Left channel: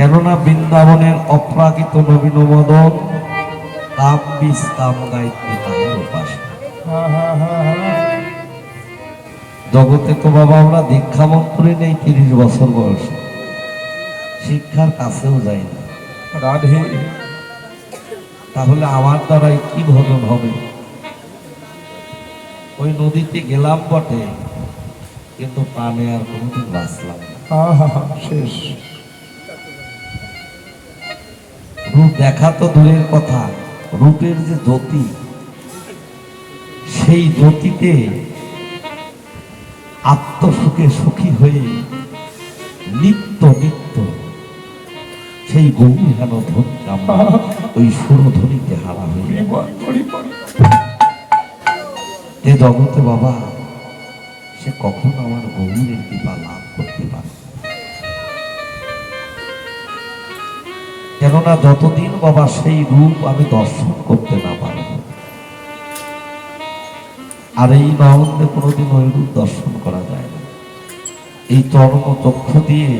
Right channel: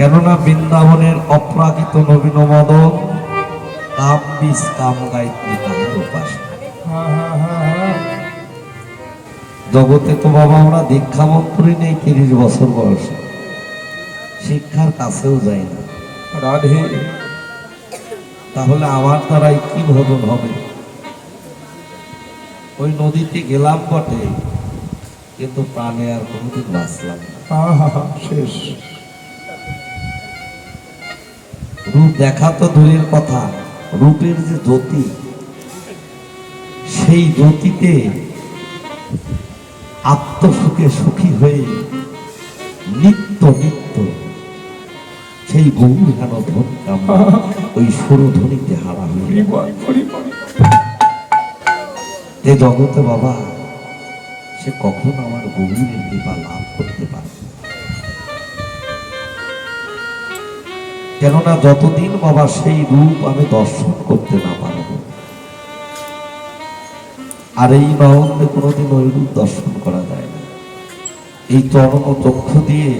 কেননা বৃন্দাবনের অপ্রাকৃত নবীন মদন কাম বিষ কাম গায়ত্রী তাহার উপাস। জগতে তো বাবা আমরা দীক্ষা মন্ত্রী নেই, 30 বছর বয়সে শিক্ষার কাছেও যাই না। রাধে, তাহলে আমার দ্বারাই কি ভজন হবে? ওই নদীতে গেলাম বটে, কিন্তু প্রাণে আর কোনোদিন বাঁচলাম শেষ। রূপ দেখা তো দূরের কথা, রূপের যে জ্যোতি, সেই জ্যোতিতে আত্মসুখে সুখী হয়ে নিত্য নিত্য সেই গৌর হেন ধন ওই সুরধ্বনিতে হারা হয়ে এ জগতে বাবা সে কখন আমার গৌরের কৃপা লাভ করতে পারে? কেননা যতদিন বাবা সেই রূপ আমি দর্শন করতে না পারব, আর এই নয়নে কোনোদিন ওই রূপ দর্শন করা যায় না। এই চরম চক্ষু দিয়ে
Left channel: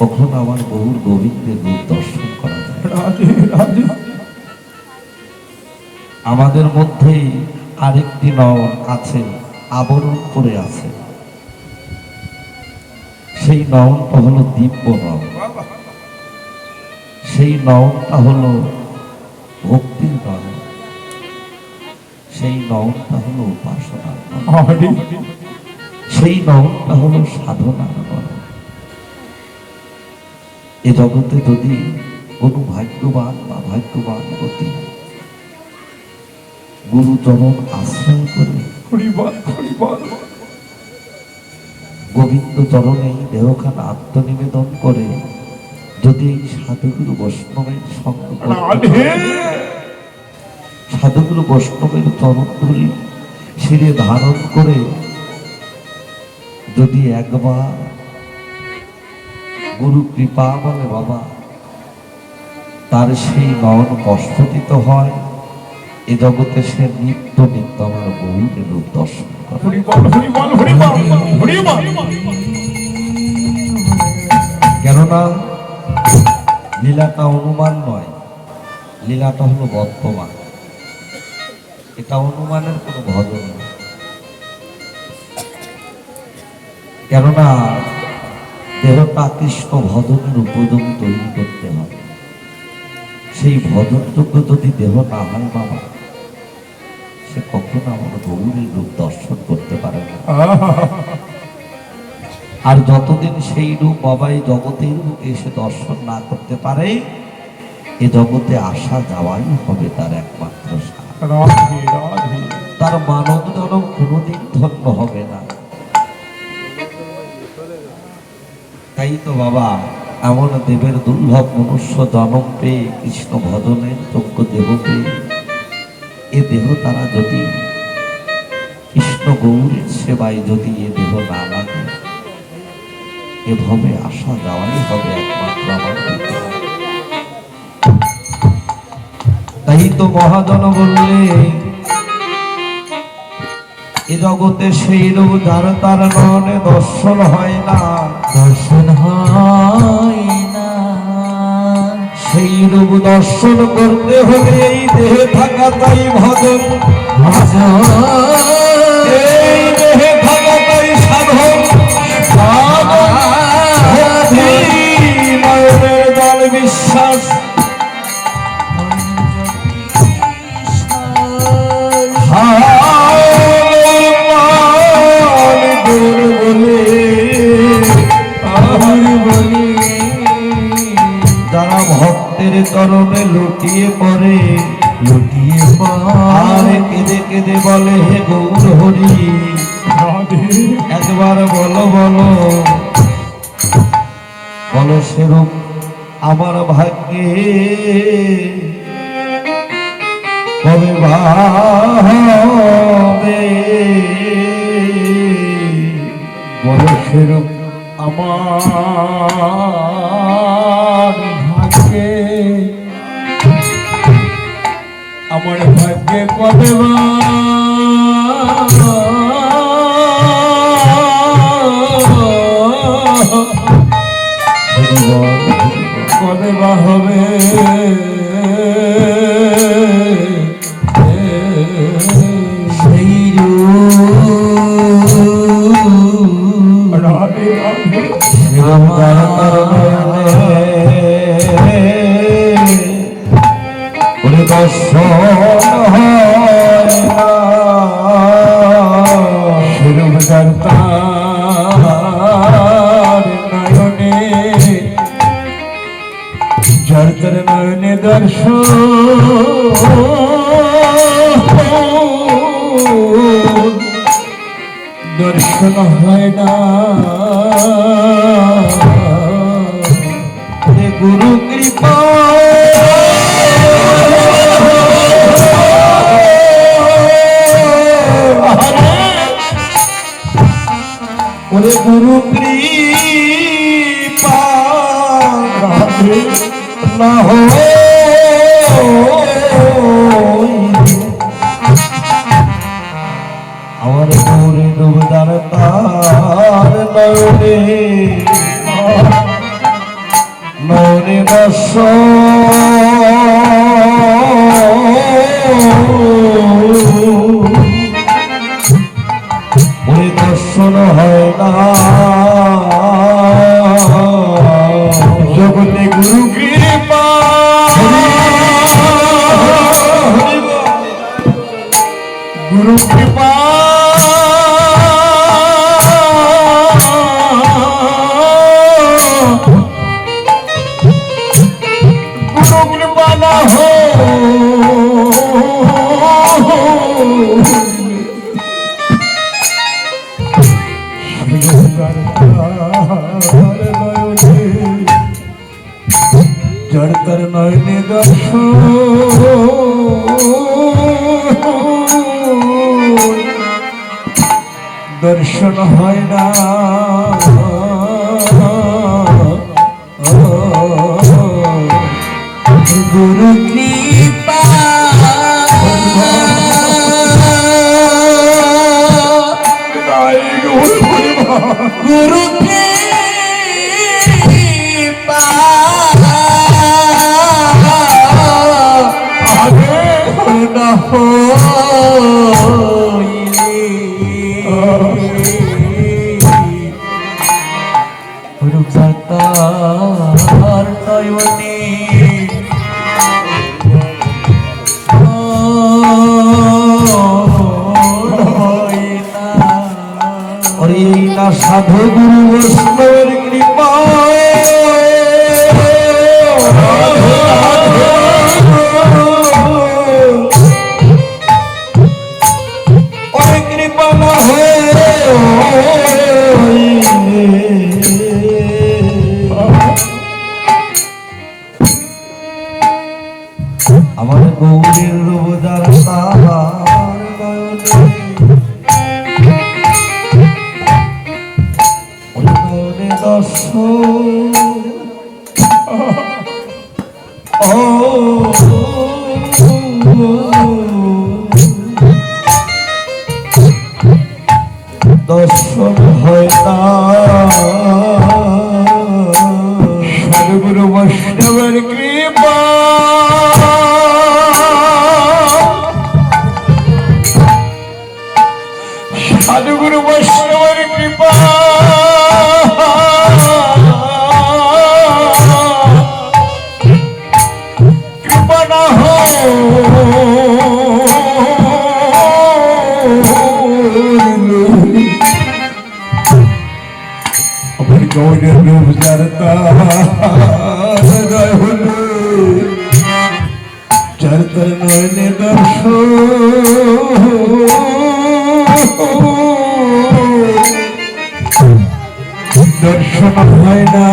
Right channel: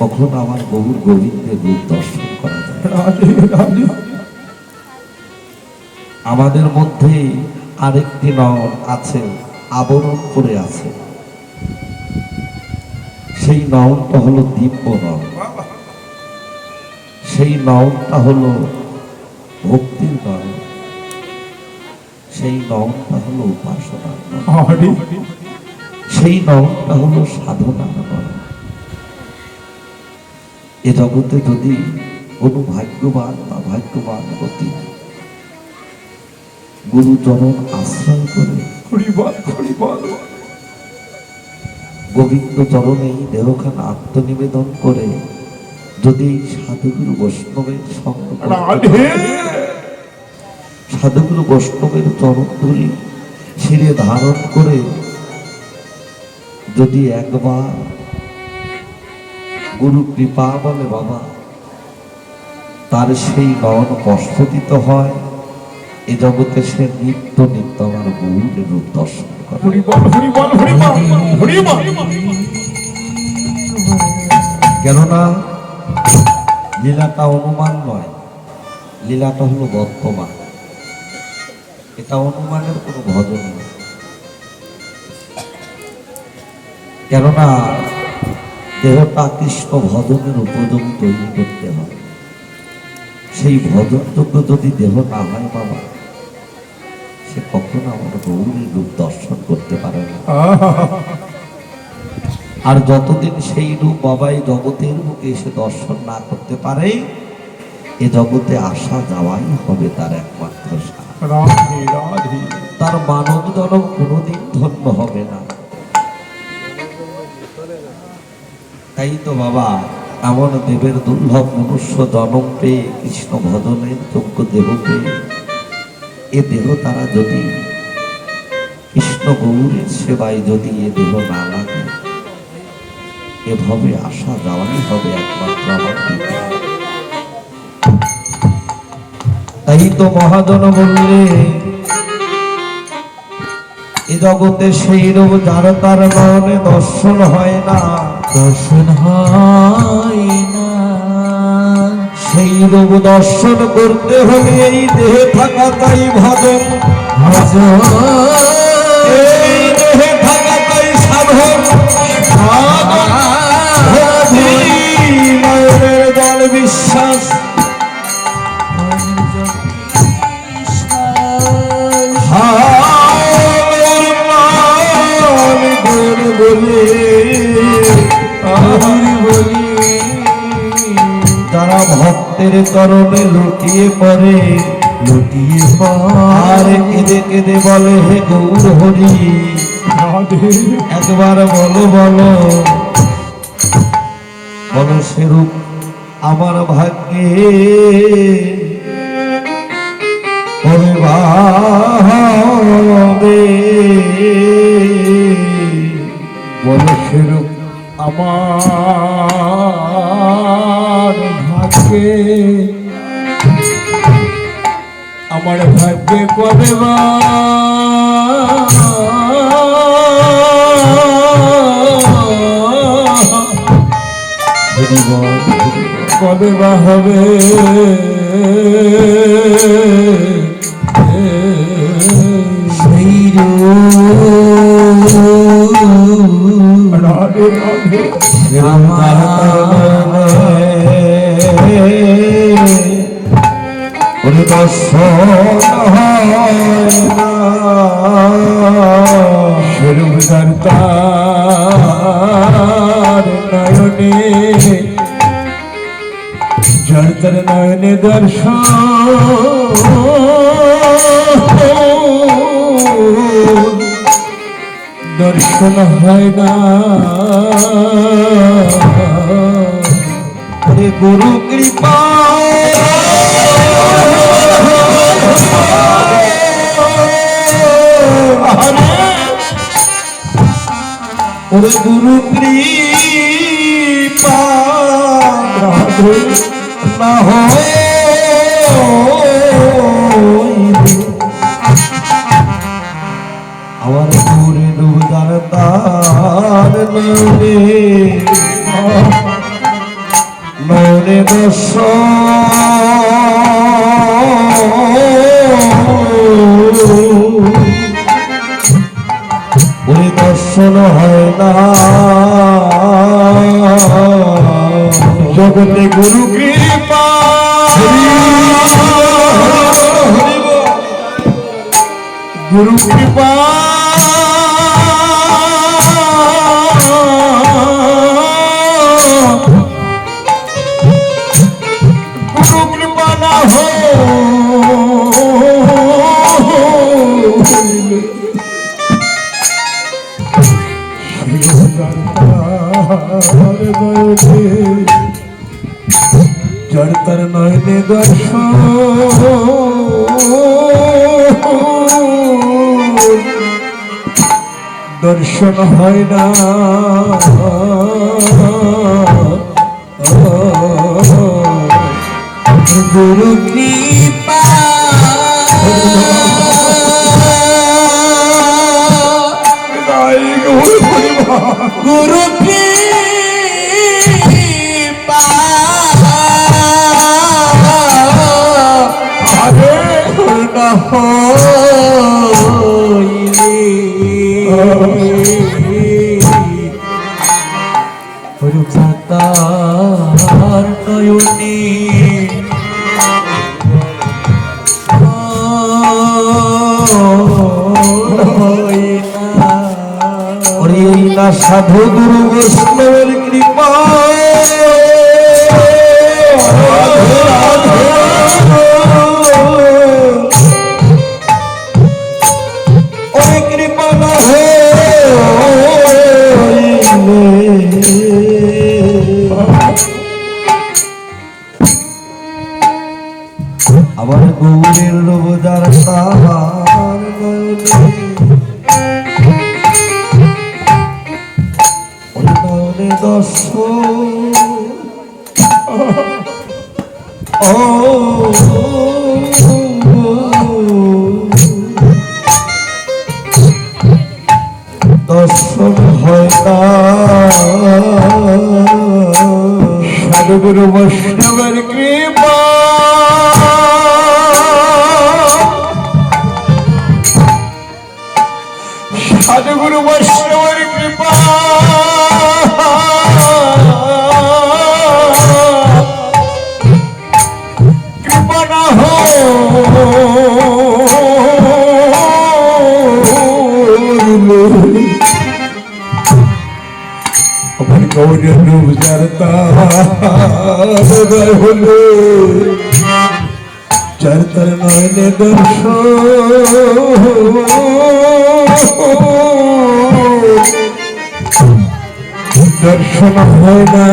কখন আমার গৌর গোবিন্দের রূপ দর্শন করা যায়? আমাদের মধ্যে আরেকটি নয়ন আছে, আবরণ করে আছে। সেই নয়নটা হলো দিব্য নয়ন, সেই নয়নটা হলো ভক্তির নয়ন, সেই নয়নটা হলো উপাসনার নয়ন, সেই নয়নটা হলো সাধনার নয়ন। এ জগতে যদি কোনো ভাগ্যবান বা ভাগ্যবান গতি গুরুচরণ আশ্রয় করে গোবিন্দ চরণে দেহখানা আত্মনিবেদন করে যদি সাধুগুরু বৈষ্ণবের সঙ্গ, সাধুগুরু বৈষ্ণবের চরণ ধরে শিরে ধারণ করে যদি একবার গুরু কৃপা বলে বাবা তার সেই নয়ন কষ্টদিত হয়, এ জগতে সে নিত্য নিত্য আমার গৌরের রূপ দর্শন করে। কেননা লীলাটা অনুমান নয়, লীলাটা হলো বর্তমান, এটা অনুমানের কোনো ভজন নেই। কেননা দেহটা কৃষ্ণ ভজনের উপযোগী তৈরি করতে হবে। সেই ভজনযোগ্য যদি দেহ না হয় বাবা, সে কখনো আমার গৌরের রূপ দর্শন করতে পারে না। আর যতদিন সেই রূপ বাবা এই জগতের বুকে এসে দর্শন না করতে পারে, এ জগতে আসা যাওয়াই হবে তার একমাত্র তার মানব জনম কোনোদিন ধন্য হবে না। তাই তো বাবা এমন দেবের দুর্লভ মনুষ্য জনম পেয়ে কৃষ্ণ ভজনের যোগ্য দেহ পেয়ে এ দেহ তারা যদি কৃষ্ণ গৌরের সেবায় যদি এ দেহ না লাগে, এভাবে আসা যাওয়াই হবে একমাত্র আমার। তাই তো মহাজন বললে এ জগতে সেই রূপ যার তার মনে দর্শন হয় না, দর্শন হয় না। সেই রূপ দর্শন করতে হলে এই দেহে থাকা তাই ভজন, এই দেহে থাকা তাই সাধন, দল বিশ্বাস চরণে লুটিয়ে পড়ে, লুটিয়ে আর কেঁদে কেঁদে বলে হে গৌর হরি, একবার বলো বলো বলো সেরূপ আমার ভাগ্যে কবে বাবে, বলো সেরূপ আমার ভাগ্যে, আমার ভাগ্যে কবে হরি বল, কবে বা হবে সেই রাধে রাধে জড়তর নয়নে দর্শন দর্শন হয় না গুরু কৃপা ওরে গুরু কৃপা না আমার গৌরে ডুবদার তার নরে বস ওই দর্শন হয় না জগতে গুরু কৃপা গুরু কৃপা গুরু কৃপা না জড়তর নয়নে দর্শন হয় না গুরু কৃপা গুরু কৃপা না হইলে তার নয়নে সাধু গুরু বৈষ্ণবের কৃপা ওই কৃপা না আমার গৌরের রব যারা দর্শন হয় না সাধুগুরু বৈষ্ণবের কৃপা সাধুগুরু বৈষ্ণবের কৃপা কৃপা না গৌরী রূপ জড়তা হলো জড়তর নয়নে দর্শন হয় না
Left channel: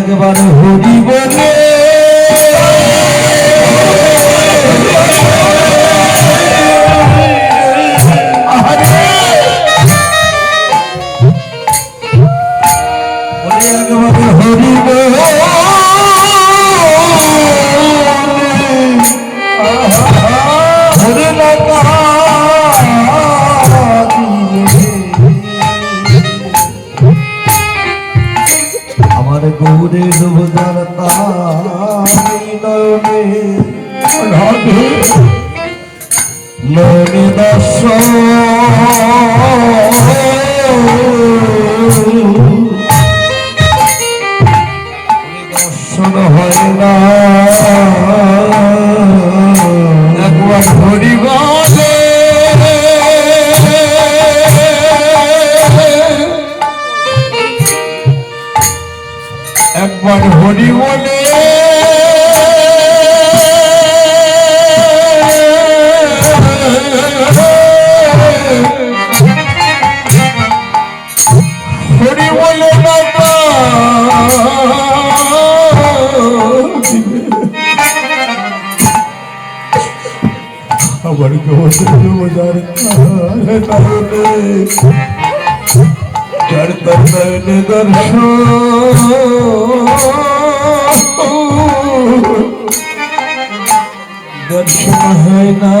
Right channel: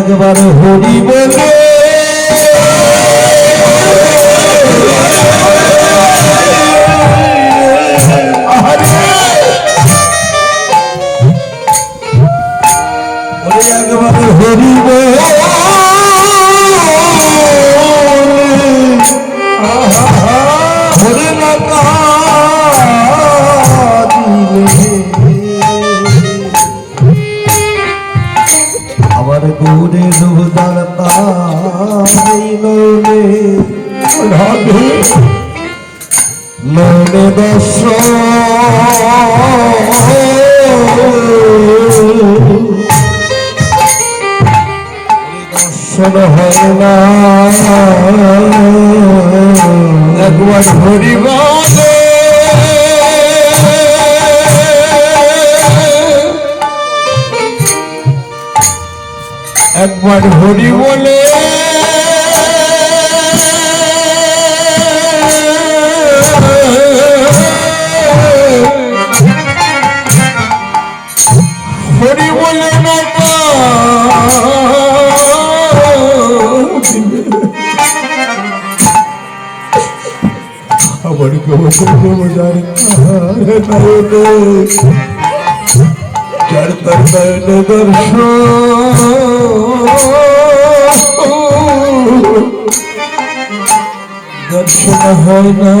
একবার হরি বলে হরি বলে হরে গৌরে রূপদার তাই নয়নে রাধে নয়নে দর্শন দর্শন হয় না একবার হরি বলে একবার হরি বলে হরি বলে না আমার গৌর যার দর্শন হয় না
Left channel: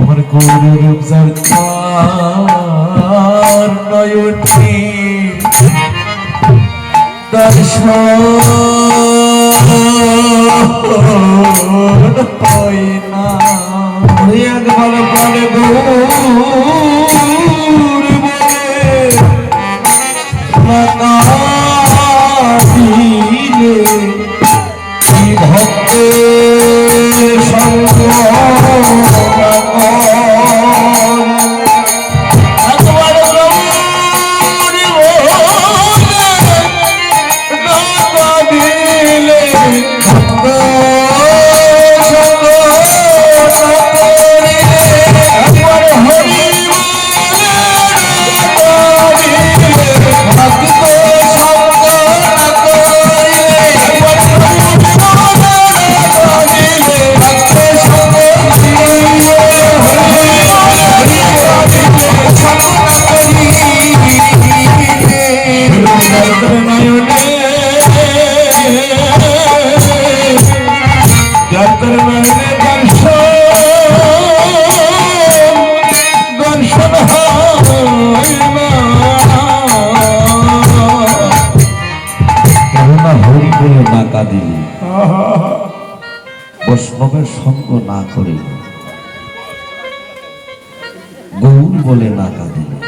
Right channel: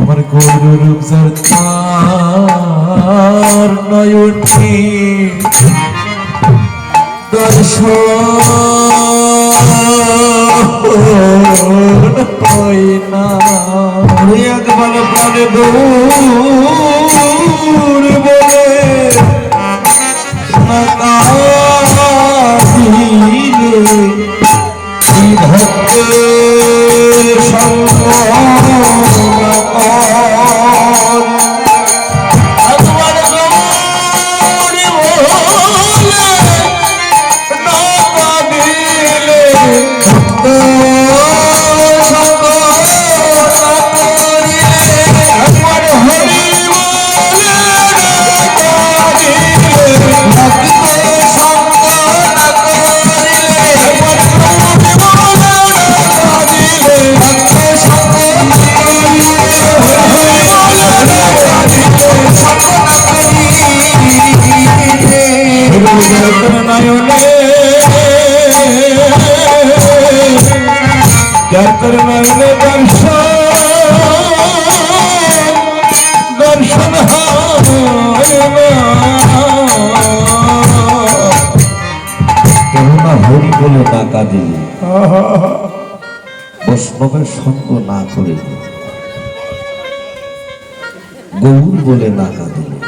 আমার গৌরূপ সরকার নয়নটি দর্শন হয় না একবার পরে দূর বলে ভক্তের সঙ্গ না দিলে বৈষ্ণবের সঙ্গ না করে গৌর বলে না কাঁদিলে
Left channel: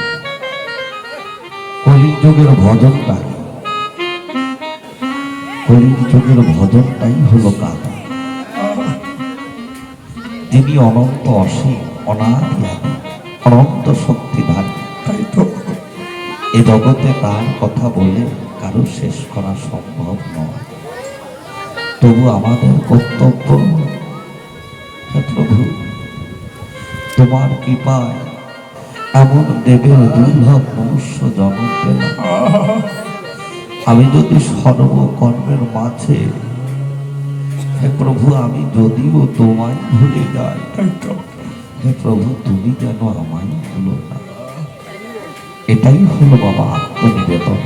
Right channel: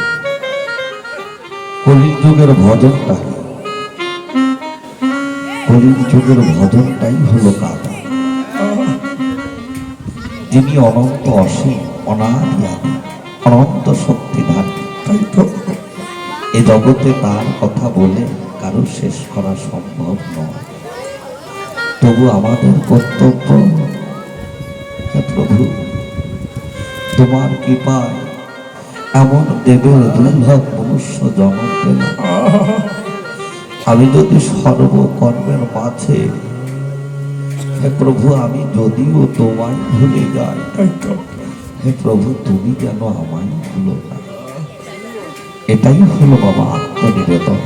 কলির যুগের ভজনটাই কলির যুগের ভজনটাই হলো কাঁদা। যিনি অনন্ত অসীম অনাদি আদি অনন্ত শক্তিধান, এ জগতে তার কথা বলে কারো শেষ করা সম্ভব নয়। তবু আমাদের কর্তব্য, হে প্রভু তোমার কৃপায় এমন দেবের দুর্লভ মনুষ্য জন্ম পেলাম। আমি যদি সর্বকর্মের মাঝে, হে প্রভু আমি যদিও তোমায় ভুলে যাই, হে প্রভু তুমি যেন আমায় ভুলো না। এটাই হলো বাবা আত্মনিবেদন।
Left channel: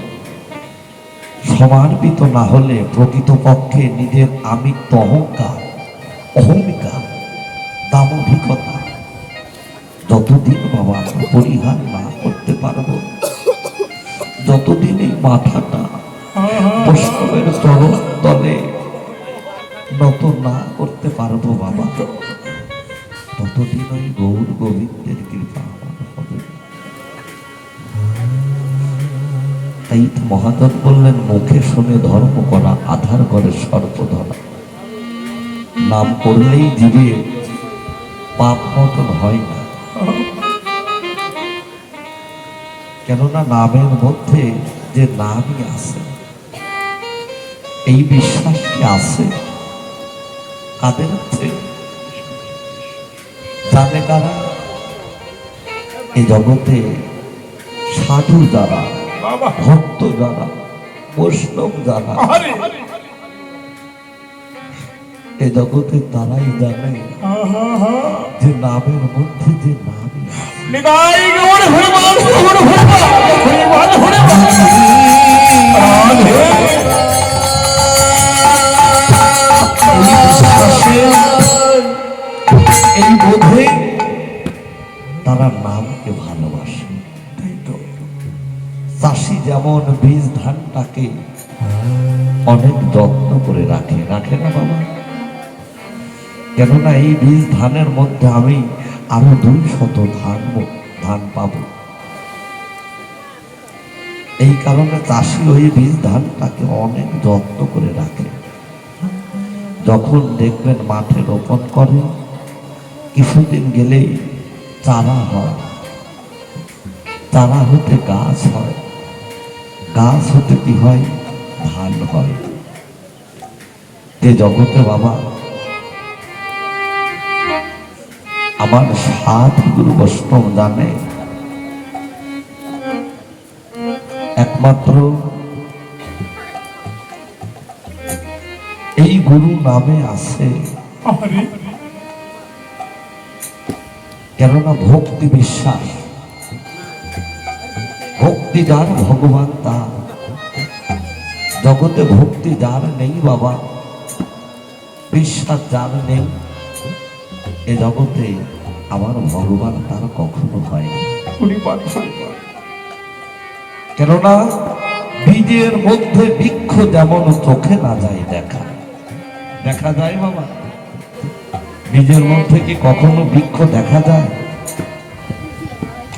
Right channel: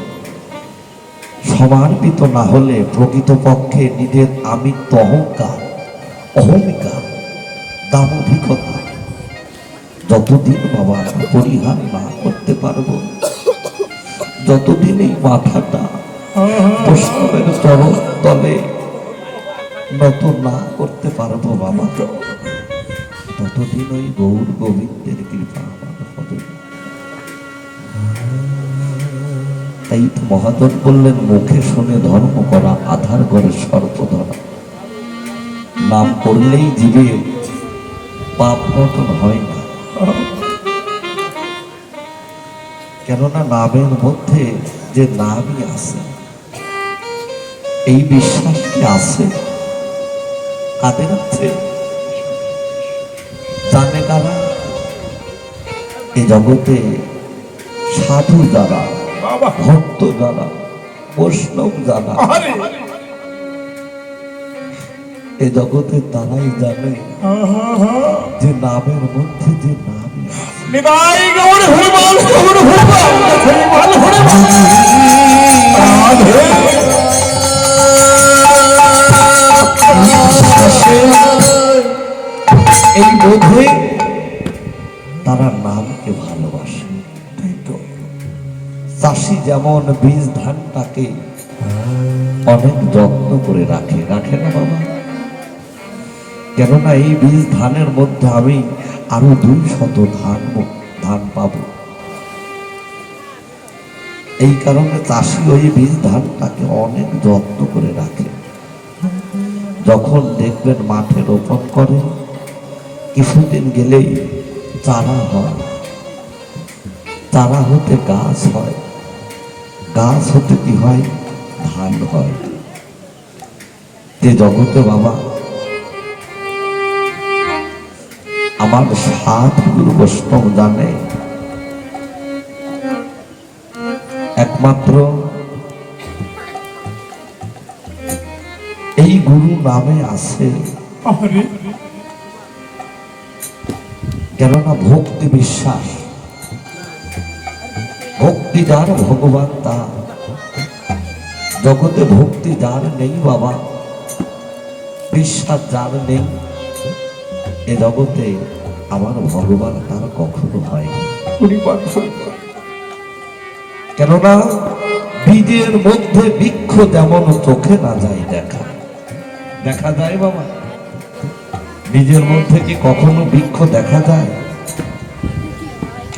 সমার্পিত না হলে প্রকৃতপক্ষে নিজের আমিত্ব অহংকার, অহমিকা, দাম্ভিকতা যতদিন বাবা আমি পরিহার না করতে পারবো, যতদিন এই মাথাটা বৈষ্ণবের চরণ তলে নত না করতে পারবো বাবা, ততদিন ওই গৌর গোবিন্দের কৃপা হবে। তাই মহাজন বললেন, মুখে শুনে ধর্ম করা আধার করে সর্প ধরা। নাম করলেই জীবে পাপ মতন হয় না, কেননা নামের মধ্যে যে নামই আছে, এই বিশ্বাসটি আছে কাদের আছে? জানে কারা? এই জগতে সাধু যারা, ভক্ত যারা, বৈষ্ণব যারা, এ জগতে তারাই জানে যে নামের মধ্যে যে নামই আছে। নিতাই গৌর হরিবল, গৌর হরিবল, হরিবল, এই বোধে তারা নামকে ভালোবাসে। তাই তো চাষি যেমন বীজ ধানটাকে অনেক যত্ন করে রাখে, রাখে না বাবা? কেননা এই বীজ ধানের মধ্যে আমি আরো 200 ধান পাবো। এই কারণে চাষি ওই বীজ ধানটাকে অনেক যত্ন করে রাখে। যখন দেখবেন মাঠে রোপণ করে, কিছুদিন গেলেই চারা হয়, চারা হতে গাছ হয়, গাছ হতে কি হয়? ধান হয়। যে জগতে বাবা আমার 7 গুরু বৈষ্ণব জানে, একমাত্র এই গুরু নামে আছে। কেননা ভক্তি বিশ্বাস, ভক্তি যার ভগবান তার। জগতে ভক্তি যার নেই বাবা, বিশ্বাস যার নেই, এ জগতে আমার ভগবান তার কখনো হয় না। কেননা বীজের মধ্যে বৃক্ষ যেমন চোখে না যায় দেখা, দেখা যায় বাবা? বীজের মধ্যে কি কখনো বৃক্ষ দেখা যায়?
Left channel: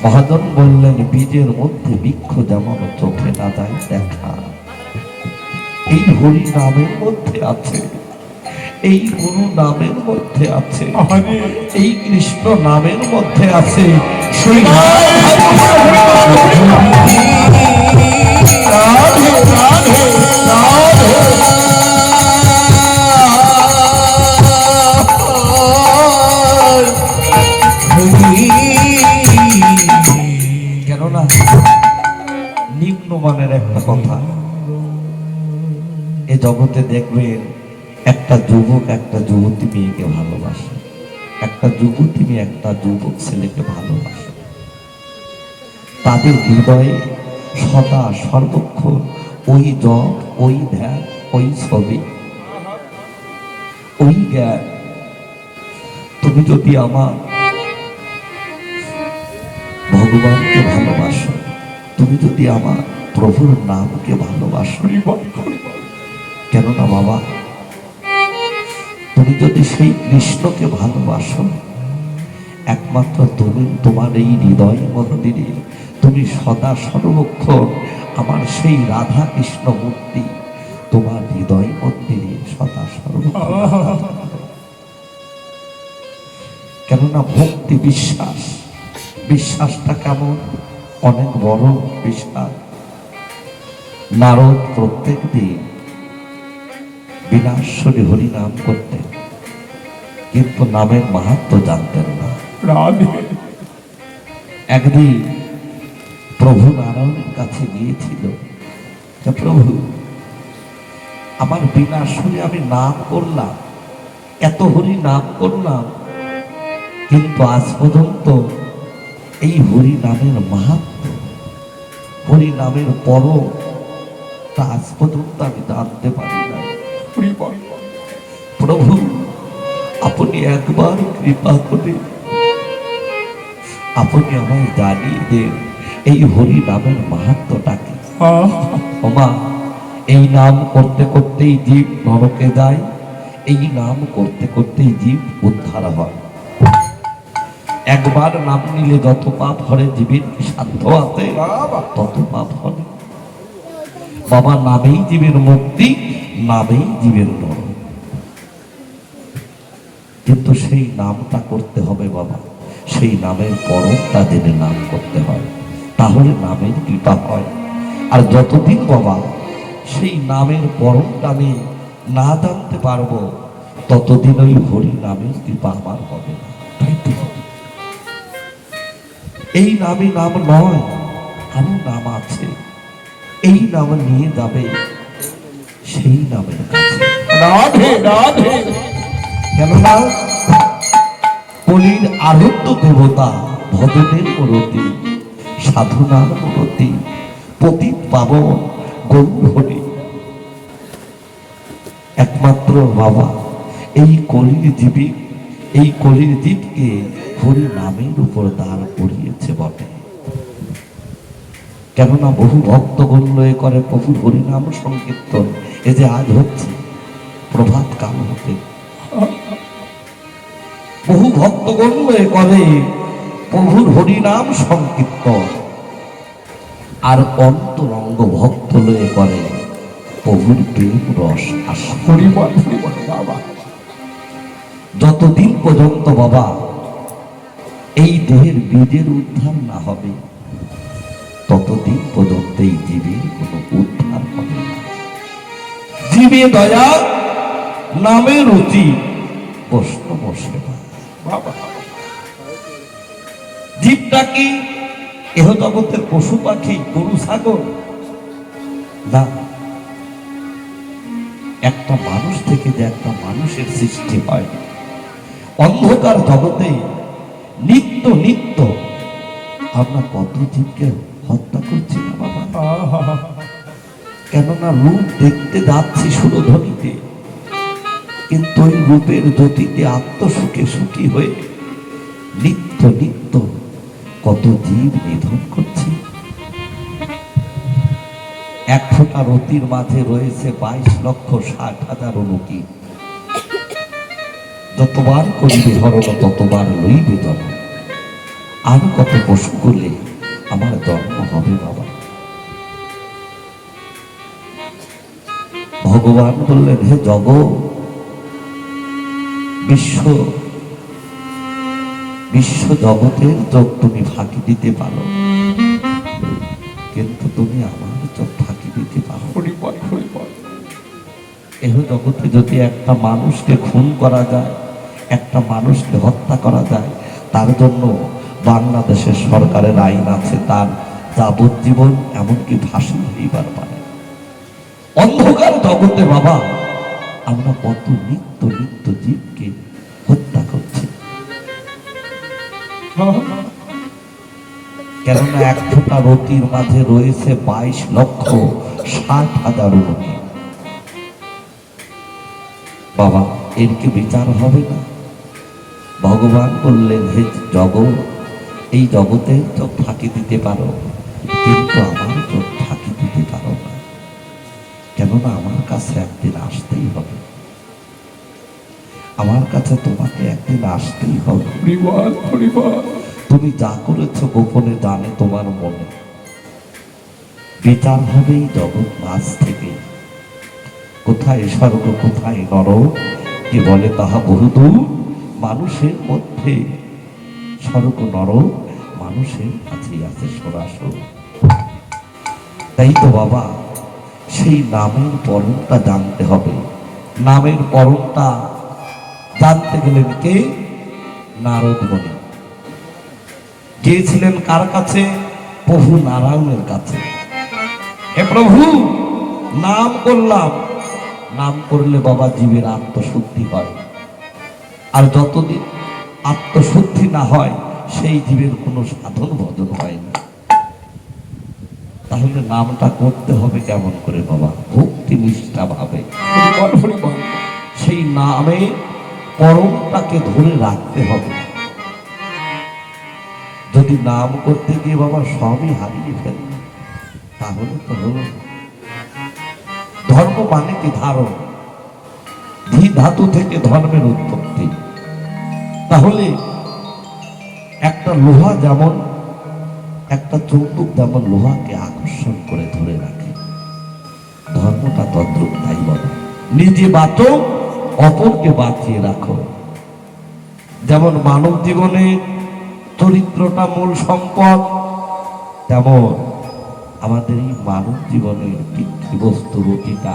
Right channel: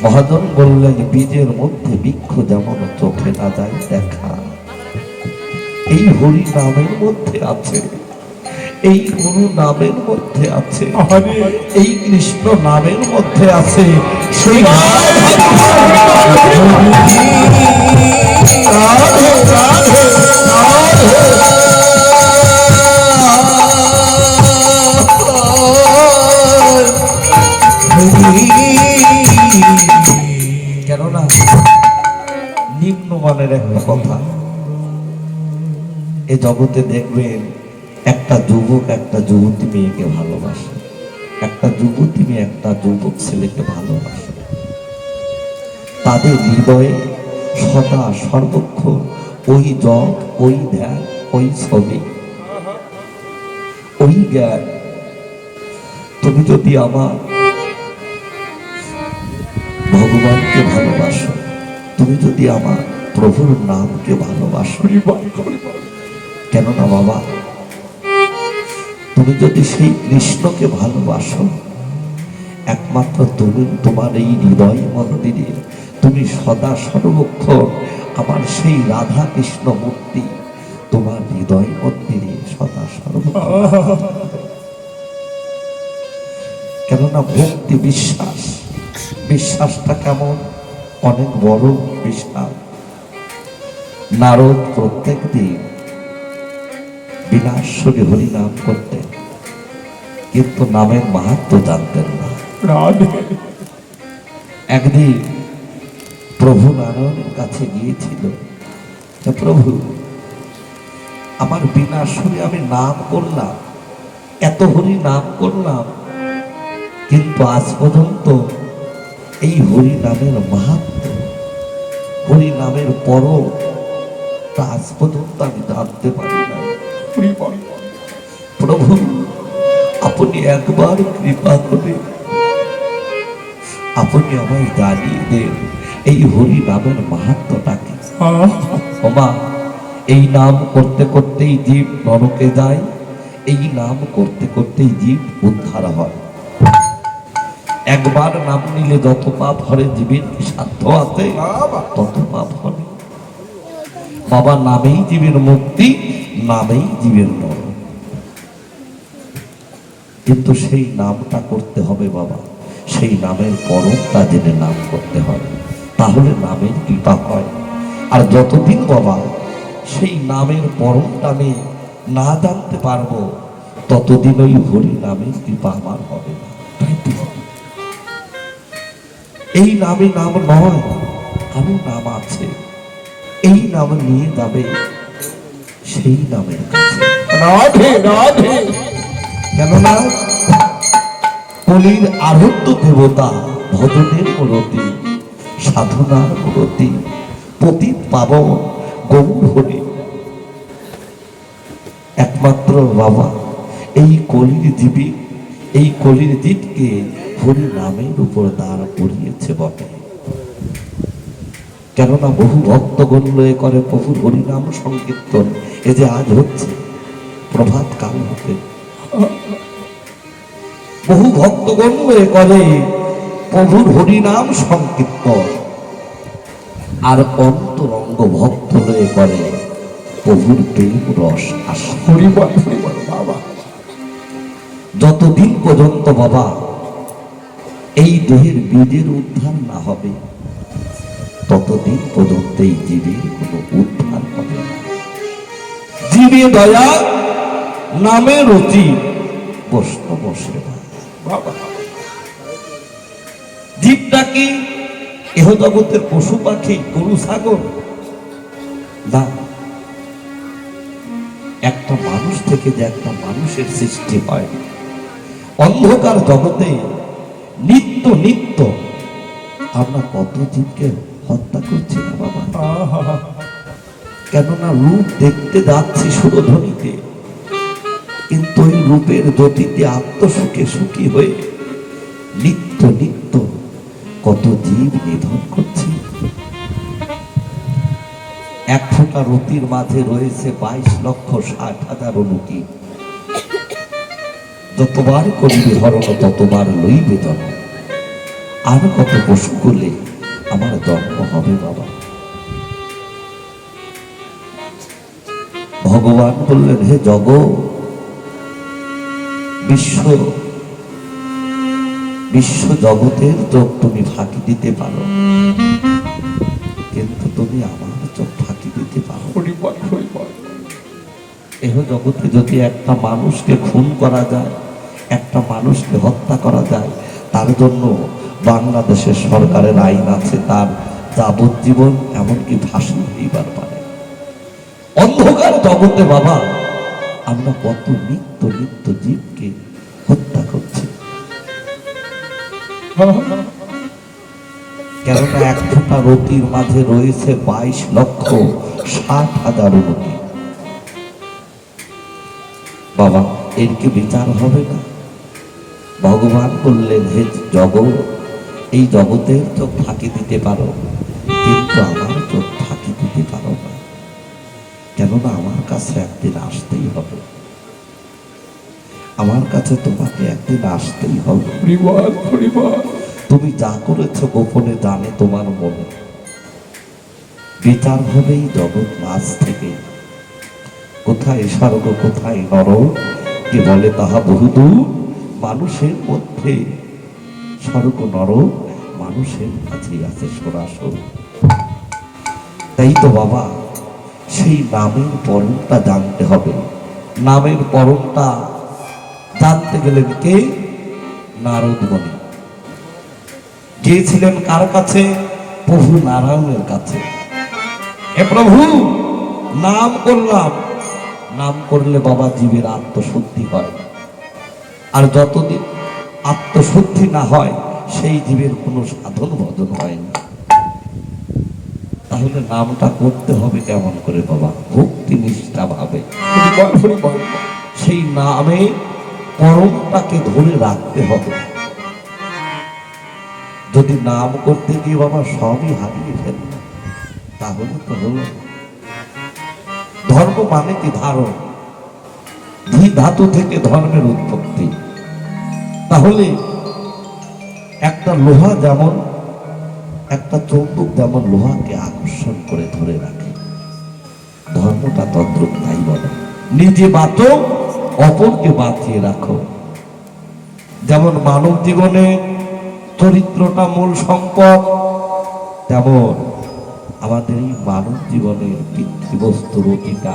মহাজন বললেন বীজের মধ্যে বৃক্ষ যেমন চোখে না যায় দেখা, এই হরি নামের মধ্যে আছে, এই গুরু নামের মধ্যে আছে, এই কৃষ্ণ নামের মধ্যে আছে। সেই কেননা নিম্নমানের একটা কথা, এ জগতে দেখবেন একটা যুবক একটা যুবতী মেয়েকে ভালোবাসে, একটা যুবতী মেয়ে একটা যুবক ছেলেকে ভালোবাসে। তাদের হৃদয়ে সদা সর্বক্ষণ ওই জপ, ওই ধ্যান, ওই ছবি, ওই জ্ঞান। তুমি যদি আমার ভগবানকে ভালোবাসো, তুমি যদি আমার প্রভুর নামকে ভালোবাসো, কেননা বাবা তুমি যদি সেই কৃষ্ণকে ভালোবাসো, একমাত্র তুমি তোমার এই হৃদয় মন্দিরে তুমি সদা সর্বক্ষণ আমার সেই রাধা কৃষ্ণ মূর্তি তোমার হৃদয় মন্দিরে সদা সর্বক্ষণ। কেননা ভক্তি বিশ্বাস, বিশ্বাসটা কেমন? অনেক বড় বিশ্বাস। নারদ প্রত্যেক দিন বিনাশ্বরী হরি নাম করতেন, কিন্তু নামের মাহাত্ম্য জানতেন না। একদিন প্রভু নারায়ণের কাছে গিয়েছিল, প্রভু আমার বিনাশ্বরী আমি নাম করলাম, এত হরি নাম করলাম, কিন্তু আজ পর্যন্ত এই হরি নামের মাহাত্ম্য, হরি নামের পরম আজ পর্যন্ত আমি জানতে পারি না। প্রভু আপনি একবার কৃপা করে আপনি আমায় জানিয়ে দেন এই হরি নামের মাহাত্ম্যটাকে। বাবা এই নাম করতে করতেই জীব নরকে যায়, এই নাম করতে করতেই জীব উদ্ধার হয়। একবার নাম নিলে যত পাপ হরে জীবের কি সাধ্য আছে তত পাপ হবে। বাবা নামেই জীবের মুক্তি, নামেই জীবের নরক। কিন্তু সেই নামটা করতে হবে বাবা, সেই নামের পরমটা জেনে নাম করতে হবে, তাহলে নামের কৃপা হয়। আর যতদিন বাবা সেই নামের পরমটা আমি না জানতে পারবো, ততদিন ওই হরি নামের কৃপা আমার হবে না। তাই তো এই নামে নাম নয়, আরো নাম আছে, এই নাম নিয়ে যাবে সেই নামের কাছে। রাধে রাধে কেননা কলির আনন্দ দেবতা ভজনের মূরতি, সাধনার মূরতি, পতিত পাবন গৌর হরি একমাত্র বাবা এই কলির জীবী, এই কলির জীবকে হরি নামের উপর দাঁড় করিয়েছে বটে। কেননা বহু ভক্তগণ লয়ে করে প্রভুর হরিনাম সংকীর্তন, এ যে আজ হচ্ছে প্রভাত কাল হতে বহু ভক্তগণ লয়ে করে প্রভুর হরিনাম সংকীর্তন, আর অন্তরঙ্গ ভক্ত লয়ে করে প্রভুর প্রেম রস আসে। বাবা যতদিন পর্যন্ত বাবা এই দেহের বীজের উদ্ধার না হবে, ততদিন পর্যন্ত এই জীবের কোনো উদ্ধার হবে না। জীবে দয়া নামে রুচি বৈষ্ণব সেবা। বাবা জীবটা কি এহ জগতের পশু পাখি, গরু ছাগল না, একটা মানুষ থেকে যে একটা মানুষের সৃষ্টি হয়। অন্ধকার জগতে নিত্য নিত্য আমরা কত জীবকে হত্যা করছি না বাবা। কেননা রূপ দেখতে যাচ্ছি সুরধ্বনিতে, কিন্তু ওই রূপের গতিতে আত্মসুখে সুখী হয়ে নিত্য নিত্য কত জীব নিধন করছি। এক ফোঁটা রতির মাঝে রয়েছে 22,60,000 অনুটি। যতবার করিবে হরণ ততবার লইবে জন্ম। আর কত পশু করলে আমার জন্ম হবে বাবা। ভগবান বললেন, হে জগৎ, বিশ্ব জগতের চোখ তুমি ফাঁকি দিতে পারো, কিন্তু তুমি আমার চোখ ফাঁকি দিতে পারো। এহ জগতে যদি একটা মানুষকে খুন করা যায়, একটা মানুষকে হত্যা করা যায়, তার জন্য বাংলাদেশের সরকারের আইন আছে, তার যাবজ্জীবন এমনকি ফাঁসি হইবার পারে। অন্ধকার জগতে বাবা আমরা কত নিত্য নিত্য জীবকে হত্যা করছি। কেননা এক ফোঁটা রতির মাঝে রয়েছে 22,60,000 অনুটি। বাবা এর কি বিচার হবে না? ভগবান বললেন, হে জগৎ, এই জগতের চোখ ফাঁকি দিতে পারো, কিন্তু আমার চোখ ফাঁকি দিতে পারো না। কেননা আমার কাছে একদিন আসতেই হবে, আমার কাছে তোমাকে একদিন আসতেই হবে। তুমি যা করেছো গোপনে জানে তোমার মনে, বিচার হবে এই জগৎ মাঝ থেকে। কোথায় স্বর্গ কোথায় নরক, কি বলে তাহা বহুদূর। মানুষের মধ্যে স্বর্গ নরক মানুষের কাছে আছে সরাসর। তাই তো বাবা সেই নামের পরমটা জানতে হবে। নামের পরমটা জানতে গেলেন কে? নারদ মুনি গিয়েছিলেন কার কাছে? প্রভু নারায়ণের কাছে। এ প্রভু, নাম করলাম, নাম করলে বাবা জীবের আত্মশুদ্ধি হয়, আর যতদিন আত্মশুদ্ধি না হয় সেই জীবের কোনো সাধন ভজন হয় না। তাহলে নামটা করতে হবে কেমন করে বাবা? ভক্তি নিষ্ঠা ভাবে। সেই নামে পরমটাকে ধরে রাখতে হবে। যদি নাম করতে গিয়ে বাবা সবই হারিয়ে ফেলি, তাহলে তো হলো। ধর্ম মানে কি? ধারণ। ধী ধাতু থেকে ধর্মের উৎপত্তি। তাহলে একটা লোহা যেমন, একটা চৌম্বক যেমন লোহাকে আকর্ষণ করে ধরে রাখে, ধর্মটা তদ্রুপ তাই বাবা। নিজে বাঁচো, অপরকে বাঁচিয়ে রাখো। যেমন মানব জীবনে চরিত্রটা মূল সম্পদ, তেমন আমাদের এই মানব জীবনের বস্তু রতিটা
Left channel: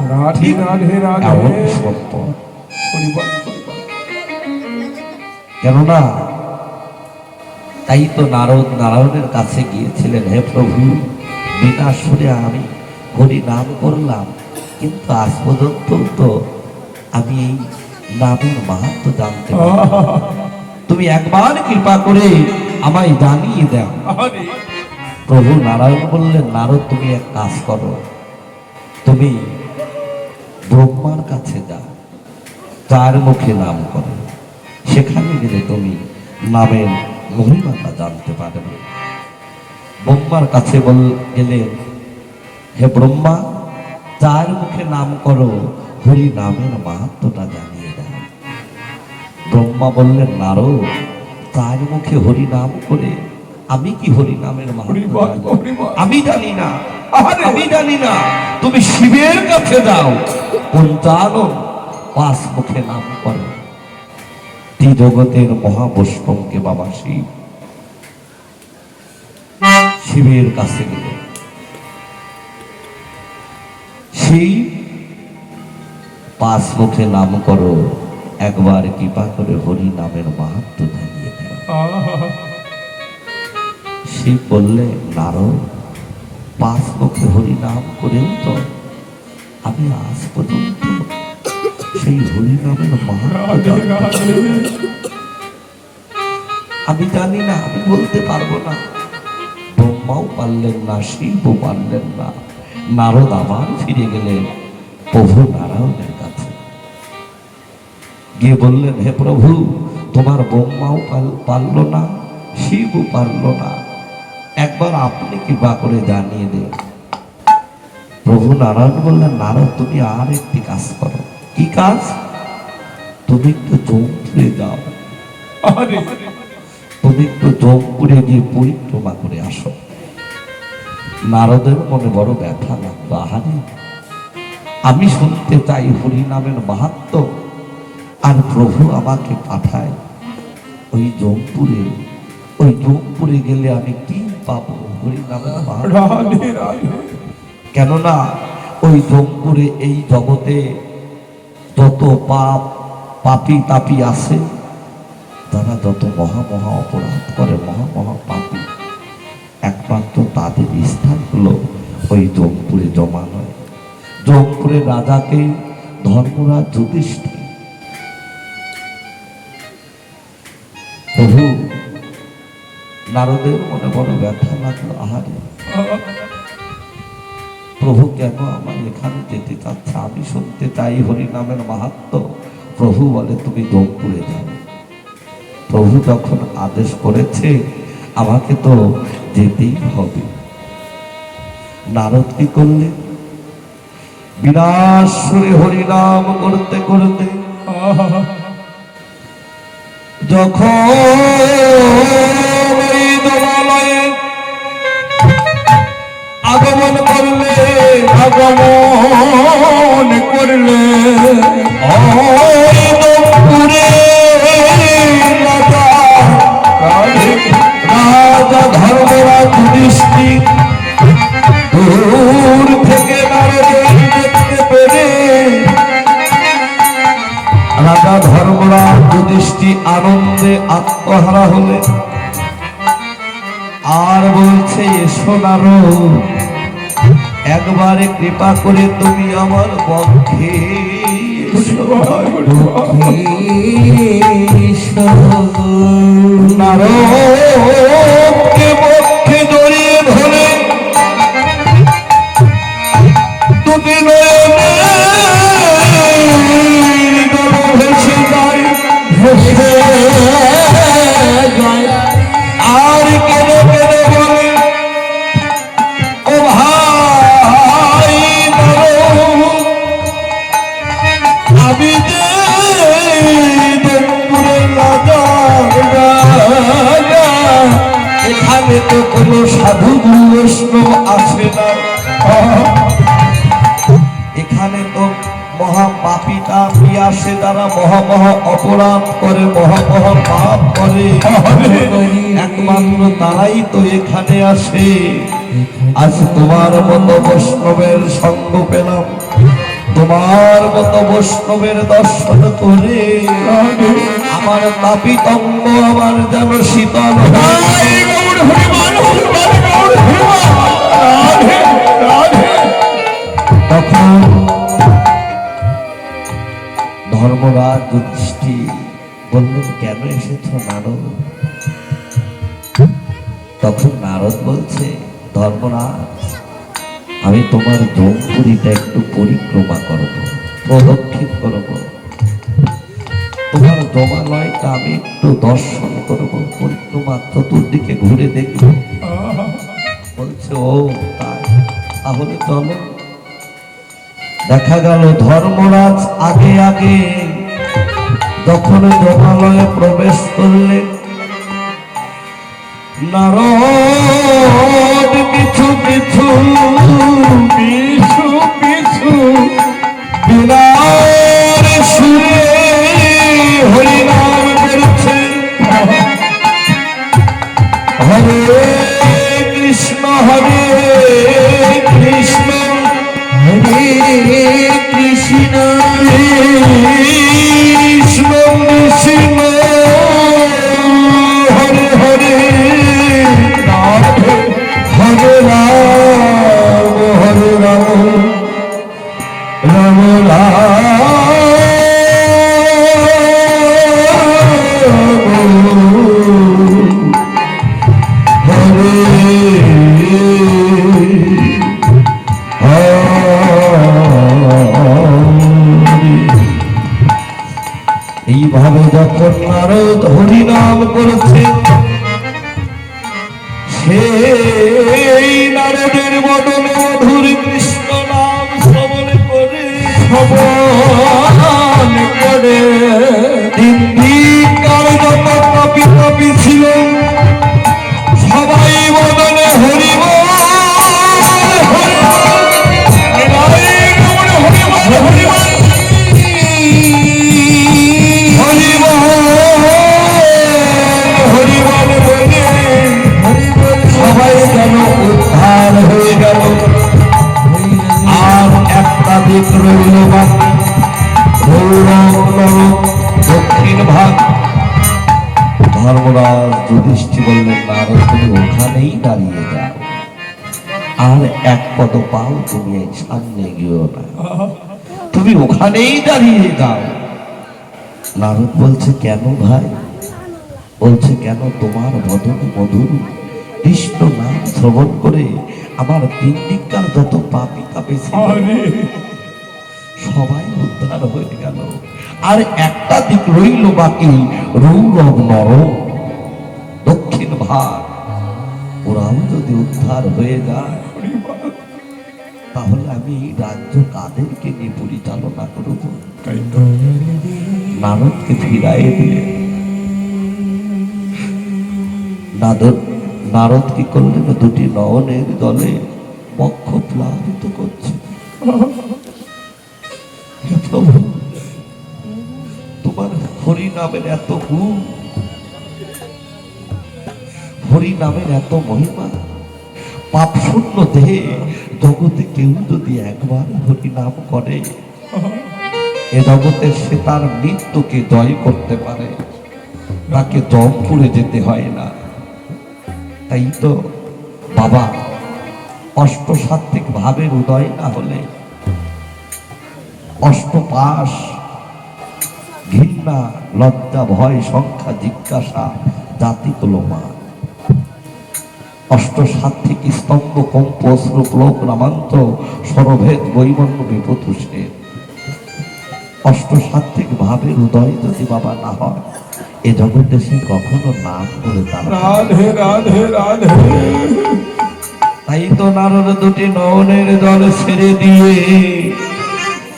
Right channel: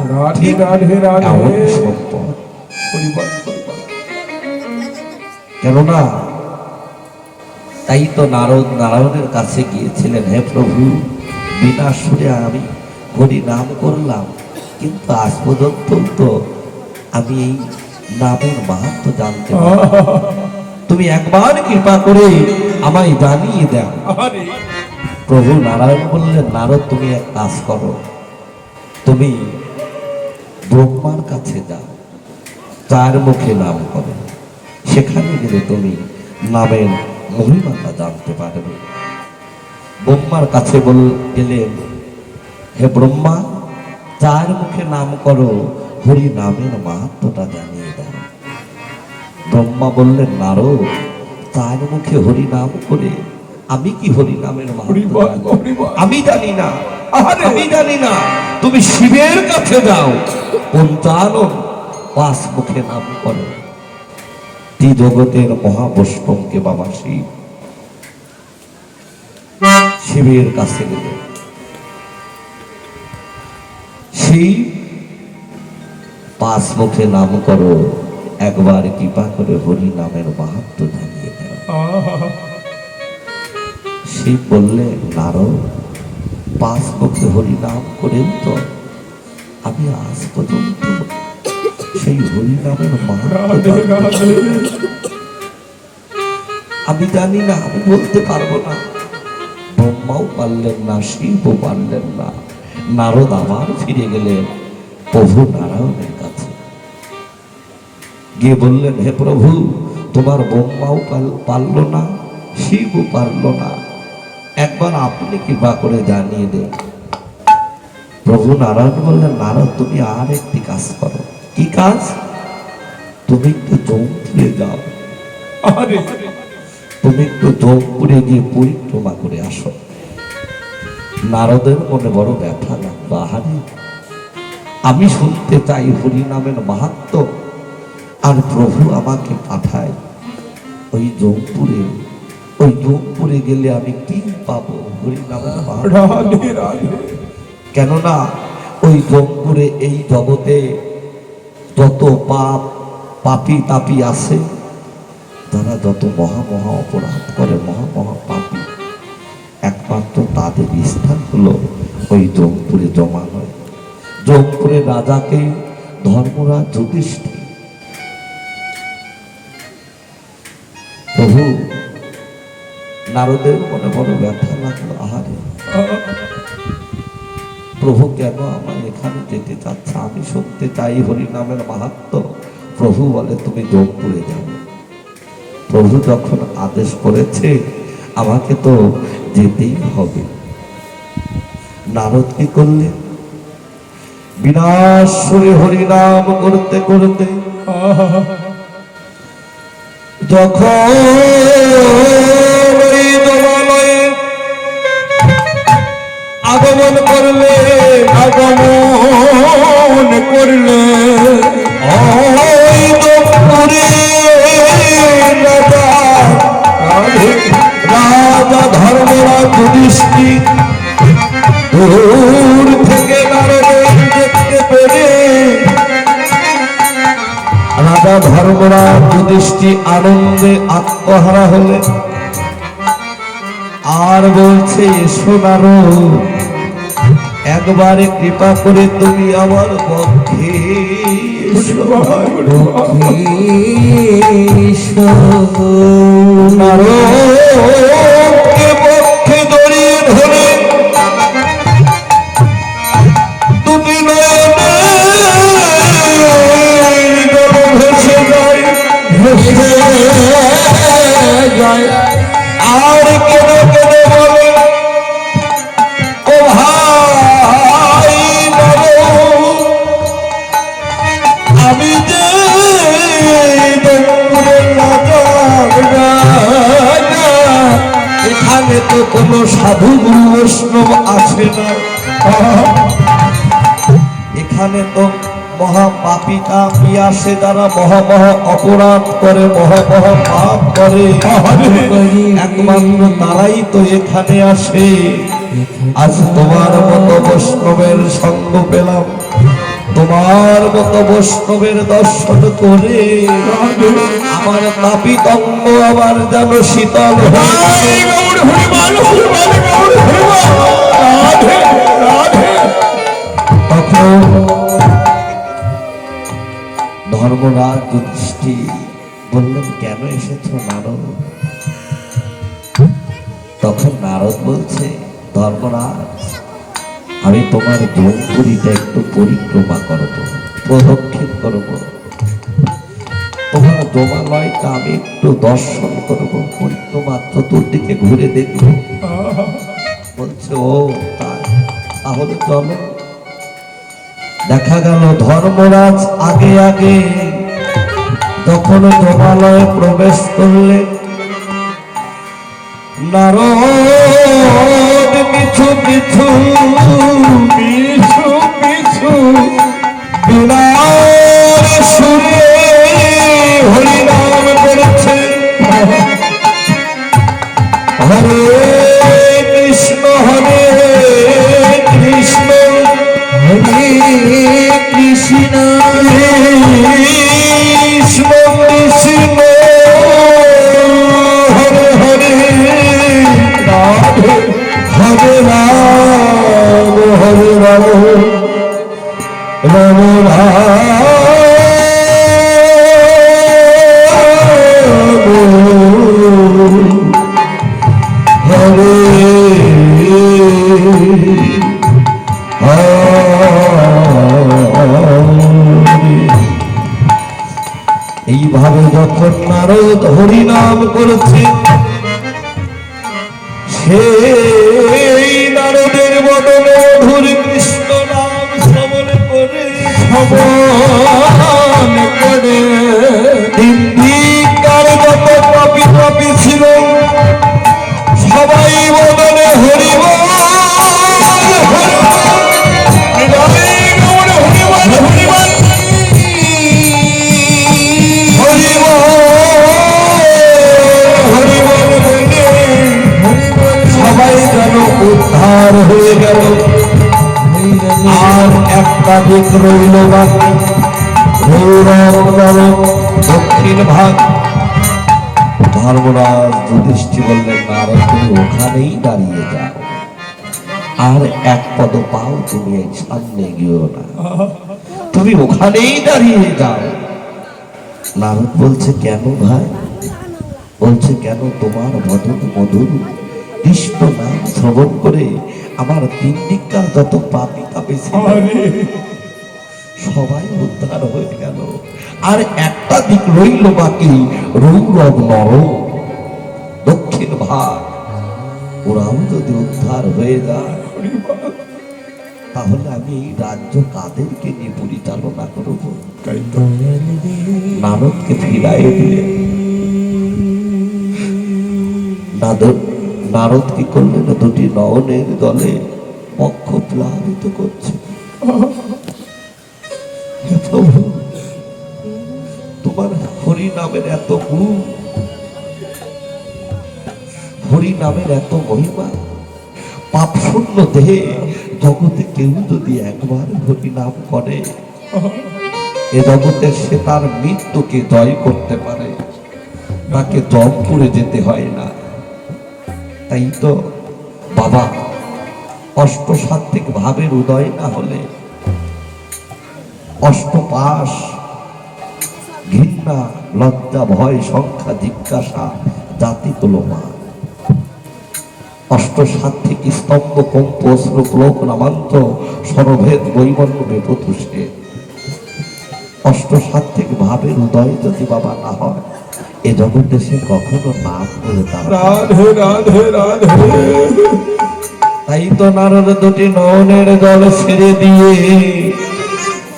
সম্পদ। কেননা তাই তো নারদ নারায়ণের কাছে গিয়েছিলেন, হে প্রভু, বিনা সুরে আমি হরি নাম করলাম, কিন্তু আজ পর্যন্ত তো আমি এই নামের মাহাত্ম্য জানতে পারবো। তুমি একবার কৃপা করে আমায় জানিয়ে দাও। আরে প্রভু নারায়ণ বললেন, নারদ তুমি এক কাজ করো, তুমি ব্রহ্মার কাছে যাও, চার মুখে নাম করো, সেখানে গেলে তুমি নামের মহিমাটা জানতে পারবে। ব্রহ্মার কাছে গেলেন, হে ব্রহ্মা, চার মুখে নাম করো, হরি নামের মাহাত্ম্যটা জানিয়ে দেয়। ব্রহ্মা বললেন, নারদ, চার মুখে হরি নাম করে আমি কি হরি নামের মাহাত্ম্য জানবো? আমি জানি না, আমি জানি না। তুমি শিবের কাছে যাও, পঞ্চানন পাঁচ মুখে নাম করো। ত্রিজগতের মহাবৈষ্ণবকে বাবা শিবের কাছে গেলে শিব পাঁচ মুখে নাম করো, একবার কৃপা করে হরি নামের মাহাত্ম্য জানিয়ে দাও। শিব বললে, নারদ, পাঁচ মুখে হরি নাম করেও তো আমি আজ পর্যন্ত সেই হরি নামের মাহাত্ম্য আমি জানি না, আমি বলতে পারবো না। ব্রহ্মাও পারলেন না, শিবও পারলেন না। নারদ আবার ফিরে গেলেন প্রভু নারায়ণের কাছে, গিয়ে বললেন, হে প্রভু, তোমার ব্রহ্মাও পারল না, শিবও পারল না, একবার আপনি কৃপা করে জানিয়ে দেন। প্রভু নারায়ণ বললেন, নারদ, তুমি আর একটি কাজ করো। কি কাজ? তুমি একটু জৌনপুরে যাও, আরে তুমি একটু জৌনপুরে গিয়ে পরিক্রমা করে আসো। নারদের মনে বড় ব্যথা লাগলো, আহারে, আমি শুনতে চাই হরি নামের মাহাত্ম্য, আর প্রভু আমাকে পাঠায় ওই জৌনপুরে। ওই জৌনপুরে গেলে আমি কি পাবো? হরি নামের মাহাত্ম্য। রাধে রাধে। কেননা ওই জৌনপুরে এই জগতে যত পাপী তাপী আছে, তারা যত মহা মহা অপরাধ করে, মহা মহা পাপী, একমাত্র তাদের স্থান হলো ওই জৌনপুরে জমা হয়। জৌনপুরের রাজাকে ধর্মরাজ যুধিষ্ঠির। প্রভু নারদের মনে বড় ব্যথা লাগলো, আহারে, প্রভু কেন আমার এখানে যেতে চাচ্ছে? আমি শুনতে চাই হরি নামের মাহাত্ম্য। প্রভু বলে, তুমি জৌনপুরে যাও। প্রভু যখন আদেশ করেছে, আমাকে তো যেতেই হবে। নারদ কি করলেন? বিনাশ সুরে হরিনাম করতে করতে যখন এই দেবালয়ে আগমন করলে, আগমন করলে, ওই জৌনপুরে রাজা ধর্মরাজ যুধিষ্ঠির দূর থেকে নারদের দেখতে পেরে রাজা ধর্মরাজ যুধিষ্ঠির আনন্দে আত্মহারা হলে, আর বলছে, এসো নারদ, একবারে কৃপা করে তুমি আমার পক্ষে এসো। নারদকে পক্ষে জড়িয়ে ধরে তুমি নয়নে ভেসে যায়, ভেসে যায়। আর কেন কেন বলে, ও ভাই বলো, আমি যে জৌনপুরের রাজা, এখানে তো কোনো সাধু গুরু বৈষ্ণব আসে না, এখানে তো মহাপাপী তাপী আসে, তারা মহা মহা অপরাধ করে, মহা মহা পাপ করে, একমাত্র তারাই তো এখানে আসে। আজ তোমার মতো বৈষ্ণবের সঙ্গ পেলাম, তোমার মতো বৈষ্ণবের দর্শন করে আমার তাপিত অঙ্গ আমার যেন শীতল হয়। তখন ধর্মরাজ ধর্মরাজ, আমি তোমার জনপুরীটা একটু পরিক্রমা করব, প্রদক্ষিণ করব, তোমার জমালয়টা আমি একটু দর্শন করব, পরিক্রমা চতুর্দিকে ঘুরে দেখব। বলছে ও তাই, তাহলে চলো। দেখা গেল ধর্মরাজ আগে আগে যখন জমালয়ে প্রবেশ করলেন, নারদ পিছু পিছু পিছু পিছু বিরাট সুরে হরিনাম করছে। হরে কৃষ্ণ হরে কৃষ্ণ হরে কৃষ্ণ কৃষ্ণ কৃষ্ণ হরে হরে হরে রাম রাম এইভাবে যখন নারদ হরিনাম করেছে, সেই নারদের বদনে মধুর কৃষ্ণ নাম শ্রবণ করে শ্রবণ করে দিনদিনকার যত পাপী পাপী ছিল সবাই বদনে হরিনাম উদ্ধার হয়ে গেল। আর একটা দিক রইল বাকি, দক্ষিণ ভাগ। ধর্মরাজ যুধিষ্ঠির বললেন, নারদ তুমি ওখানেই দাঁড়িয়ে যাও, আর এক পদ পাও তুমি এই সামনে গিয়েও না, তুমি ওখানেই দাঁড়িয়ে যাও। নারদ বলছে কেন ভাই? বলছে কেন, তোমার বদন মধুর কৃষ্ণ নাম শ্রবণ করে আমার তিন দিককার যত পাপী পাপী ছিল সবাই উদ্ধার হয়ে গেল। আর একটা দিক রইল বাকি, রৌরব নর দক্ষিণ ভাগ, ওরাও যদি উদ্ধার হয়ে যায় তাহলে আমি এই রাজ্য কাদেরকে নিয়ে পরিচালনা করব? নারদকে ফিরাইয়ে দিলে নারদ কি করলেন, দুটি নয়নের জলে বক্ষ প্লাবিত করছে। তোমার হরি নামের এত গুণ, হরি নামের এত মহিমা, পাপ শূন্য দেহে জগতে কেউ যদি একবার হরি নাম করে এ জগতে সে তার মৃত্যুকে জয় করতে পারে, তাকে জম করে যেতে হয় না। তাই তো বাবা অষ্টসাত্ত্বিক ভাবের উদয় না হলে অষ্টপাশ, ঘৃণা, লজ্জা, ভয়, সংখ্যা, জিজ্ঞাসা, জাতি, কলমা, অষ্টসাত্ত্বিক স্তম্ভ, কম্প, অশ্রু, ক্লোক, রামান্ত, সরভেদ, বৈমন্য, বেপথুষে অষ্টসাত্ত্বিক ভাবের উদয় যদি বাবা না হয় এ জগতে সে কখনো নাম করে তাই তো নারদ দুটি নয়নের জল ছেড়ে দিয়ে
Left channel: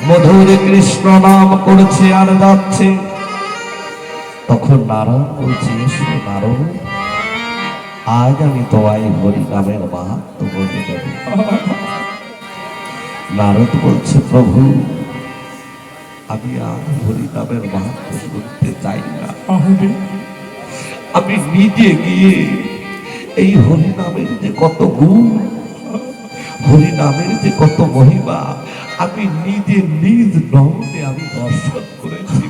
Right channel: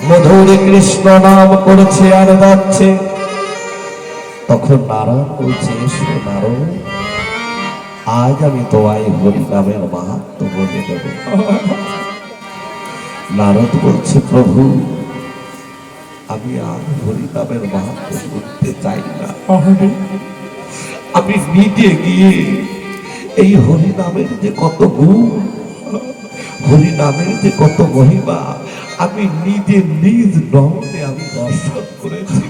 মধুর কৃষ্ণ নাম করছে আর যাচ্ছে। তখন নারদ বলছে, এসো নারদ, আজ আমি তোমায় হরি নামের মাহাত্ম্য বলে দেব। নারদ বলছে, প্রভু আমি আর হরি নামের মাহাত্ম্য শুনতে চাই না, আমি নিজে গিয়ে এই হরি নামের যে কত গুণ, হরি নামের যে কত মহিমা আমি নিজে নিজ নয়নে আমি দর্শন করেছি।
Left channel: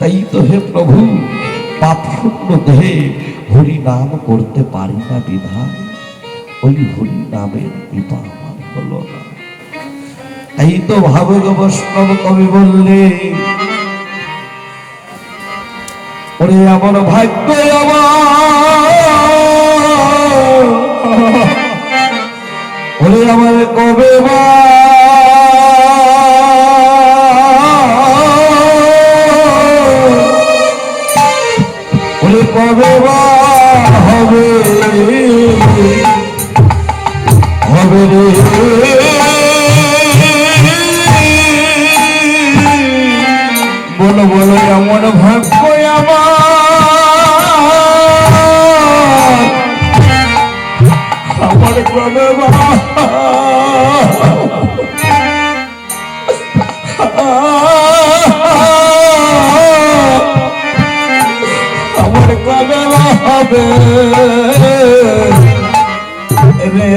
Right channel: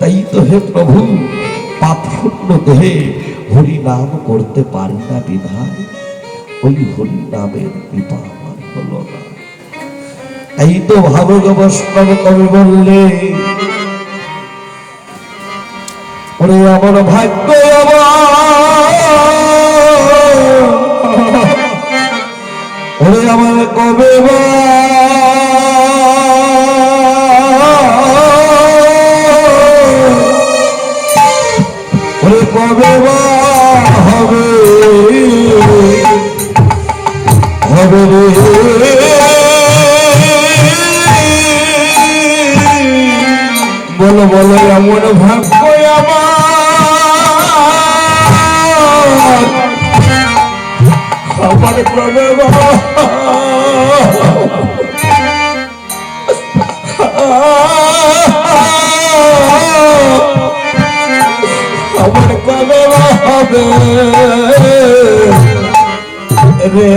তাই তো হে প্রভু, পাপ শূন্য দেহে হরি নাম করতে পারি না বিধায়, ওই হরি নামের কৃপা আমার হলো না। তাই তো ভাবক বৈষ্ণব কবি বললে, ওরে আমার ভাগ্য আমার হবে রে বলো বলো এমন ভাগ্য আমার কবে বাবা আমার কবে হবে রে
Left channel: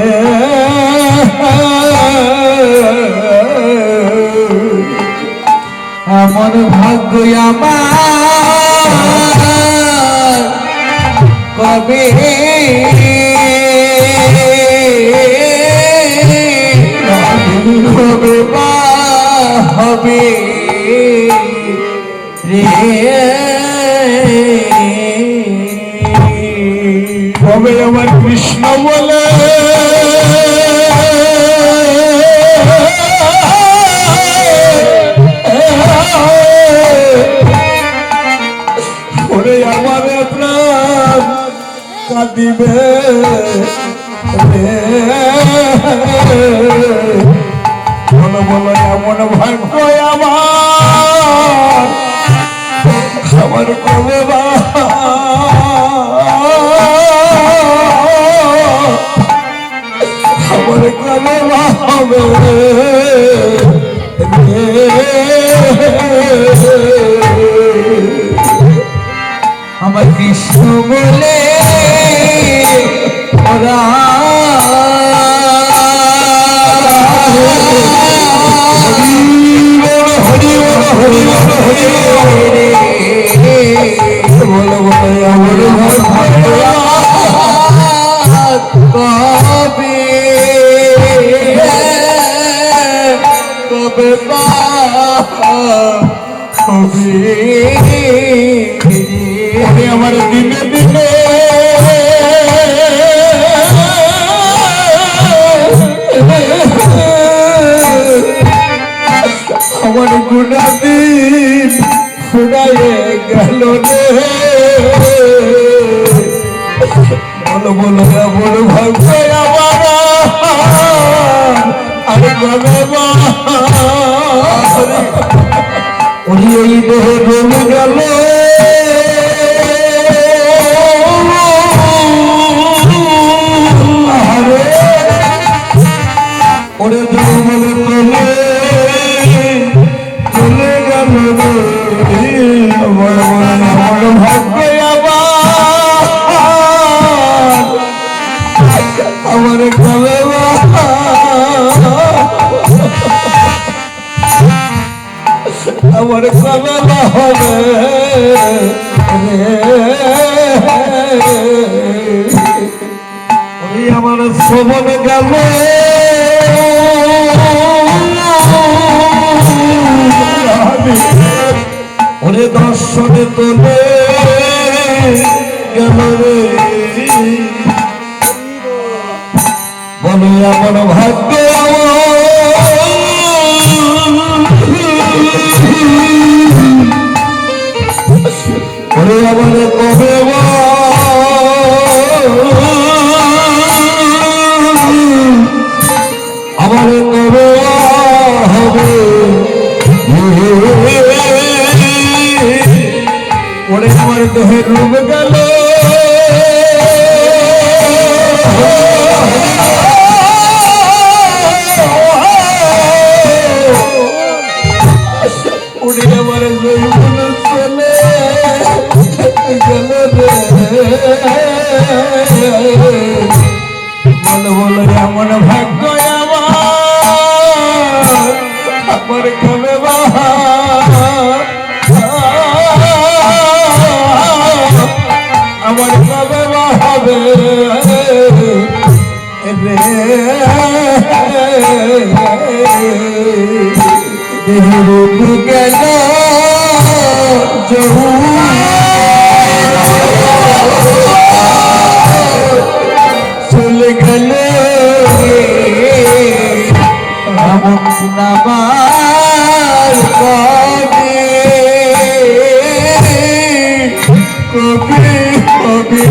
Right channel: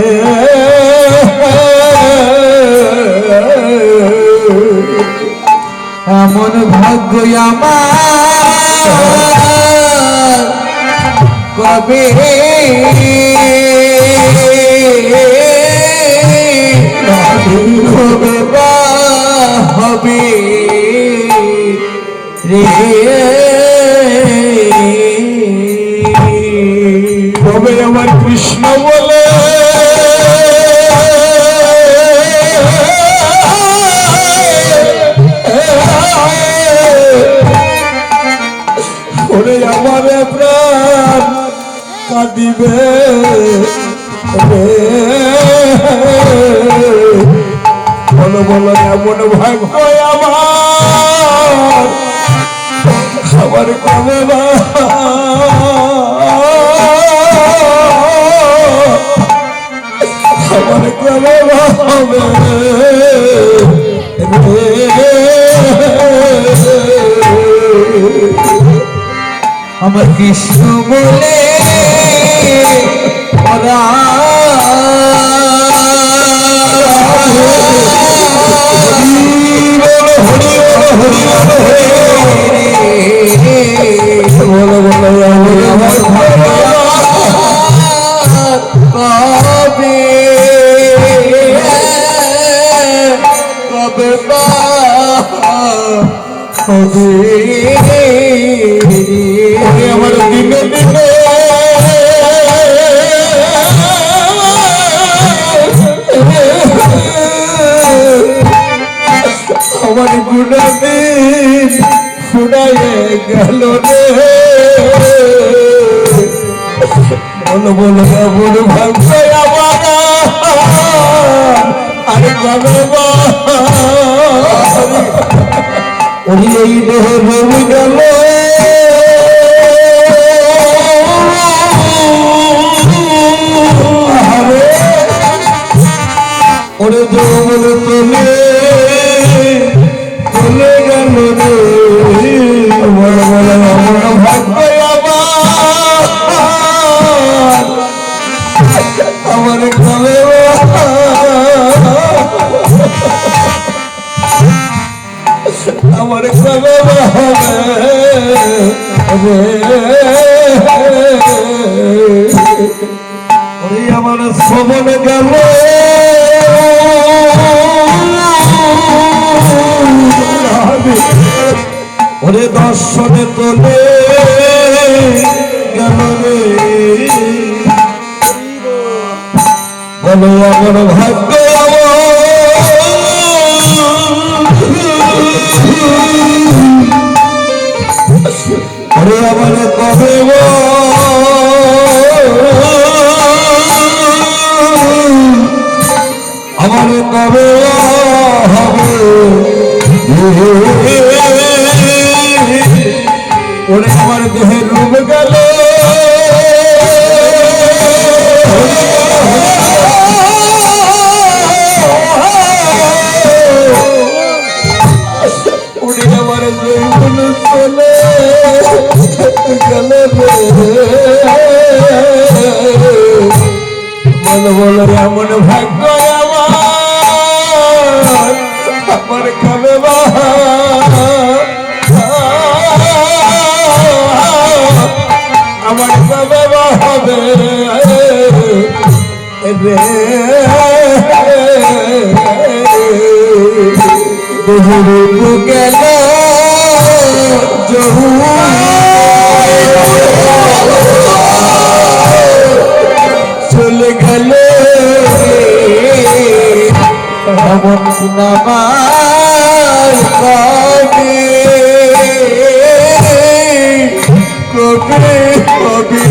এমন ভাগ্য আমার কবে হবে বা হবে রে কবে আমার কৃষ্ণ বলে ওরে আমার প্রাণ কাঁদিবে রে বলো বলো এমন ভাগ্য আমার আমার কবে বা আমার কবে বা হবে আমার কৃষ্ণ মেলে হরি হরি কবে কবে হবে আমার দিনে দিনে আমার গুণাদিন শুনায়ে গেল রে বলো বলো বড় ভাগ্য আমার আরে বাবা ওই এই দেহে ভাবে গেল ওরে বলে তুলে তুলে গেল আমার ভাগ্য আমার কবে আমার কবে হবে আমার শ্রবণ গেল ওরে দর্শনে তোলে গেল বলো আমার ভাগ্য ওরে আমার কবে আমার কবে হবে ওরে আমার দেহে রূপ গেল ওরে আমার জৈবন চলে গেল রে বলো বলো এমন ভাগ্য আমার কবে বা আমার কবে বা হবে রে বহুরূপ গেল জহু চলে গেল নামার কবে কবে কবে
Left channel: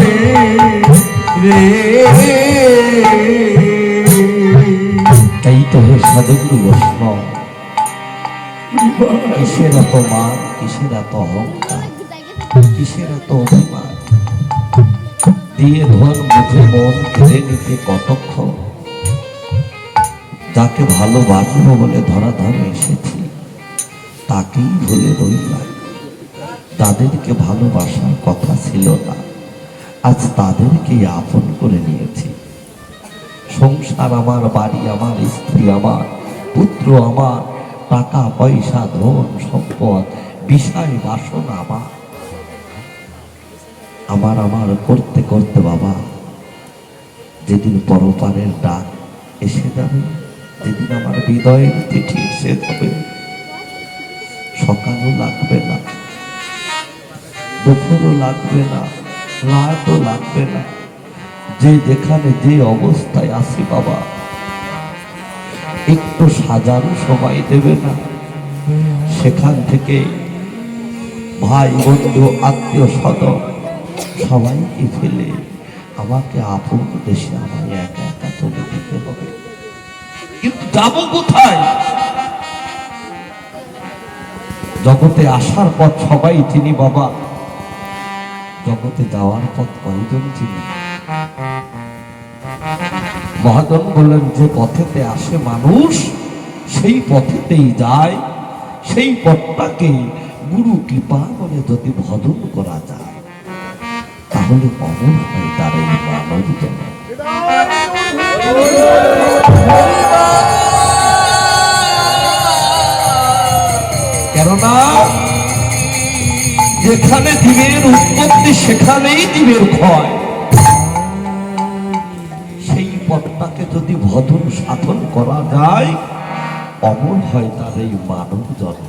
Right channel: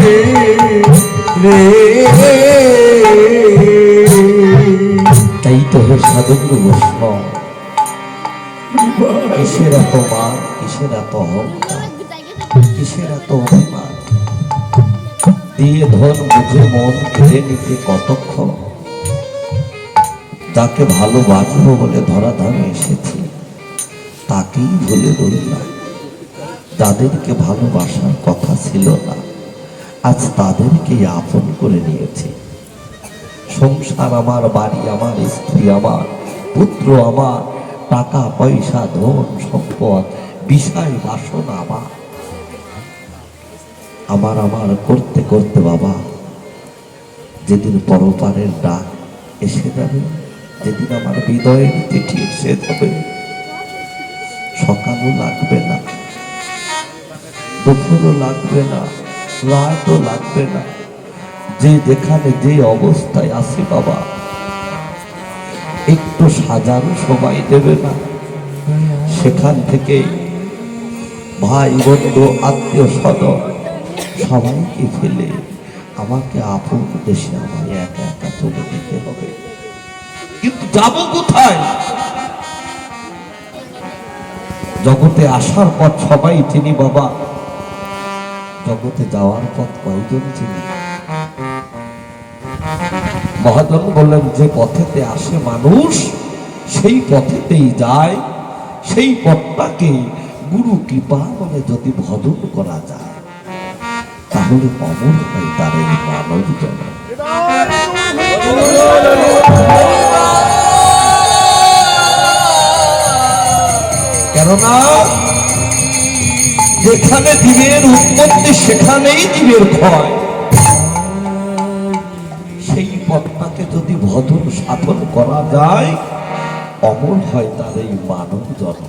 রে এই তো হে সদগুরু বৈষ্ণব, কিসের এত মান, কিসের এত অহংকার, কিসের এত অভিমান? দিয়ে ধন বুঝে মন কেড়ে নিতে কতক্ষণ? তাকে ভালোবাসবো বলে ধরাধামে এসেছি, তাকেই ভুলে রইলাম। তাদেরকে ভালোবাসার কথা ছিল না, আজ তাদেরকেই আপন করে নিয়েছি। সংসার আমার, বাড়ি আমার, স্ত্রী আমার, পুত্র আমার, টাকা পয়সা, ধন সম্পদ, বিষয় বাসনা আমার, আমার আমার করতে করতে বাবা যেদিন পরপারের ডাক এসে যাবে, যেদিন আমার হৃদয়ের চিঠি এসে যাবে, সকালও লাগবে না, দুপুরও লাগবে না, রাতও লাগবে না, যে যেখানে যে অবস্থায় আছি বাবা, একটু সাজারও সময় দেবে না। সেখান থেকে ভাই বন্ধু আত্মীয় স্বজন সবাইকে ফেলে আমাকে আপন দেশে আমায় একা একা চলে যেতে হবে। কিন্তু যাবো কোথায়? জগতে আসার পথ সবাই চিনি বাবা, জগতে যাওয়ার পথ কয়জন চিনি? মহাজন বললেন, যে পথেতে আসে মানুষ সেই পথেতেই যায়, সেই পথটাকে গুরু কৃপা বলে যদি ভজন করা যায়, তাহলে অমর হয় তার এই মানব জগৎ। কেননা যেখানে জীবের উৎপত্তি সেখানেই জীবের ক্ষয়। সেই পথটাকে যদি ভজন সাধন করা যায়, অমর হয় তার এই মানব জন্ম,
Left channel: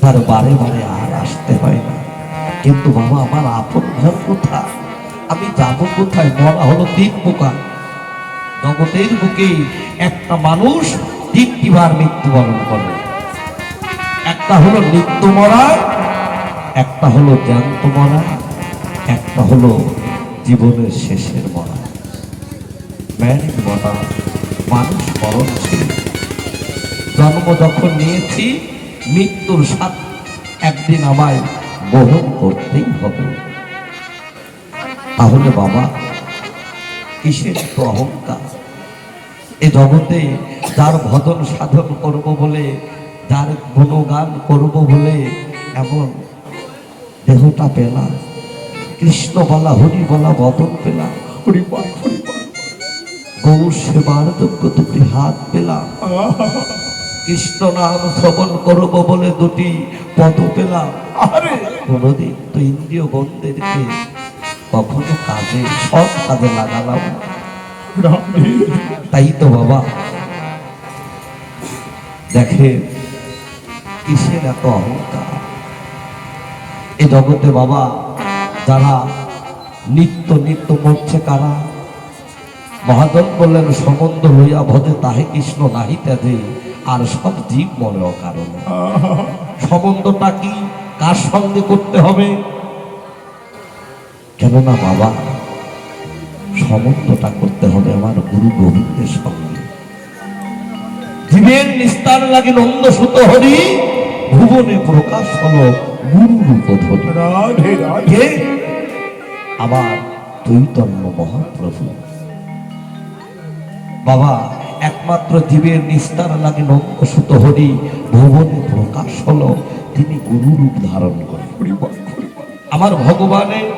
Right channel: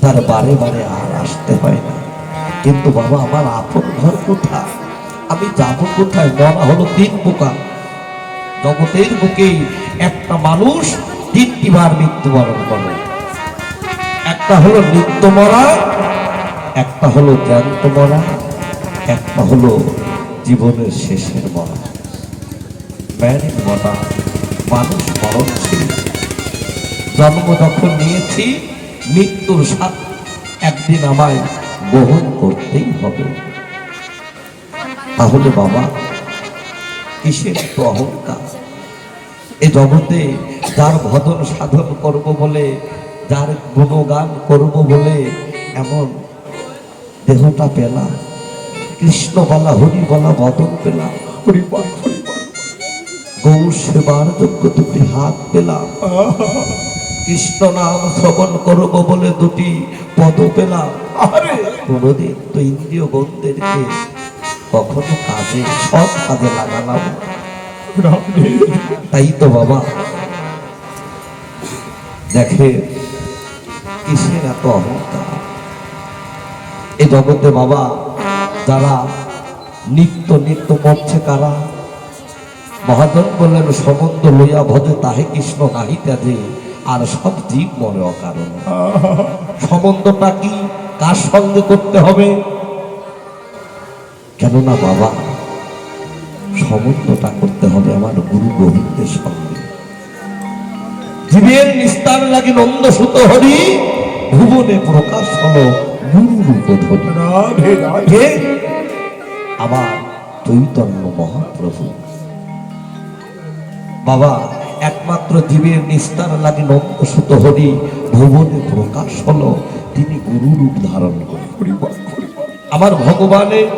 তার বারে বারে আর আসতে হয় না। কিন্তু বাবা আমার আপন ঘর কোথায়? আমি যাব কোথায়? মরা হলো তিন প্রকার। জগতের বুকে একটা মানুষ তিনটি বার মৃত্যুবরণ করে। একটা হলো নিত্য মরা, একটা হলো জ্যান্ত মরা, একটা হলো জীবনের শেষের মরা। ম্যারিড মরা, মানুষ মরণশীল। জন্ম যখন নিয়েছি, মৃত্যুর স্বাদ একদিন আমায় গ্রহণ করতেই হবে। তাহলে বাবা কিসের তো অহংকার? এই জগতে যার ভজন সাধন করব বলে, যার গুণগান করব বলে এমন দেহটা পেলাম, কৃষ্ণ বলা, হরি বলা বদন পেলাম, গৌর সেবার যোগ্য দুটি হাত পেলাম, কৃষ্ণ নাম শ্রবণ করব বলে দুটি পদ পেলাম। কোনদিন তো ইন্দ্রিয় বন্ধেরকে কখনো কাজে, সব কাজে লাগালাম। তাই তো বাবা দেখে কিসের এত অহংকার? এই জগতে বাবা যারা নিত্য নিত্য মরছে কারা? মহাজন বললেন, সম্বন্ধ লইয়া ভজে তাহে কৃষ্ণ নাহিতে যে, আর সব জীব মরে অকারণ। সম্বন্ধটা কি? কার সঙ্গে করতে হবে? কেননা বাবা সম্বন্ধটা করতে হবে আমার গুরু গোবিন্দের সঙ্গে। জীবের নিস্তার লাগে নন্দ সুত হরি, ভুবনে প্রকাশ হল গুরু রূপ ধরি। আমার চৈতন্য মহাপ্রভু। বাবা একমাত্র জীবের নিস্তার লাগে নন্দ সুত হরি, ভুবনে প্রকাশ হল তিনি গুরু রূপ ধারণ করেন। আমার ভগবানের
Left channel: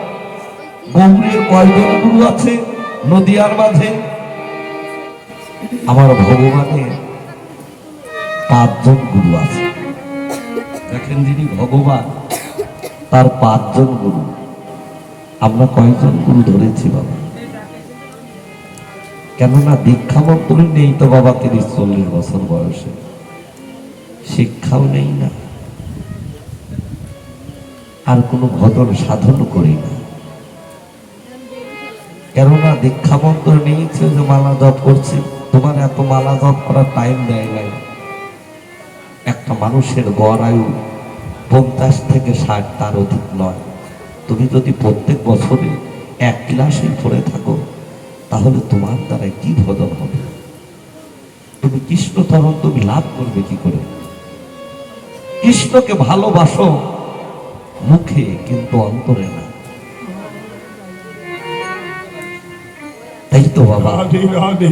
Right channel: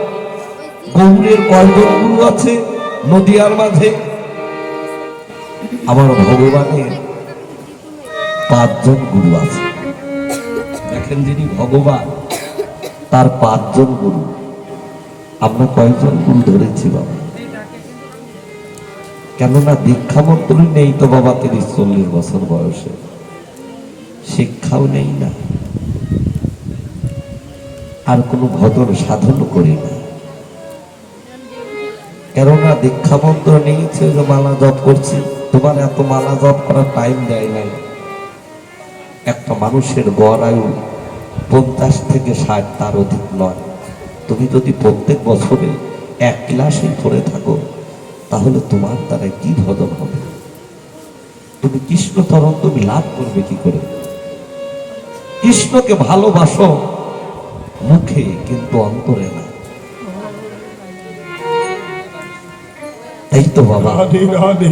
গৌরের কয়জন গুরু আছে নদিয়ার মাঝে? আমার ভগবানের 5 জন গুরু আছে। দেখেন, যিনি ভগবান তার 5 জন গুরু। আমরা কয়জন গুরু ধরেছি বাবা? কেননা দীক্ষা মন্ত্র নেই তো বাবা 30-40 বছর বয়সে, শিক্ষাও নেই না, আর কোনো ভজন সাধন করি না। কেননা দীক্ষা মন্ত্র নিয়েছে, যে মালা জপ করছি, তোমার এত মালা জপ করার টাইম দেয় নাই। একটা মানুষের গড় আয়ু 50 থেকে 60, তার অধিক নয়। তুমি যদি প্রত্যেক বছরে এক ক্লাসে পড়ে থাকো, তাহলে তোমার দ্বারা কি ভজন হবে? তুমি কৃষ্ণ তখন তুমি লাভ করবে কি করে? কৃষ্ণকে ভালোবাসো মুখে, কিন্তু অন্তরে না। এই তো বাবা রাধে রাধে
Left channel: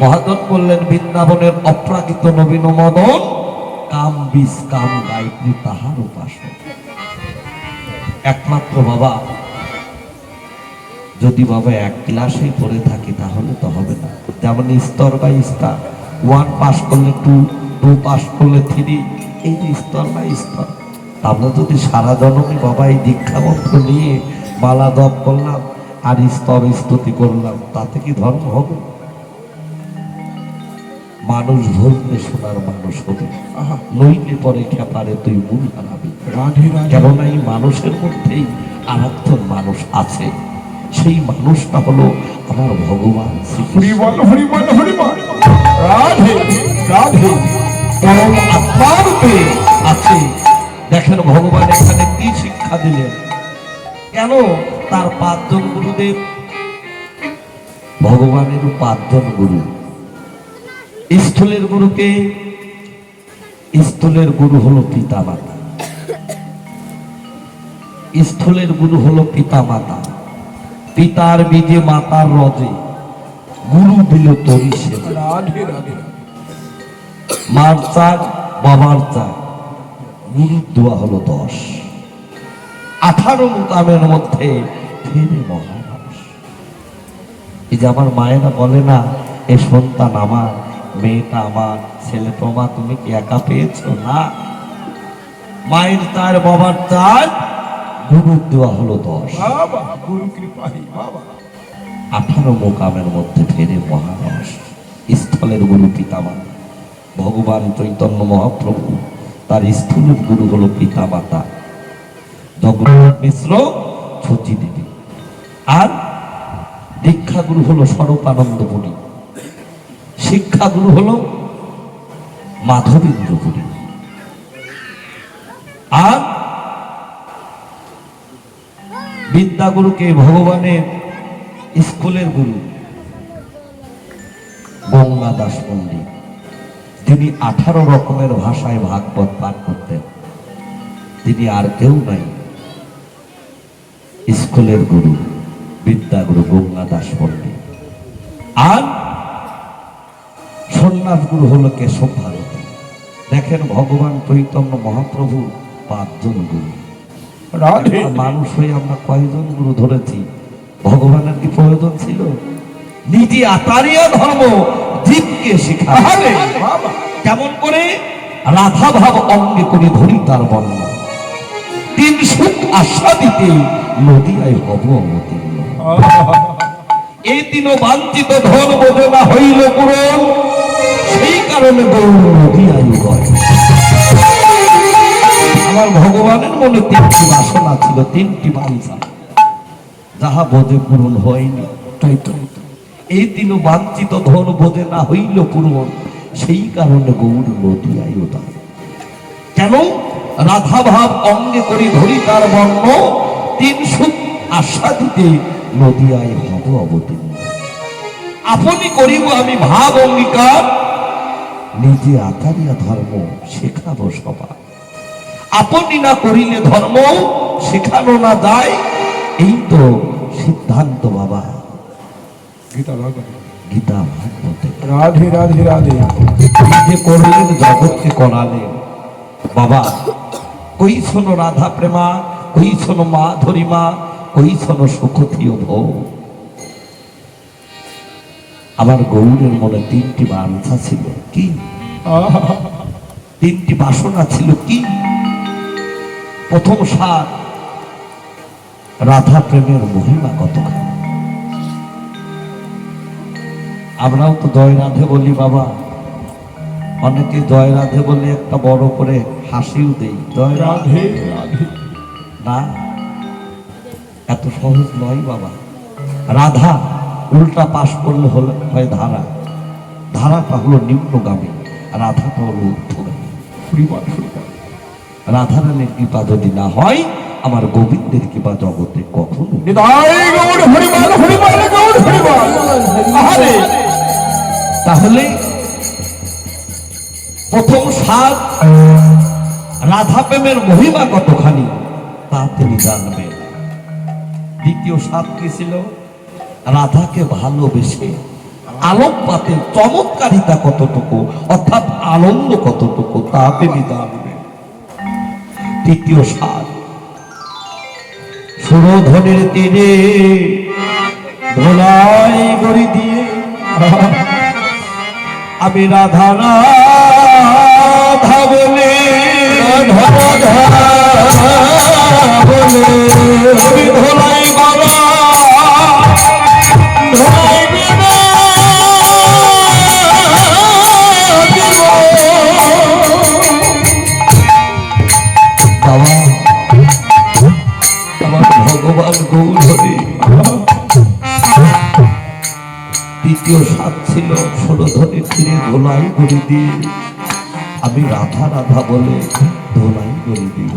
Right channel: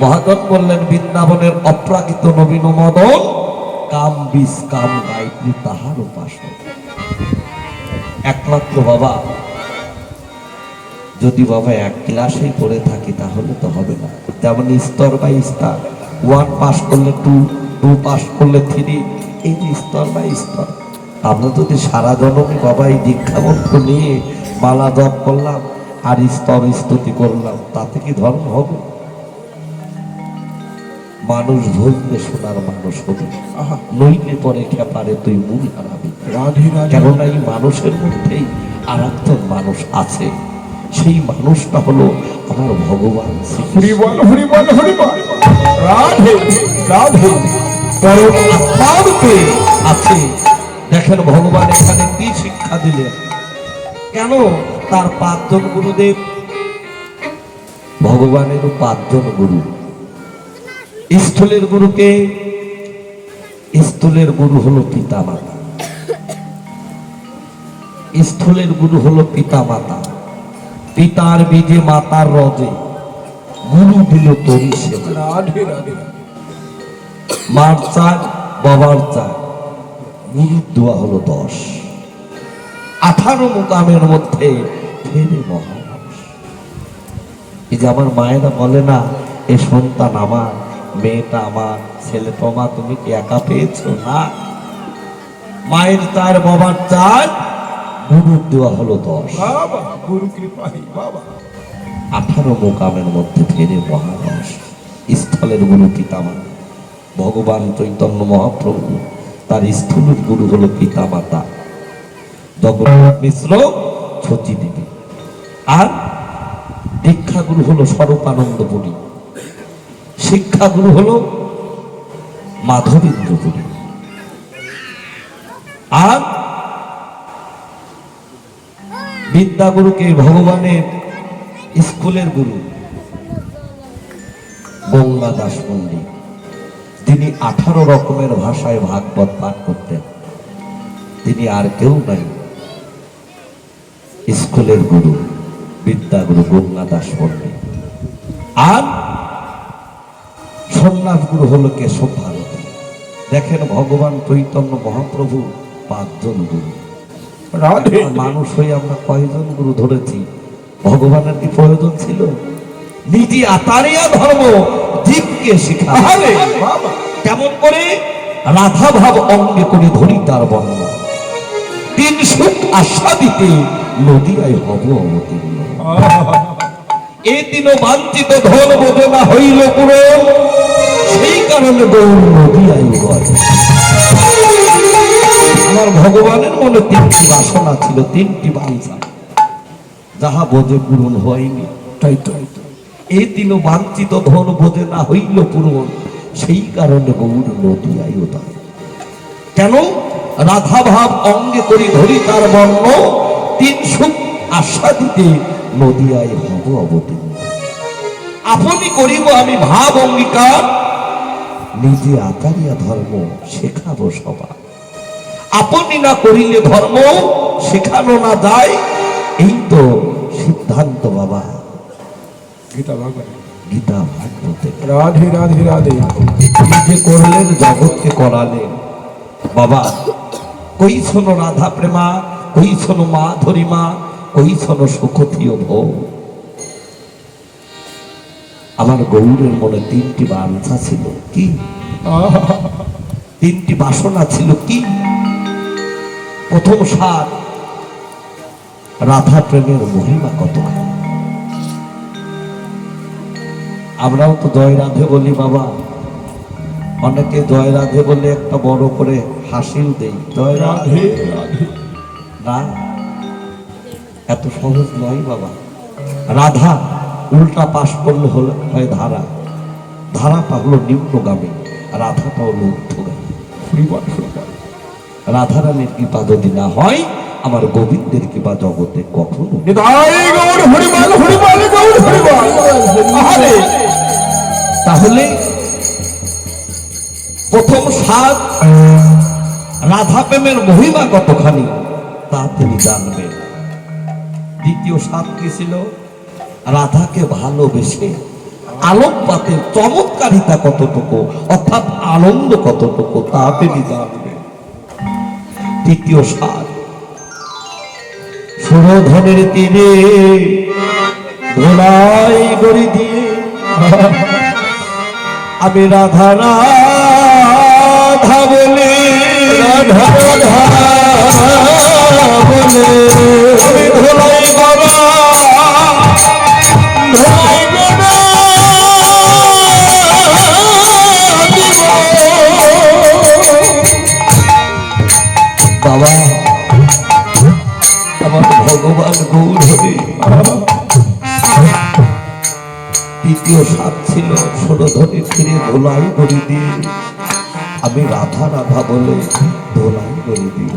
মহাজন বললেন, বৃন্দাবনের অপ্রাকৃত নবীন মদন, কাম বিষ কাম গায়ত্রী তাহার উপাসক। একমাত্র বাবা, যদি বাবা এক ক্লাসেই পড়ে থাকি তাহলে তো হবে না। যেমন স্তর বাই স্তর, 1 পাস করলে 2, 2 পাস করলে 3, এই যে স্তর বাই স্তর। আমরা যদি সারা জনমী বাবা এই দীক্ষা মন্ত্র নিয়ে মালা জপ করলাম আর স্তর স্তুতি করলাম, তাতে কি ধর্ম হবে? মানুষ ভুলতে শোনার মানুষ হবি, আহা, নইলে পরে খেপারে তুই মূল হারাবি। রাধে রাধে কেননা এই মানুষের মধ্যেই আর একজন মানুষ আছে, সেই মানুষটা হলো আমার ভগবান হরি শ্রীকৃষ্ণ। বল হরি বল হরি বল রাধে রাধে পরম আত্মারূপে আছে। দেখেন ভগবান এখানে কি শিক্ষা দিলেন, কেন তার 5 জন গুরুদেব, ভগবানের 5 জন গুরু। স্থূলের গুরুকে, স্থূলের গুরু হলো পিতা মাতা, স্থূলের গুরু হলো পিতা মাতা। পিতার বীজে মাতার রজে, গুরু দিল তরি সেবা। রাধে রাধে মার চার বাবার চার, গুরুর দোয়া হলো 10। 18 মুকামের মধ্যে ফেরে মহামানুষ। এই যে আমার মায়েরা বলে না, এ সন্তান আমার, মেয়েটা আমার, ছেলেটা আমার, তুমি কি একা পেয়েছো? না, মায়ের চার বাবার চার, গুরুর দোয়া হলো 10। বাবা গুরু কৃপাই বাবা 18 মোকামের মধ্যে ফেরে মহামানুষ। স্থলের গুরু পিতামাতা, ভগবান চৈতন্য মহাপ্রভু, তার স্থূলের গুরু হলো পিতা মাতা জগন্নাথ মিশ্র, সচি দেবী। আর দীক্ষা গুরু হলো স্বরূপানন্দপুরী, শিক্ষা গুরু হলো মাধবীন্দ্রপুরী। আর বিদ্যাগুরুকে ভগবানের স্কুলের গুরু গঙ্গা দাস পণ্ডিত, তিনি 18 রকমের ভাষায় ভাগবত পাঠ করতেন। তিনি আর কেউ নাই, স্কুলের গুরু বিদ্যাগুরু গঙ্গা দাস পণ্ডিত। আর সন্ন্যাস গুরু হলো কেশব ভারতী। দেখেন ভগবান চৈতন্য মহাপ্রভু 5 জন গুরু। রাধে মানুষ হয়ে আমরা কয়জন গুরু ধরেছি? ভগবানের কি প্রয়োজন ছিল? নিজে আতারীয় ধর্ম জীবকে শিখায়। আরে বাবা কেমন করে? রাধা ভাব অঙ্গে করে ধরি তার বর্ণ, 3 সুখ আস্বাদিতে নদিয়ায় হব অবতীর্ণ। এই 3 বাঞ্ছিত ধন বোঝে না হইল পুরো, সেই কারণে গৌর নদিয়ায় বয়। আমার ভগবানের মনে 3টি বাসনা ছিল, 3টি বাঞ্ছা, যাহা বোঝে পূরণ হয়নি। তাই তো এই 3 বাঞ্ছিত ধন বোঝে না হইল পূরণ, সেই কারণে গৌর নদিয়ায় উদার। কেন? রাধা ভাব অঙ্গে করি ধরি তার বর্ণ, 3 সুখ আস্বাদিতে নদিয়ায় হব অবতীর্ণ। আপনি করিব আমি ভাব অঙ্গীকার, নিজে আতারিয়া ধর্ম শেখাবো সবার। আপনি না করিলে ধর্ম শেখানো না যায়, এই তো সিদ্ধান্ত বাবা গীতা বাবা গীতা ভাগবতে। রাধে রাধে রাধে নিজে করলেন জগৎকে করালেন বাবা। কই শোনো রাধা প্রেমা, কই শোনো মা ধরিমা, কই শোনো সুখতীয় ভোগ। আমার গৌরের মনে 3টি বাঞ্ছা ছিল, কি? 3টি বাসনা ছিল, কি? প্রথম সার, রাধা প্রেমের মহিমা কতখানি। আমরাও তো জয় রাধে বলি বাবা, অনেকে জয় রাধে বলে একটা বড় করে হাসিও দেই, জয় রাধে। রাধে রাধে না, এত সহজ নয় বাবা। রাধা উল্টা পাশ করলে হলো হয় ধারা, ধারাটা হলো নিম্নগামী, রাধাটা হলো ঊর্ধ্বগামী। হরি বল হরি বল রাধারানীর কৃপা যদি না হয় আমার গোবিন্দের কিবা জগতে কখনো নিতাই গৌর হরিবল হরিবল গৌর হরিবল। আহারে তাহলে প্রথম সাত রাধা প্রেমের মহিমা কতখানি তা তিনি জানবেন। দ্বিতীয় সাত কি ছিল? রাধাকে ভালোবেসে আলোকপাতের চমৎকারিতা কতটুকু, অর্থাৎ আনন্দ কতটুকু তা তিনি জানবেন। তৃতীয় সাত সুরধনের তীরে ধোলাই গড়ি দিয়ে আমি রাধা রাধা বলে রাধা রাধা বলে আমি ধোলাই বাবা ধোলাই বাবা আমার ভগবান গৌর হরে। তৃতীয় সাত ছিল সুরধনের তীরে ধোলাই গড়ি দিয়ে আমি রাধা রাধা বলে ধোলাই গড়ি দিব।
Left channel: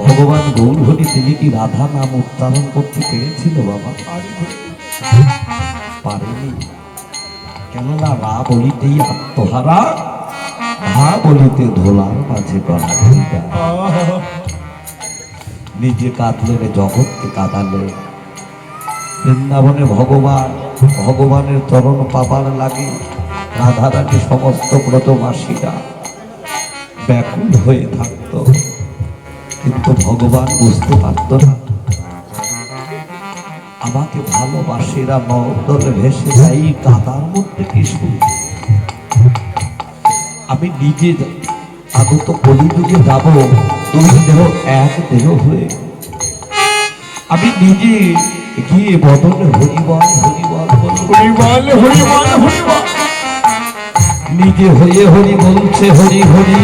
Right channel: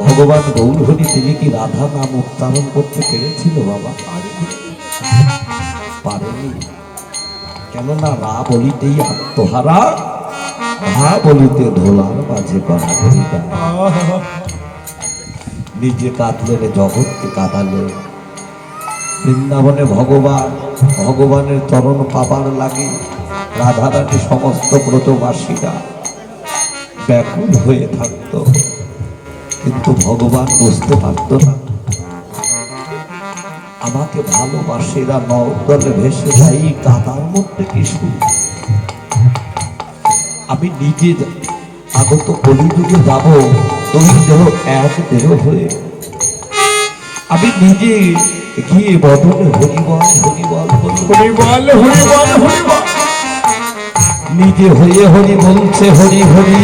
ভগবান গৌর হরি তিনি কি রাধা নাম উচ্চারণ করতে পেরেছিল বাবা? পারেনি। কেননা রা বলিতেই আত্মহারা, ধা বলিতে ধোলার মাঝে পাড়া। নিজে কাঁদলেন, জগৎকে কাঁদালেন। বৃন্দাবনে ভগবানের চরণ পাবার লাগে রাধারানী সমস্ত ব্রতবাসীরা ব্যাকুল হয়ে থাকত, কিন্তু ভগবান বুঝতে পারত না আমাকে ভালোবাসীরা নদলে ভেসে যাই কাদার মধ্যে কিছু। আমি নিজে আগত কলিযুগে যাব, এই দেহ এক দেহ হয়ে আমি নিজে গিয়ে বদলে হরিবল হরিবল হরিবল হরিবল হরিবল। নিজে হয়ে হরি বলছে হরি হরি,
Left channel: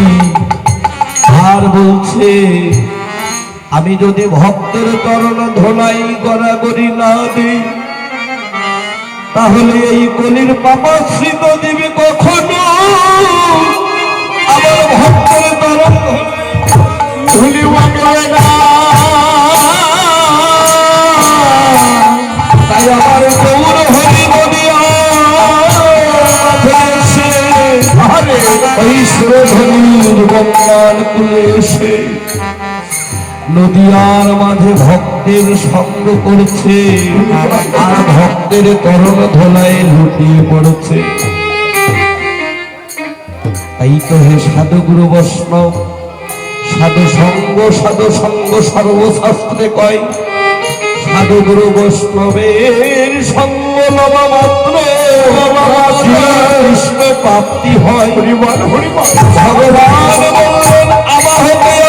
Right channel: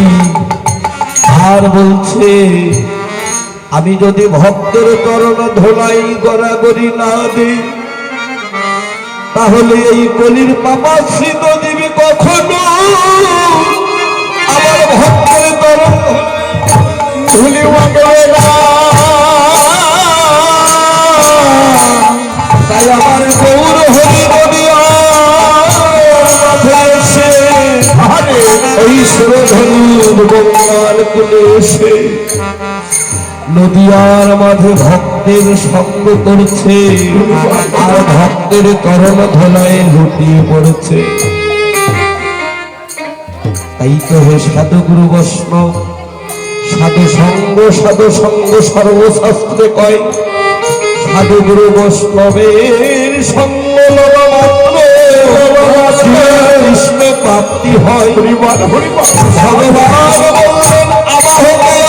আর বলছে আমি যদি ভক্তের চরণ ধোলাই গড়াগড়ি না দিই তাহলে এই কলির পাপাশ্রিত দিবি কখনো আমার ভক্তের চরণ ধুলি না। তাই আমার গৌর হরি নদিয়া এসে এই সুরধনুর বন্যার কুলে এসে নদিয়ার মাঝে ভক্তের সঙ্গ করছে, আর ভক্তের করণ ধোলায় লুটিয়ে পড়ছে। তাই তো হে সাধুগুরু বৈষ্ণব, সাধু সঙ্গ সর্বশাস্ত্রে কয় সাধুগুরু বৈষ্ণবের সঙ্গ লওয়া মাত্র কৃষ্ণ প্রাপ্তি হয়। ভগবান বললেন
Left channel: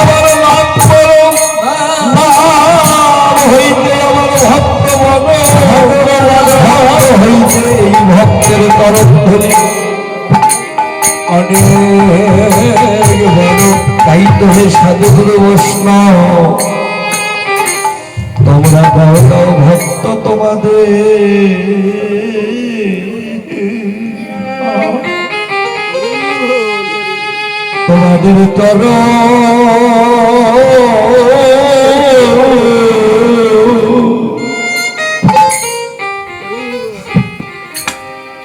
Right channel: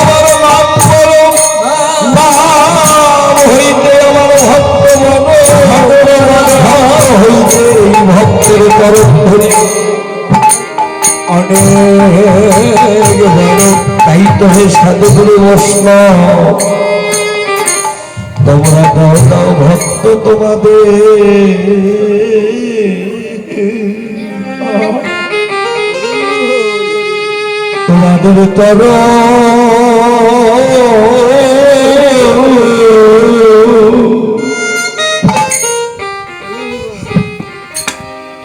আমার নাম করো, নাম হইতে আমার ভক্ত হইতে এই ভক্তের চরণ ধরে অনেক বড়। তাই তো হে সাধুগুরু বৈষ্ণব তোমরা দাও ভক্ত তোমাদের তবে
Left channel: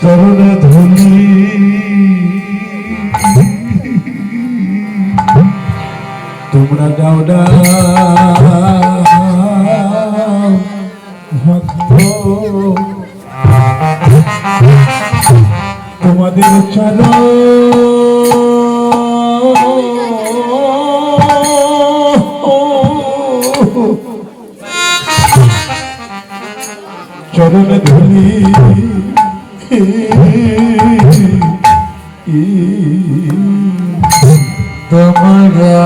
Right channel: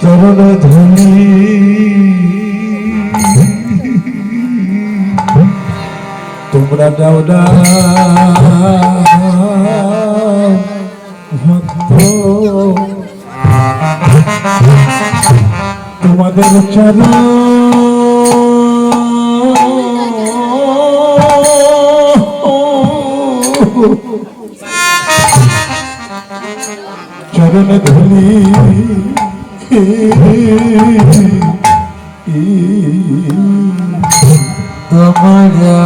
চরণে ধুলি তোমরা দাও না তোমাদের চরণ চরণে ধুলি তোমরা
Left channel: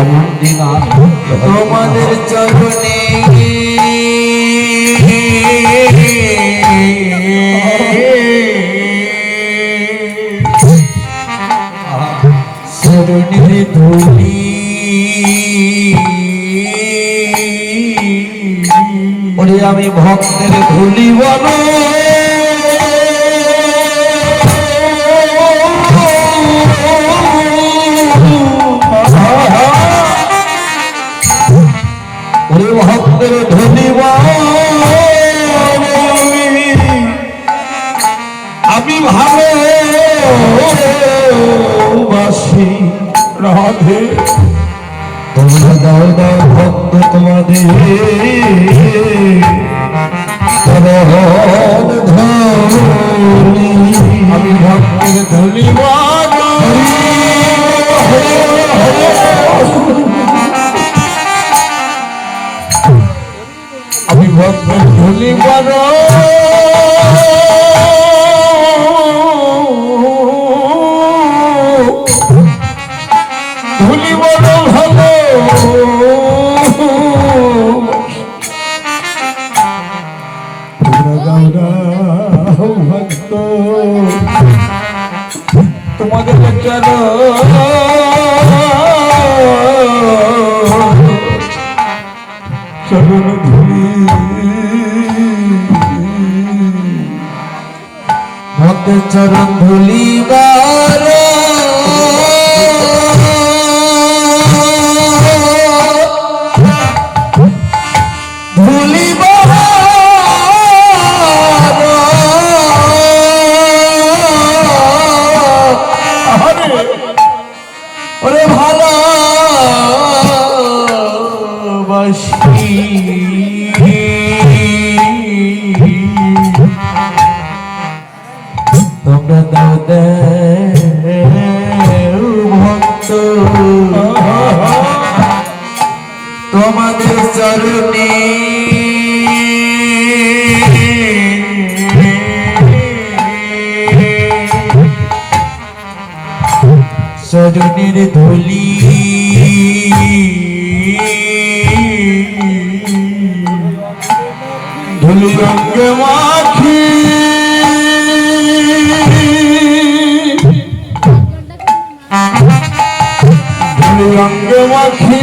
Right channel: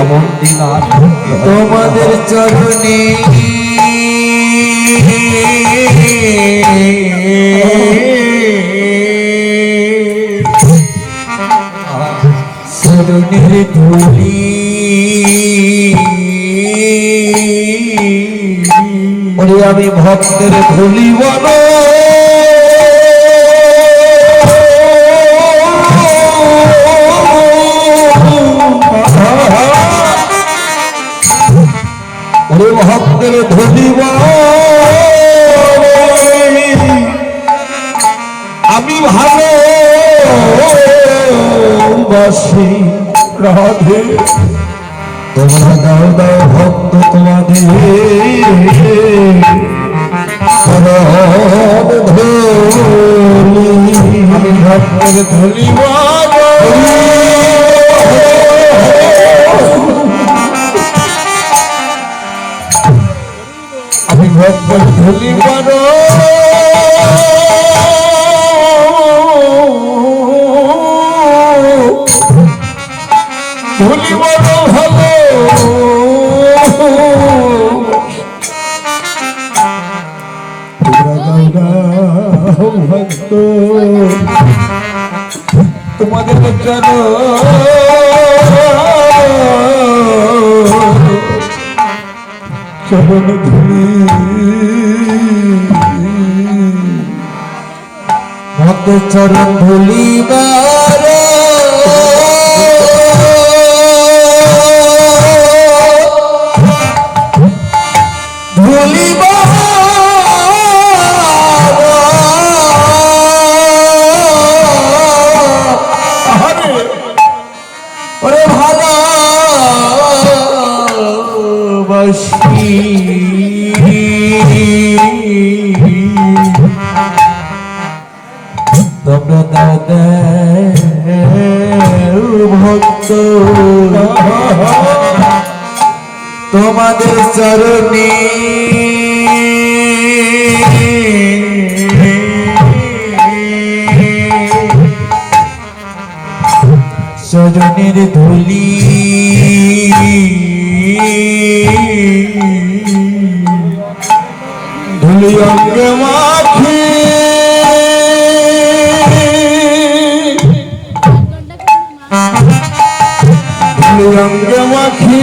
এমন দিন তোমাদের চরণে চরণের ধুলি আমি ভক্তের ধুলি বন ওরে ভক্তের ধুলি আমি ভালোবাসি রাধে তোমরা দাও দাও ভক্ত তোমাদের ভক্তের ধুলি আমি ভক্তের ধুলি ধুলি ভক্ত তোমাদের চরণ ধুলি ভক্ত চরণ ধুলি ধুলি ভালোবাসি তোমরা দাদা ভক্ত তোমাদের চরণে চরণের ধুলি ধুলি অঙ্গ মাখি ধুলি অঙ্গ মাখি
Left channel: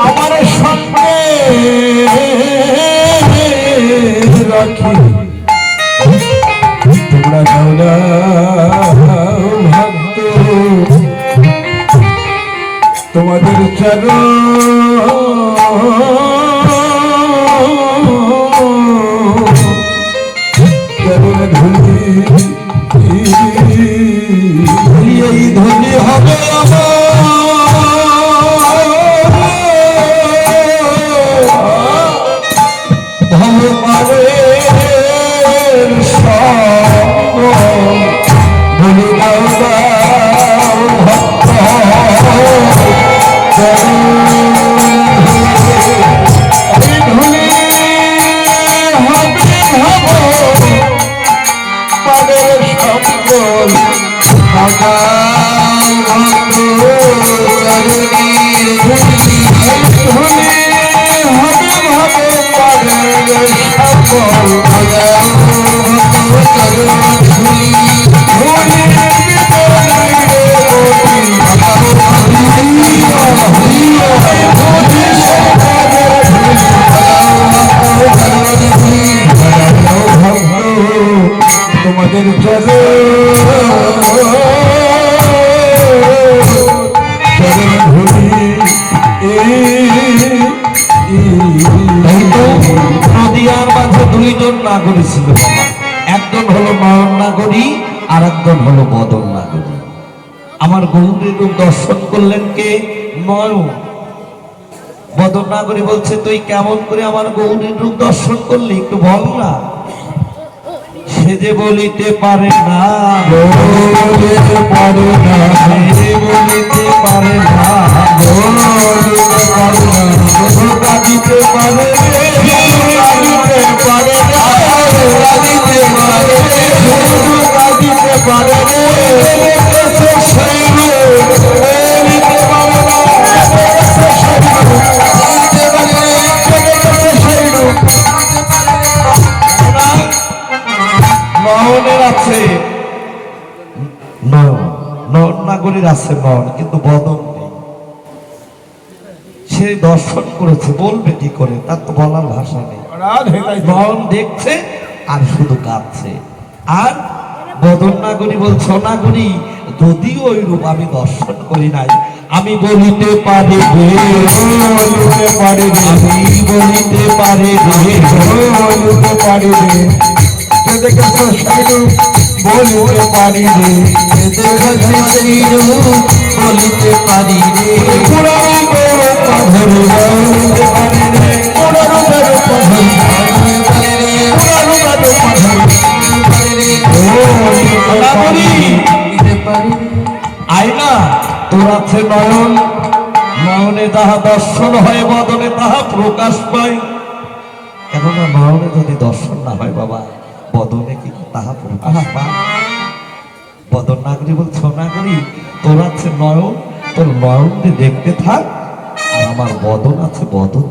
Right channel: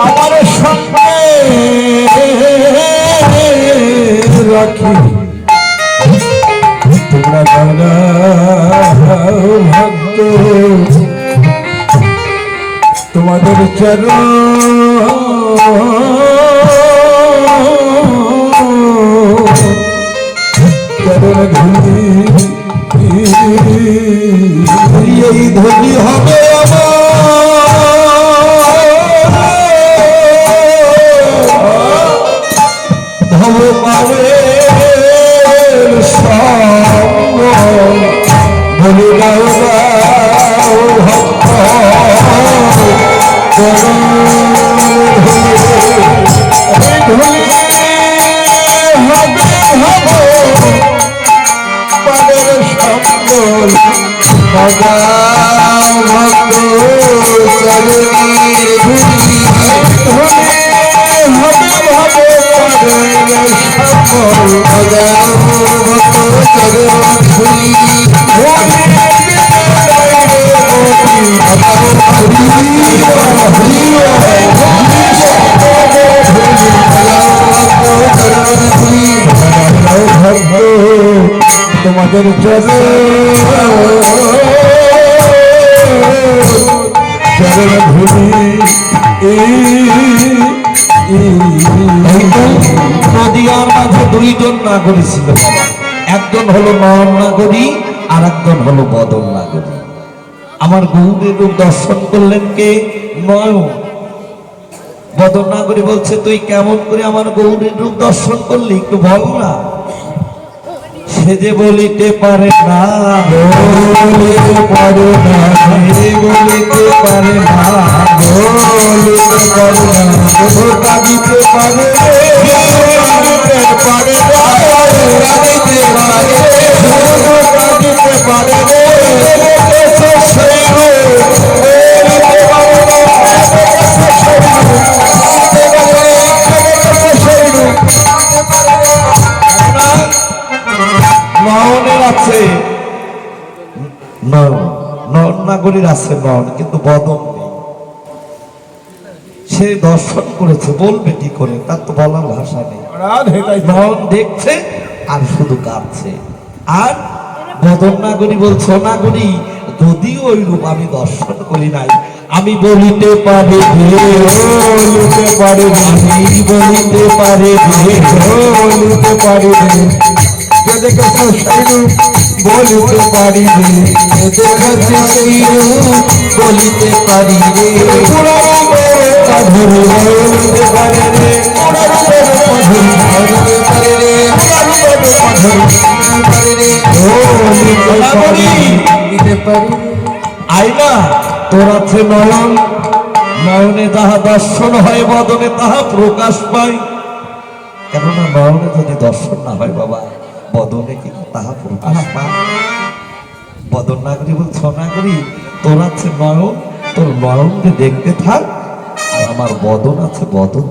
আমার সঙ্গে রাখি তোমরা ভক্ত তোমাদের চরণ ধুলি এই ধুলি হবে ভগবানের ধুলি ভক্ত তোমাদের নদিয়ার মাঝে দুইজন নাগরী ছিল একজন হলো নয়ন নাগরী আর একজন হলো বদন নাগরী আমার গৌরীর রূপ দর্শন করলেন কে নয়ন বদন নাগরী বলছে তুই কেমন করে আমার গৌরীর রূপ দর্শন করলি একটু ভাব না সে যে বলিতে পারে না বলিতে পারে না সে বলিতে পারে না কাঁদিতে পারে নগরীর আছে নন, কিন্তু বদন নেই। সে দর্শন করেছে, বলবে কি করে, তার তো বলার ভাষা নেই। নন দেখছে আর শুধু কাঁদছে। আর বদন নাগরী বলছে, নাগরী যদিও ওই রূপ আমি দর্শন করি নাই, আমি বলিতে পারি বলিতে পারি বলিতে পারি বলিতে পারি বলিতে পারি বলিতে পারি আইনা তোর আছে নয়ন, নয়নে তাহা দর্শন হয়, বদনে তাহা প্রকাশ পায়। এখন নয়নে যদি দর্শন না হয় বাবা, বদনে কি তাহা প্রকাশ পায়? বদন নাগরী বলছ, নাগরী তোর আছে নয়ন, তোর নয়নকে দেখতে থাক, আর আমার বদন আছে, বদন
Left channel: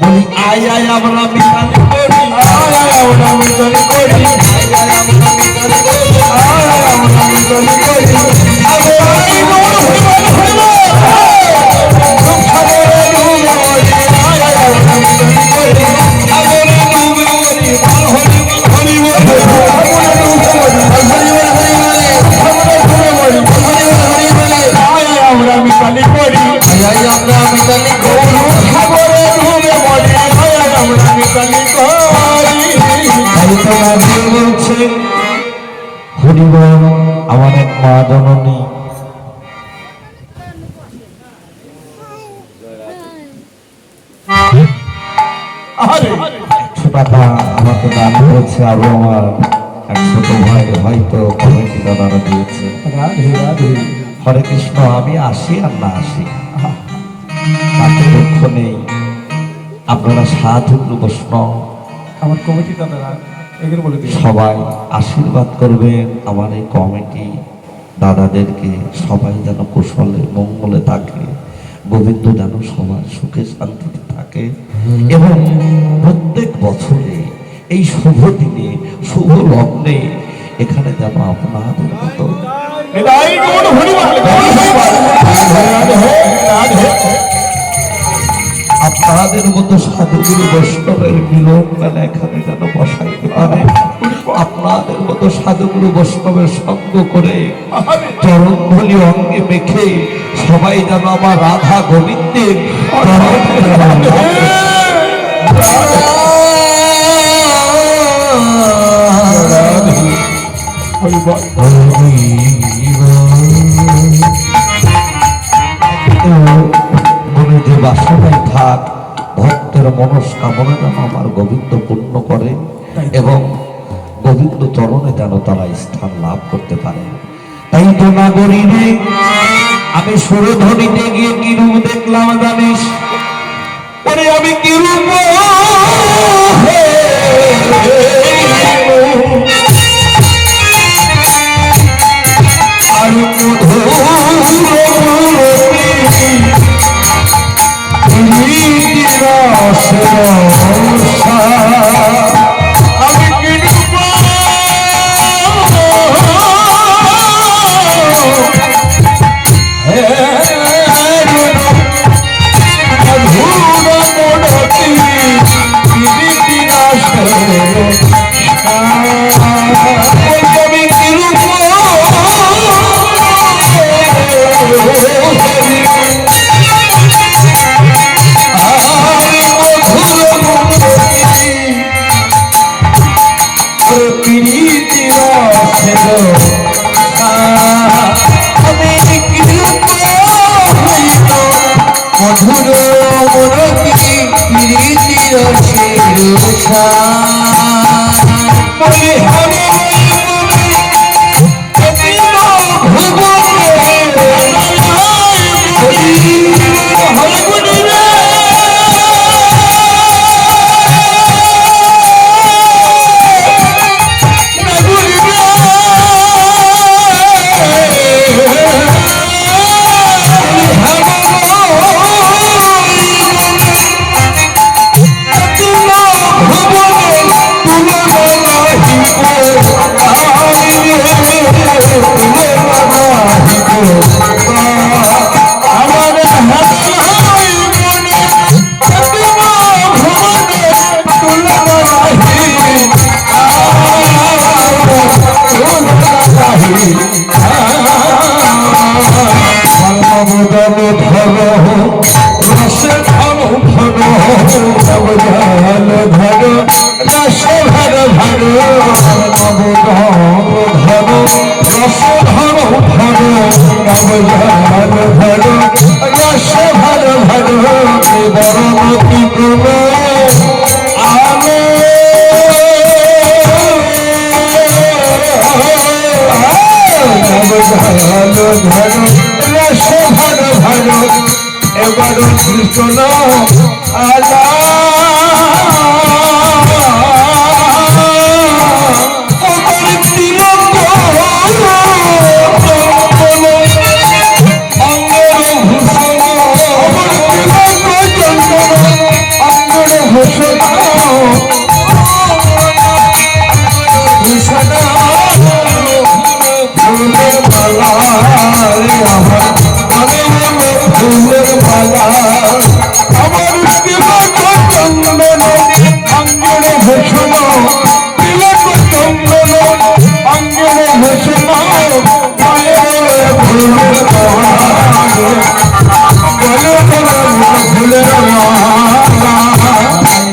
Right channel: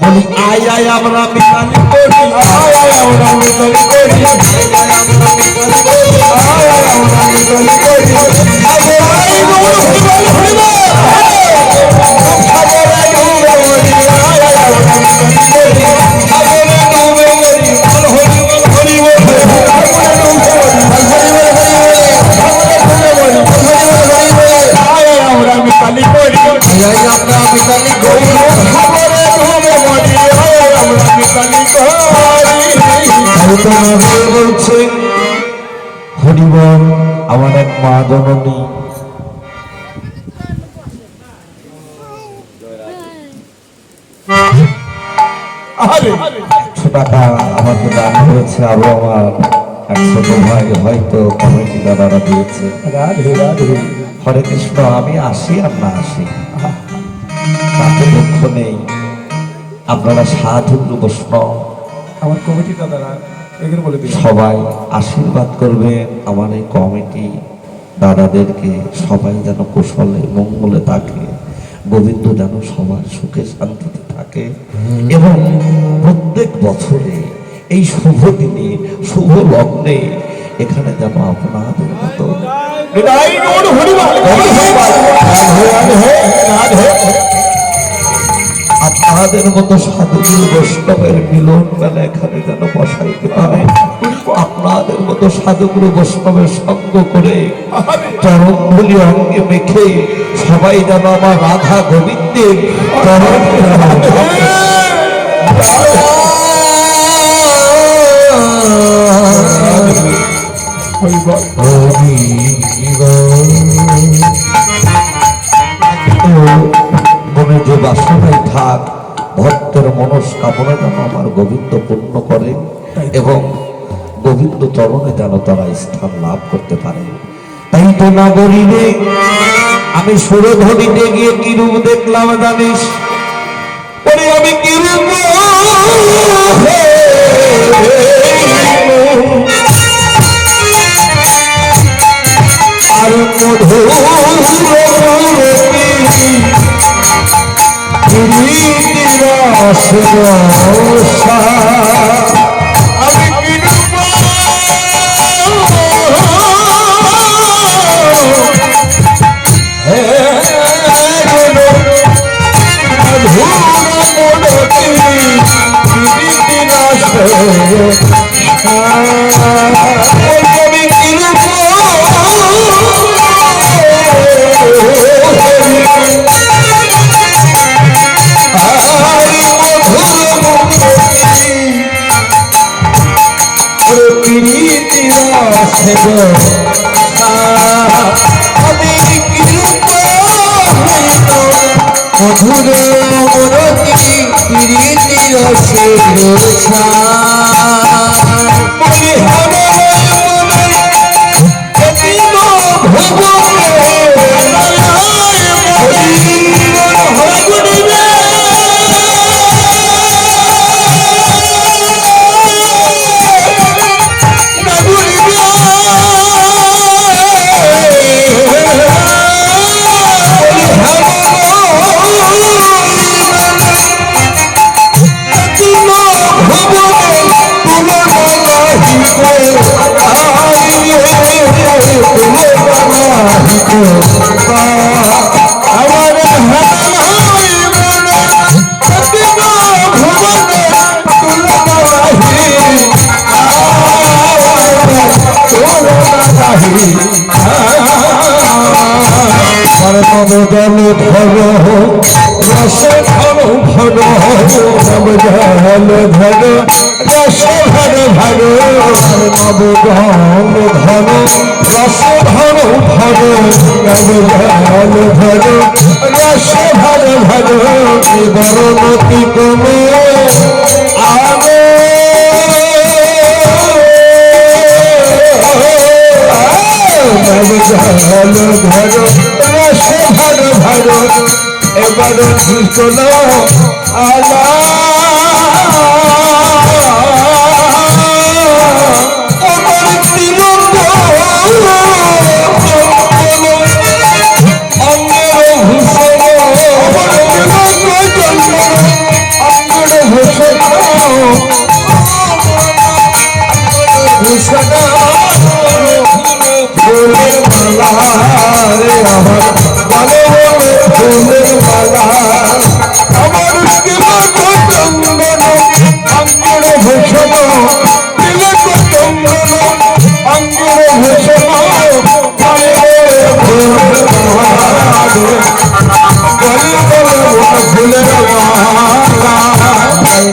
বলি আয় আয় আমরা মিতালি করি, আয় আয় আমরা মিতালি করি, আয় আয় আমরা মিতালি করি, আয় আয় আমরা মিতালি হরিবল। আমার এক মা জননী টাকা আমাকে দান করেছে, আরো আমার 100 ভাই হয়তো কমিটি দাদারা দিয়েছে। হরে কৃষ্ণ, আমি আসি আর না আসি তাতে দুঃখ নেই। আপনারা সাধু বৈষ্ণব আমার কমিটি দাদারা এখানে বলে দিই, সবাই আশীর্বাদ করবেন আমার এই কমিটি দাদাদেরকে, সবাই যেন কুশলে মঙ্গলে থাকে, গোবিন্দ যেন সবার সুখে শান্তিতে থাকে, এবং প্রত্যেক বছরে এই শুভ দিনে শুভ লগ্নে এখানে যেন আপনাদের মতো আপনাদের মতো সাধুগুরু বৈষ্ণবের মিলন মেলা এখানে যেন বসাইতে পারে। আপনাদের মতো সাধুগুরু বৈষ্ণবের সঙ্গ করে চরণধুলি অঙ্গে মেখে সবাই যেন আমার রাধা গোবিন্দের মনে যে বাসনায় থাক, ভক্তের মনস্কামনা যেন আমার গোবিন্দ পূর্ণ করে, এবং গোবিন্দ চরণে যেন তারা স্থান লাভ করতে পারে। তাই তো নগরীরে আমি সুরধ্বনিতে গিয়ে কি রূপ দেখলাম জানিস? ওরে আমি কি রূপ Oh, শোনো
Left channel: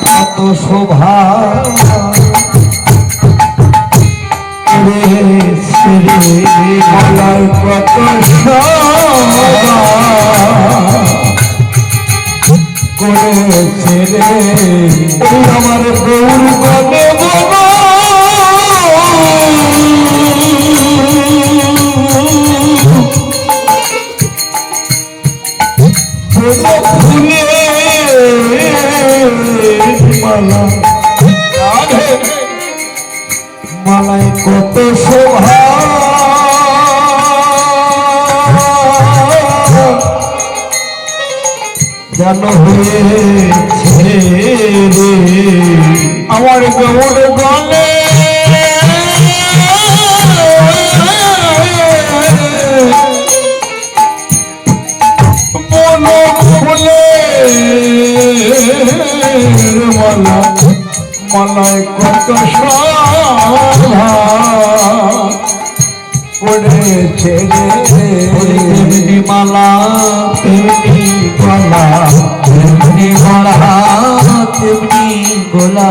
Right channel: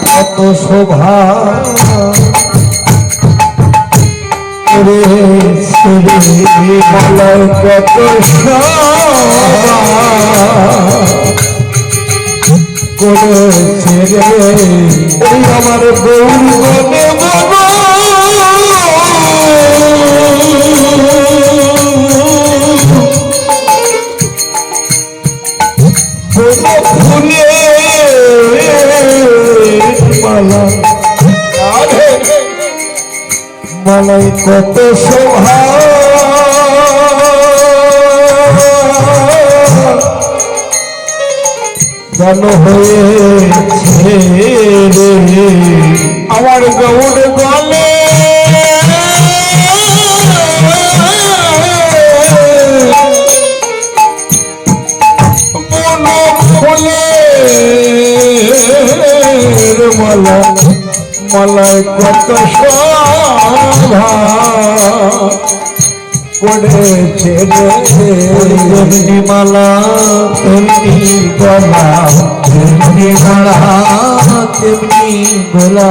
কত শোভা কত করেছে রে আমার গৌরবে মালাই কত শোভা জন হয়েছে রে আমার গৌর বলে মালা মালায় কত শোভা করেছে রে মালা তেমনি গলা তেমনি মালা তেমনি গলা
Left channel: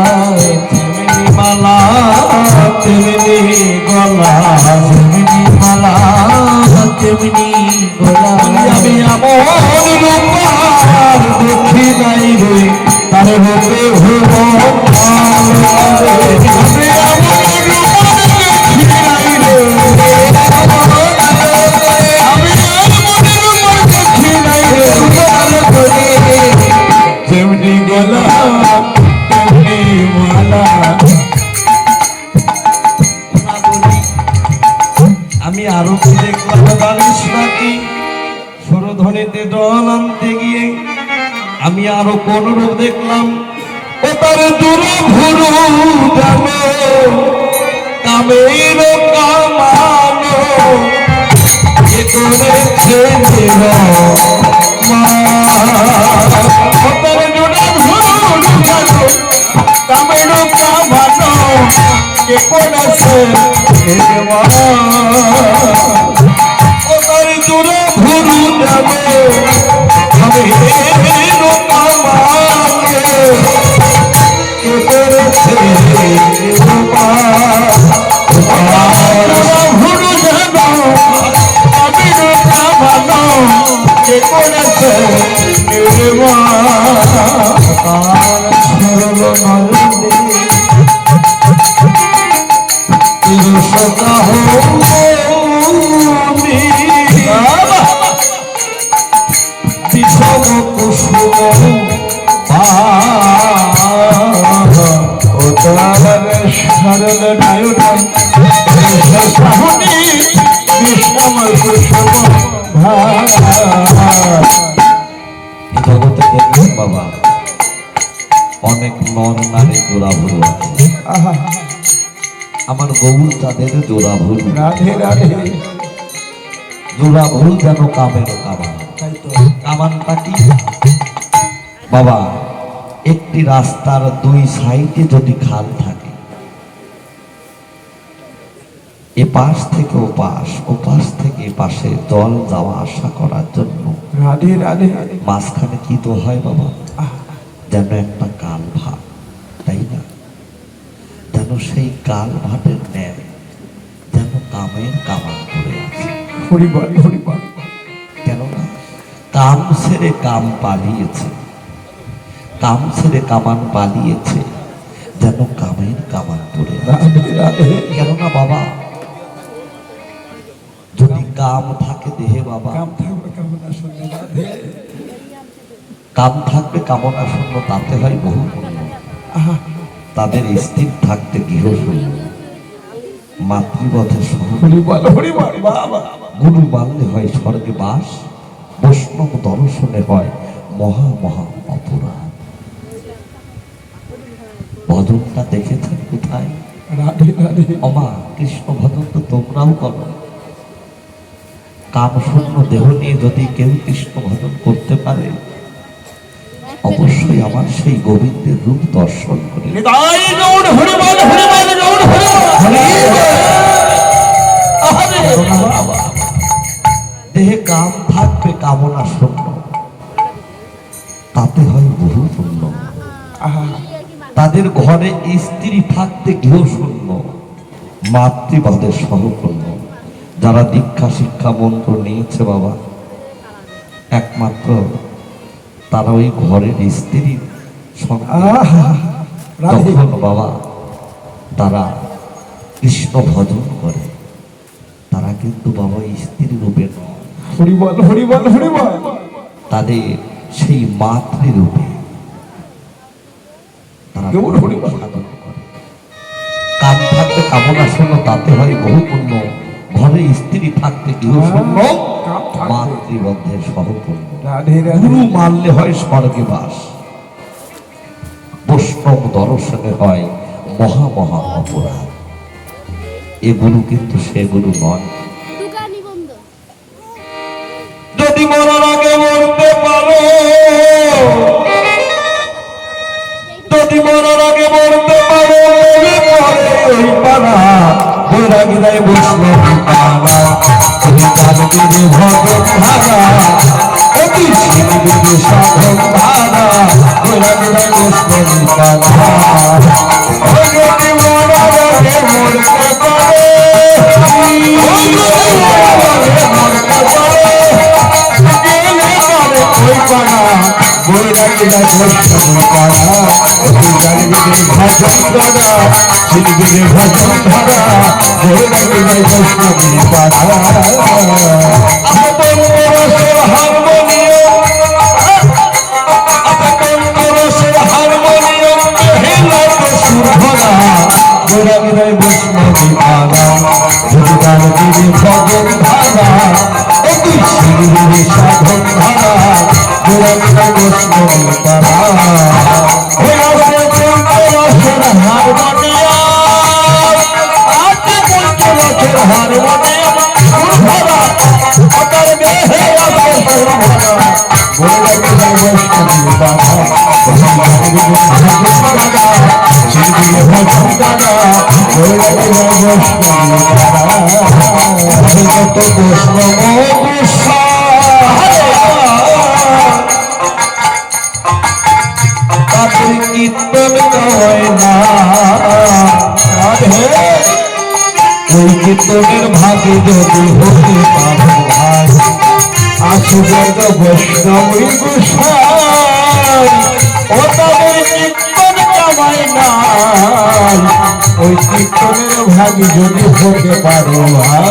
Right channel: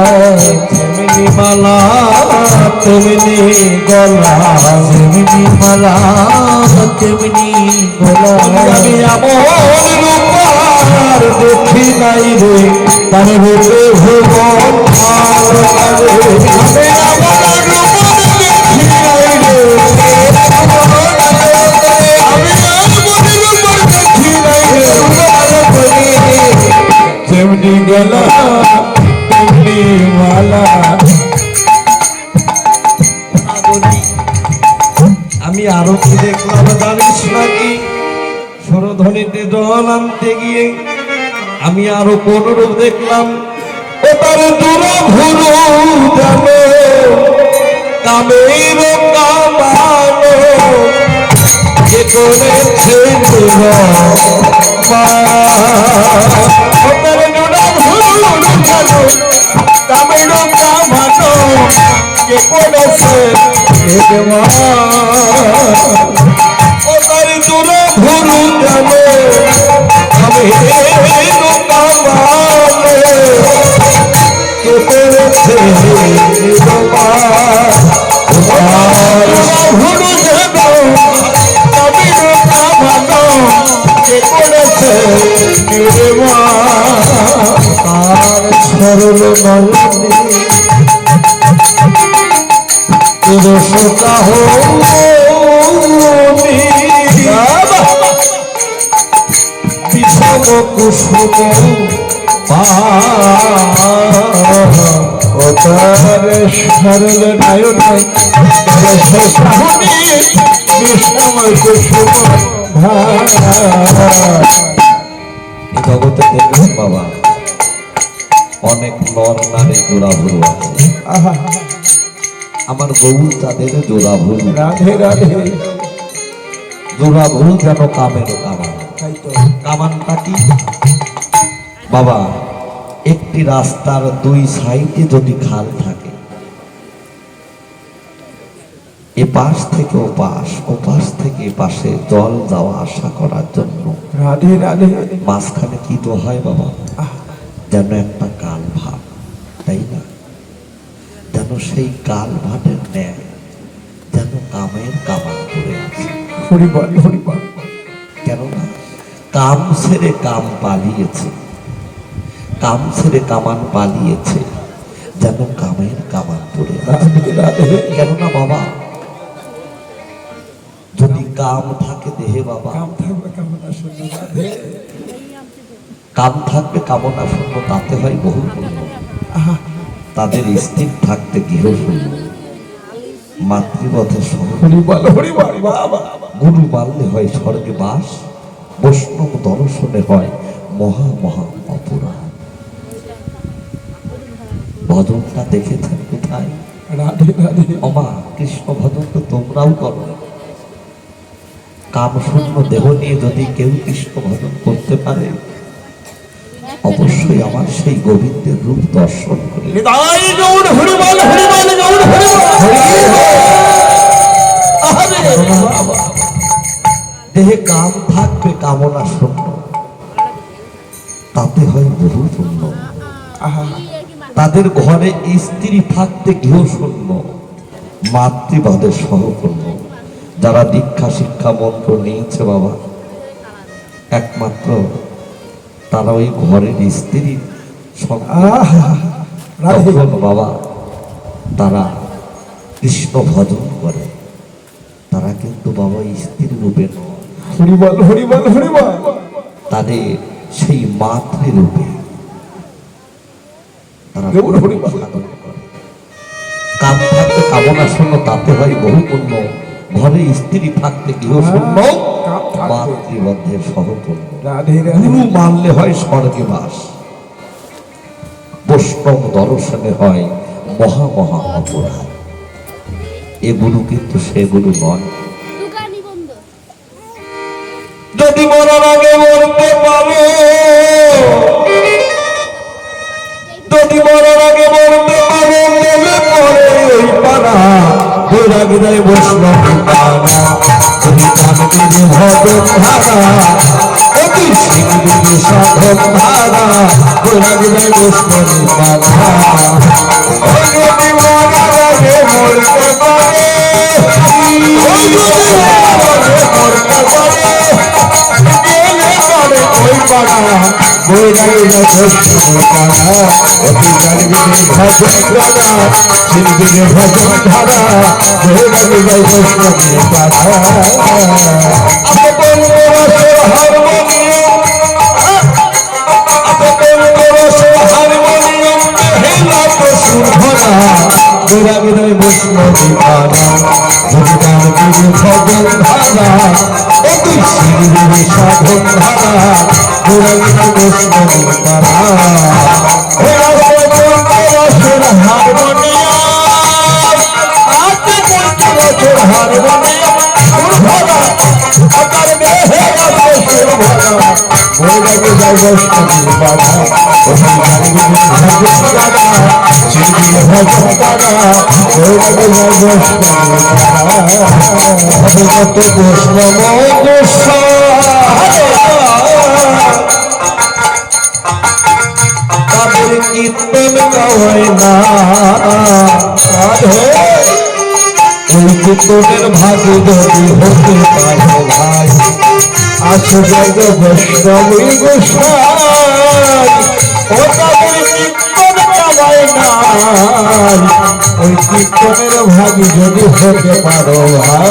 তেমনি মালা তেমনি গলা তেমনি মালা তেমনি গলা আমি আমার রূপার দেখি নাই রে তার রূপে হব তেমনি গলা তেমনি মালা আমি আরো কি দেখলাম বালিশ নাকি সরধ্বনিতে জল আনতে গিয়ে আমি আরো কোন রূপ দেখলাম ও তার দূরা ভুরু জানো কামের কামানো কে করেছে জগতে দেখলাম বাবা অনেক নর নারী জোড়া ভুল আছে আমার গৌর তাদের জোড়া ভুল রাধে রাধে জোড়া ভুল যেন কামের কামান কামানটা কি বাবা একটি রাস্তার দুই সাইডে যদি খাল থাকে এপাশ থেকে ওপাশ থেকে এপাশে জল যাওয়া আসা করার জন্য রাধে রাধে মাঝখানে কি তো হয় বাবা যেন একটা কাল ভাট তাই না যেন সেই কাল ভাটের ন্যায় যেন কামের কামান করে আছে কেননা কাম ছেড়ে কাম পালিয়েছে কাম ছেড়ে কামান পালিয়েছে যেন কামের কামান পড়ে আছে কেননা বাবা যদি কাম থাকে দেহে বাবা কাম থাকবে কামনা শূন্য তাতে হয় বহু পুণ্য। তাদের স্থির থাকতে গৃহ শূন্য, মাতৃবধে সহ গুরু মানলে হয় স্বর্গে বাস, বৈষ্ণব দর্শনে হয় মহা মহা অপরাধ। ভজনটা দেখেছেন কোথায়? অমা কৃষ্ণ ভজন তো তোমরাও করো। কাম শূন্য দেহ নিয়ে যদি কেউ কৃষ্ণ ভজন করতে পারে, অবশ্যই আমার সেই গোবিন্দের রূপ দর্শন করে। দেহে কাম থাকবে কামনা শূন্য, তাতে হয় বহু পুণ্য। তাদের ঘরে স্ত্রী থাকতে গৃহ শূন্য, মাতৃবধে সহপূর্ণ। যারা দীক্ষা শিক্ষা মন্ত্র নিয়েছে বাবা, একমাত্র তারা ওই ঘরের স্ত্রী বাবা, তারা কৃষ্ণ ভজন করে। তারা কিন্তু বাবা স্ত্রী রূপে নয়, তাদের সেই মাতৃরূপে তারা সাধন করে। কাম থাকতে কামনা শূন্য, তাতে হয় বহু পুণ্য। ঘরে স্ত্রী থাকতে গৃহ শূন্য, মাতৃবন্ধের সহপূর্ণ। গুরু মানলে হয় স্বর্গে বাস, বৈষ্ণব দর্শনে হয় মহা মহা অপরাধ। এ গুরু কিন্তু সে গুরু নয়। যদি মরার আগে মরতে পারো, যদি মরার আগে মরতে পারো, মনে করে ওই পাড়া বেড়াগিরায় বসলে পাড়া, তুমি কানকে ভগত ধারা, অতি শিরবিকে সাধক ধারা, বেড়াগিরায় বসলে পাড়া। যদি মরার আগে মরতে পারো, যদি মরার আগে মরতে পারো, ওই পাড়া বেড়াগিরা বসলে পাড়া, অতি গানবিদের ভজন ধারা, শিরবিকে ভজন ধারা, বেড়াগিরা বসলে পাড়া। বেড়াগিরায় বসলে পাড়া, যদি গানবিদের ভজন ধারা, অতি শিরবিকে সাধন ধারা, বেড়াগিরা বসলে পাড়া। ওই কীর্তনের ভাগে যদি হতে পারো ভাই, আসো জগ বৈষ্ণবী গোসাই, কীর্তন কামায় না। ওই কীর্তনের ভাগে যদি হতে পারো ভাই,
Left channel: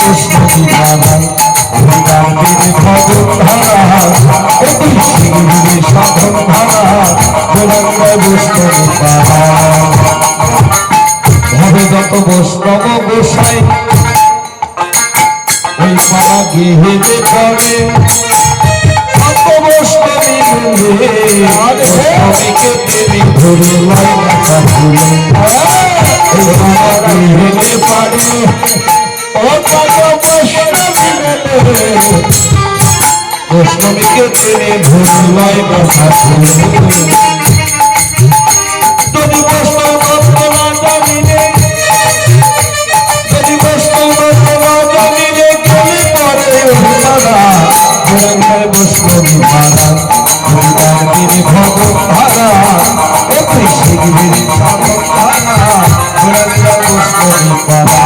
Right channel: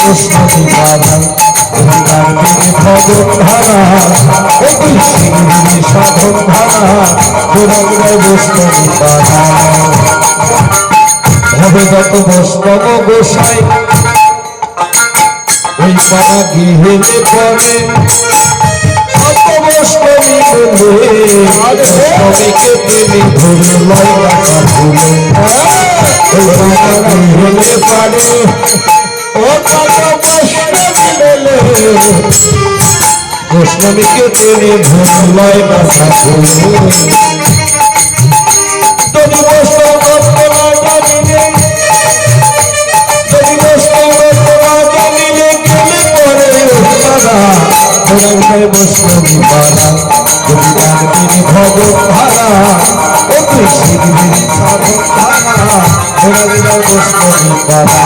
বৈষ্ণবী ভাই, ভজন ধারা, অতি শিরবিকে সাধন ধারা, বেড়াগিরায় বৈষ্ণবী পাড়া। ভবদত্ত বৈষ্ণব গোসাই ওই পাড়া গৃহেতে পড়ে, কত বৈষ্ণবী মিলে বৈষ্ণবীকে প্রেমী ধরে লয় রাখা ভুলে। ওই পাড়া গৃহেতে পড়ে, বৈষ্ণবীকে প্রেমী ধরে লয় রাখা ভুলে। যদি বৈষ্ণব বৈষ্ণবী পাড়া, যদি গানকে ভগত ধারা, অতি শিরবিকে সাধন ধারা, বেড়াগিরা বৈষ্ণবী পাড়া।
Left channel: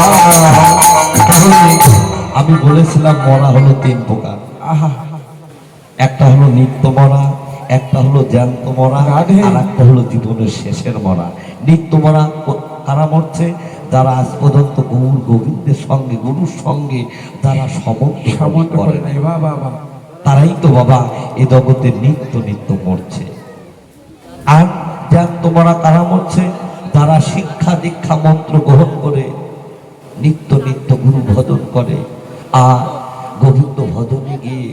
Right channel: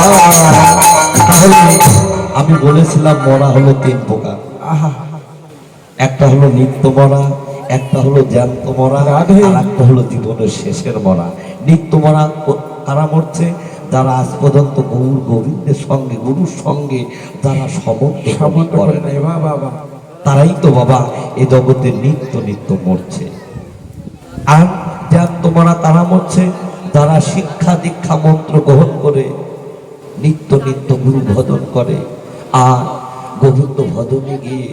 তাহলে আমি বলেছিলাম মরা হলো তিন প্রকার, একটা হলো নিত্য মরা, একটা হলো জ্যান্ত মরা, আর একটা হলো জীবনের শেষের মরা। নিত্য মরা কারা মরছে? যারা আজ পর্যন্ত গৌর গোবিন্দের সঙ্গে গুরুর সঙ্গে যারা সমর্থন করে নাই, তারাই তো বাবা এ জগতে নিত্য নিত্য মরছে। আর যার তোমরা কারা মরছে? যারা শিক্ষা দীক্ষা মন্ত্র গ্রহণ করে নিত্য নিত্য গুরু ভজন করে, আর গোবিন্দ ভজনে গিয়ে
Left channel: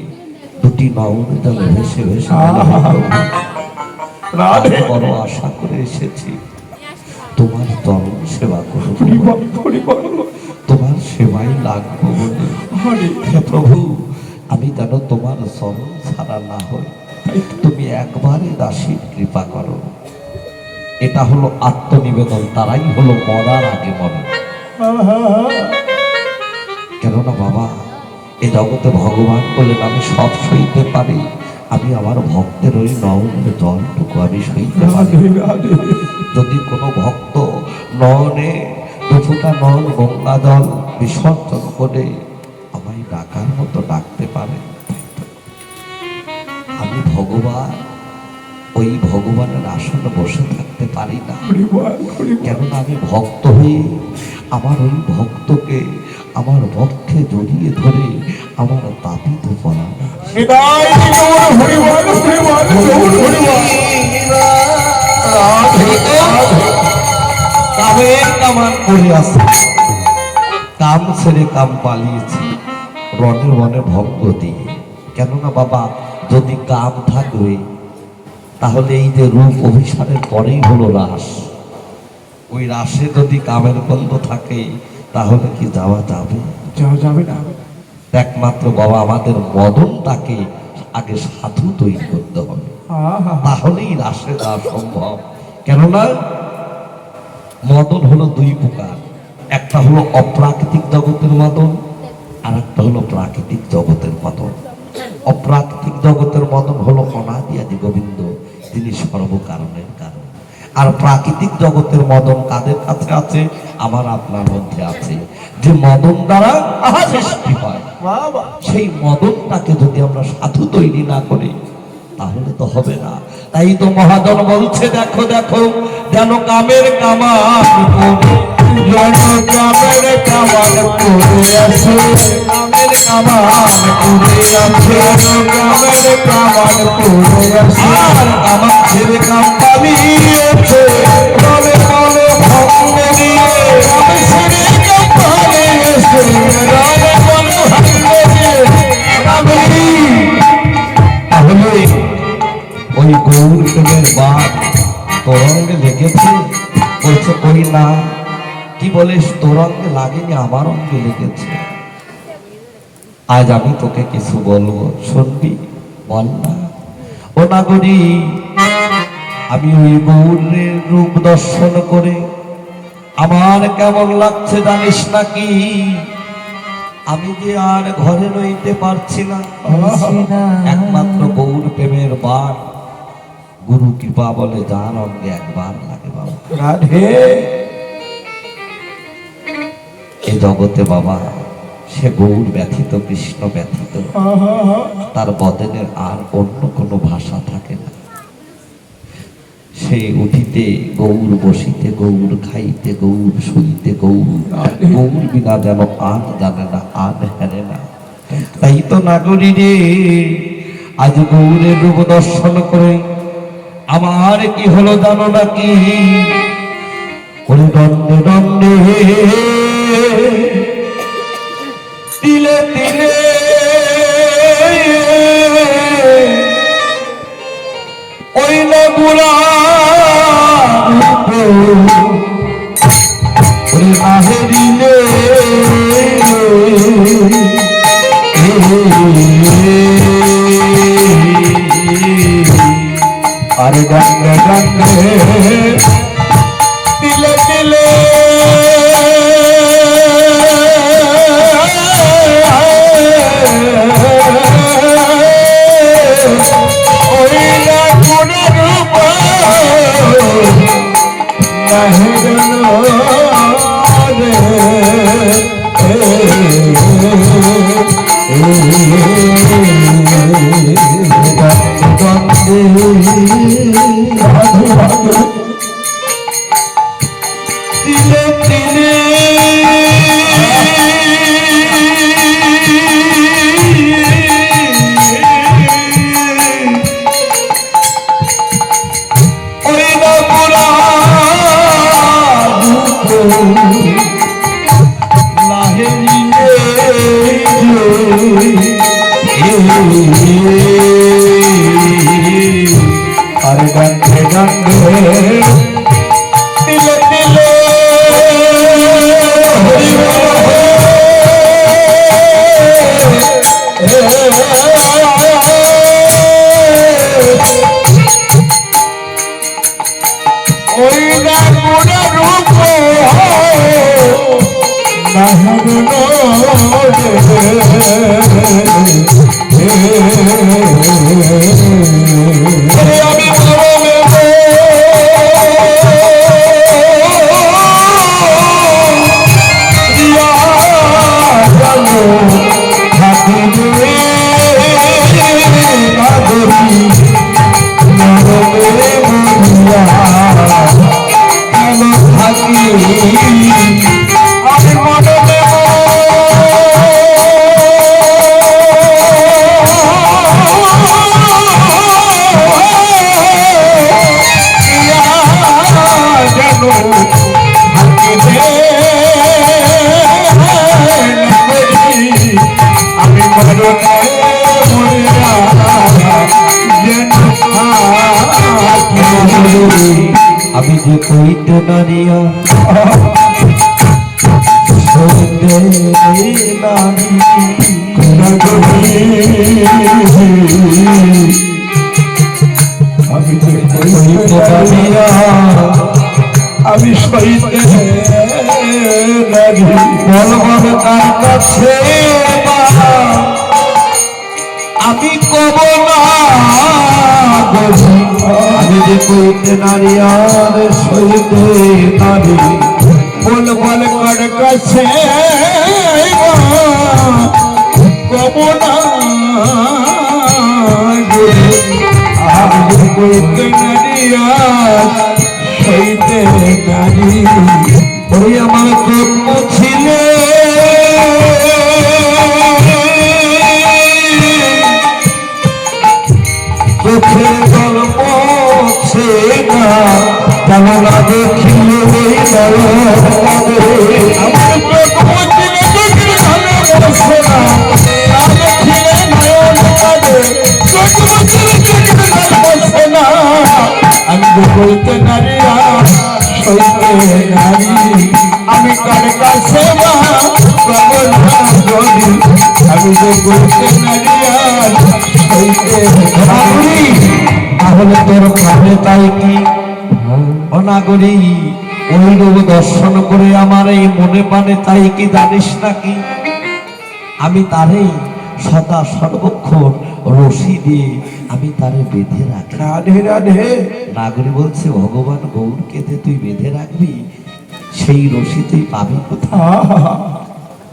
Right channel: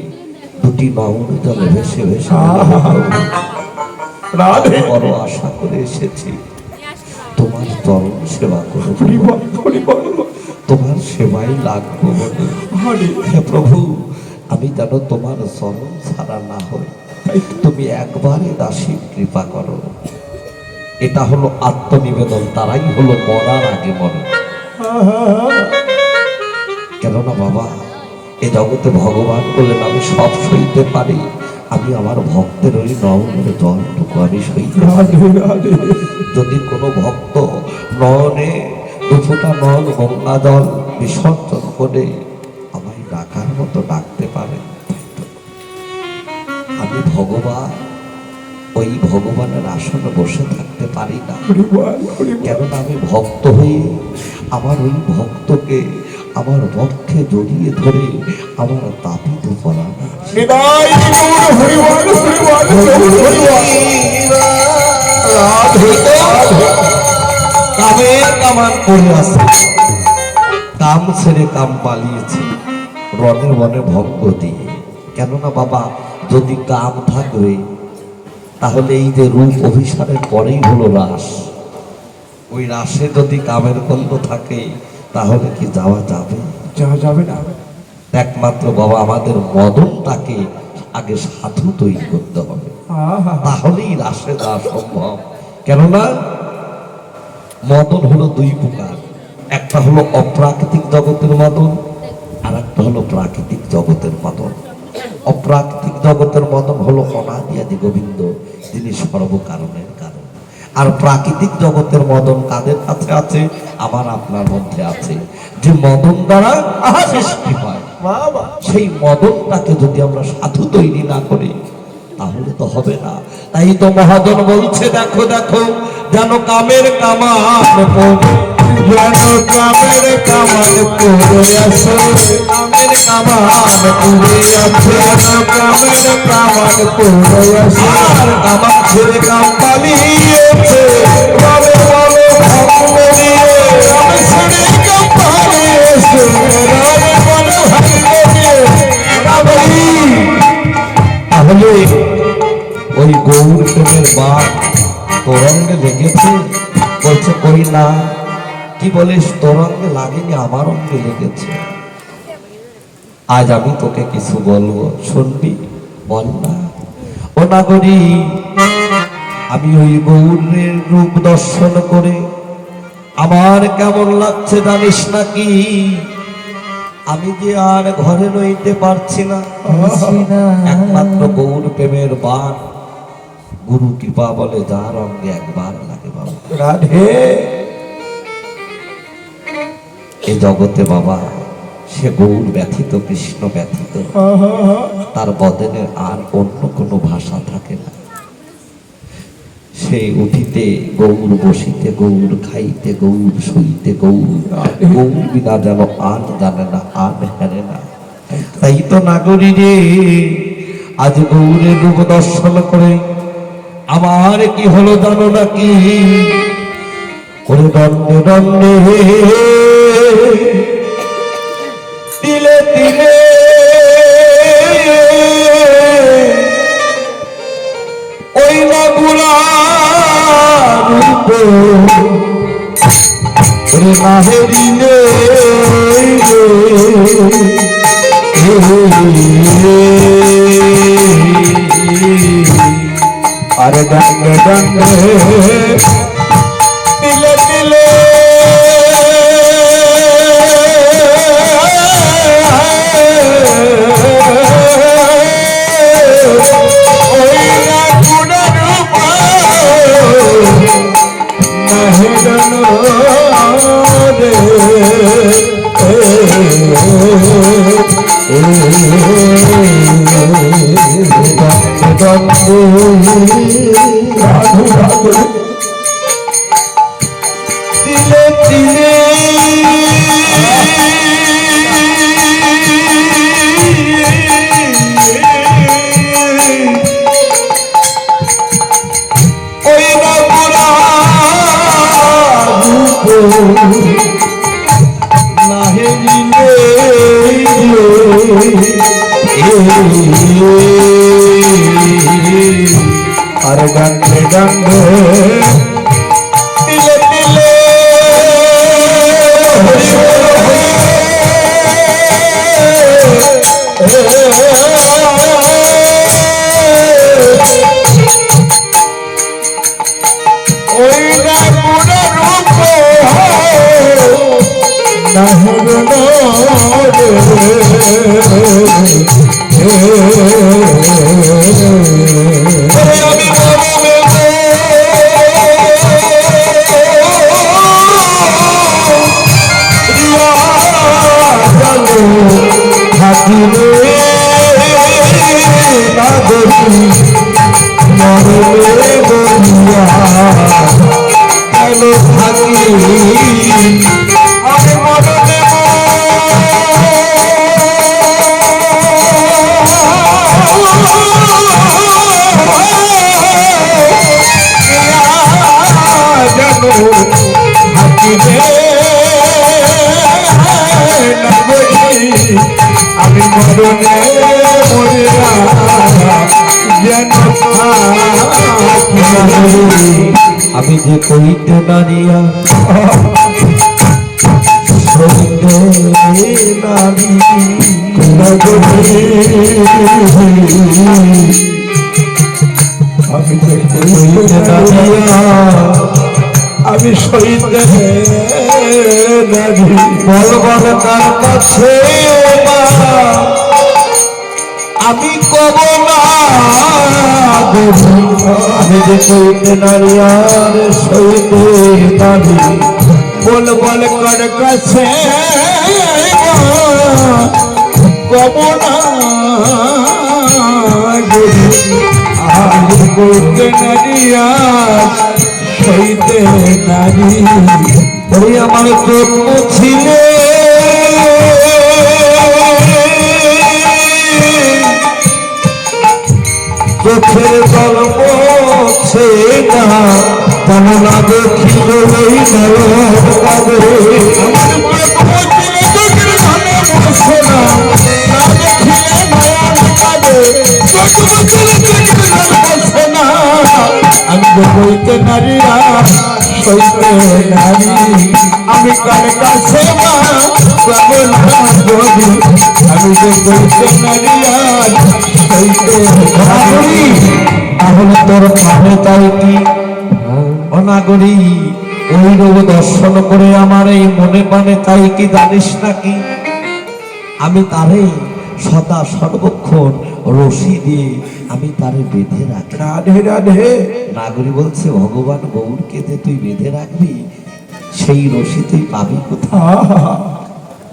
দুটি নয়ন জলে ভেসে ভেসে বড় আশা করে এসেছি তোমার চরণ সেবা করব, তোমার সেবাই লাগবো বলে। হে প্রভু, আমি যেন তোমার চরণ ছাড়া না হই, তুমি একবারে দাসীর কৃপা করো। এটা হলো আত্মনিবেদন, তারাই হলো মরার আগে মরে। কেননা বাবা এ জগতে ভগবান বলেন আমি সব সইতে পারি, আমি আমার ভক্তের ওই নয়নের জলটুকু আমি সইতে পারি। যদি কোনো ভক্ত নয়নে দুফোঁটা নল গঙ্গা জল বিসর্জন করে আমায় ডাকার মতো ডাকতে পারে, আমি ভগবান ওই ভগবানের আসনে বসে থাকতে পারি না। কেননা আমি ভক্ত হয়ে আমার ওই ভক্তকে আমার পক্ষে জড়িয়ে ধরে আমার তাপিত পরাণ করে আছে। কাম ছেড়ে কাম পালিয়েছি রনে মনে ভক্ত দিয়ে। কেননা বাবা যদি কাম থাকবে তাহলে এই যে রূপ অভিসারের পরেই হলো রাস, ওই রাসে যদি কামের গন্ধ থাকে তাহলে কি যাওয়া যাবে? যাওয়া যাবে না। একমাত্র বাবা আমাদের মদনটাকে আগে সাধু তৈরি করতে হবে, তাহলেই রাসে যাওয়া সম্ভব। কেননা মদন হলো দুই প্রকার, একটা হলো অপ্রাকৃতিক জগতের মদন, আর একটা হলো প্রাকৃতিক জগতের মদন। অপ্রাকৃতিক জগতের মদন হলো অনাদি আদি গোবিন্দ, যিনি সর্বকারণের কারণ। আর প্রাকৃতিক জগতের মদন কাদের কাছে আছে? আমার আপনার মধ্যে আছে। যে মদন দ্বারা সৃষ্টি হয়, সেই মদনটাকে যদি আমরা সাধু তৈরি না করি তাহলে তো হবে না। তাই তো মহাজন বলছে দেখো দেখো যেন কামের কামান কামের কামান করে আছে, কামের কামান করে আছে, কামের কামান করে আছে, আমার ছেলে কাম পালিয়েছে ভালো ভালো ভক্ত নিয়ে, ছেলে কাম পালিয়েছে তাহলে ওই গৌর প্রেমের বাপ তোরঙ্গে লেগেছে? বলছে কই না। কি বলিস? তোরঙ্গে লাগেনি, আমার অঙ্গে লেগেছে। আজ আমি তোকে কিছু বলবো, শুনবি? বল না। ও নাগরী, আমি ওই গৌরের রূপ দর্শন করে আমার কেমন লাগছে জানিস নাকি? আমি যে আর ঘরে রইতে পারছি না। একমাত্র গৌর প্রেমের বার গুরু কৃপা বলে যার অঙ্গে একবার লাগে বাবা। রাধে এ জগতে বাবা সে গৌর ব্যথিত, কৃষ্ণ ব্যথিত, তার বদনের আর অন্য কোনো ভাষা থাকে না। সে উঠিতে গৌর, বসিতে গৌর, খাইতে গৌর, শুইতে গৌর, গৌর বিনা যেন আর জানে না, আর হেরে না। তাই তো নাগরী রে, আজ গৌরের রূপ দর্শন করে আমার কি হলো জানো নাকি? ওই দণ্ডে দণ্ডে তিলে তিলে ওই না বুড়া রূপে হেরিলে আরে দণ্ডে দণ্ডে তিলে তিলে Oh আর ডান্ডে ডান্ডে তিলে তিলে ওই না আমি যে কইতে নারিয়া আমি সইতে বলবার তার কাছে আমি কব না আমি যে কইতে নারী আর সইতে নারী বল বল কার কাছে কব না আমি যে কইতে নারী আর সইতে নারী ওই আমার জন্ম ছিলে চোখের জল পড়ছে না তাহলে দেখিলে এই আমি বলতে নারীরা সইতে নারী আমি কার কাছে আমি যে বলতে নারীরা তাহলে তোর কানে তাই কি অনাগরী ওই রূপে দর্শন করে আমার এই মনে প্রাণে তাই কি জানিস নাকি আমি তারে সদা সর্বক্ষণ রশি দিয়ে আমি তারে বেঁধে রাখি। রাধে রাধে। নাগরী বলছে ভগবান গৌরকে যে তুই বেঁধে রাখবি সেই রশি তুই পাবি কোথায়?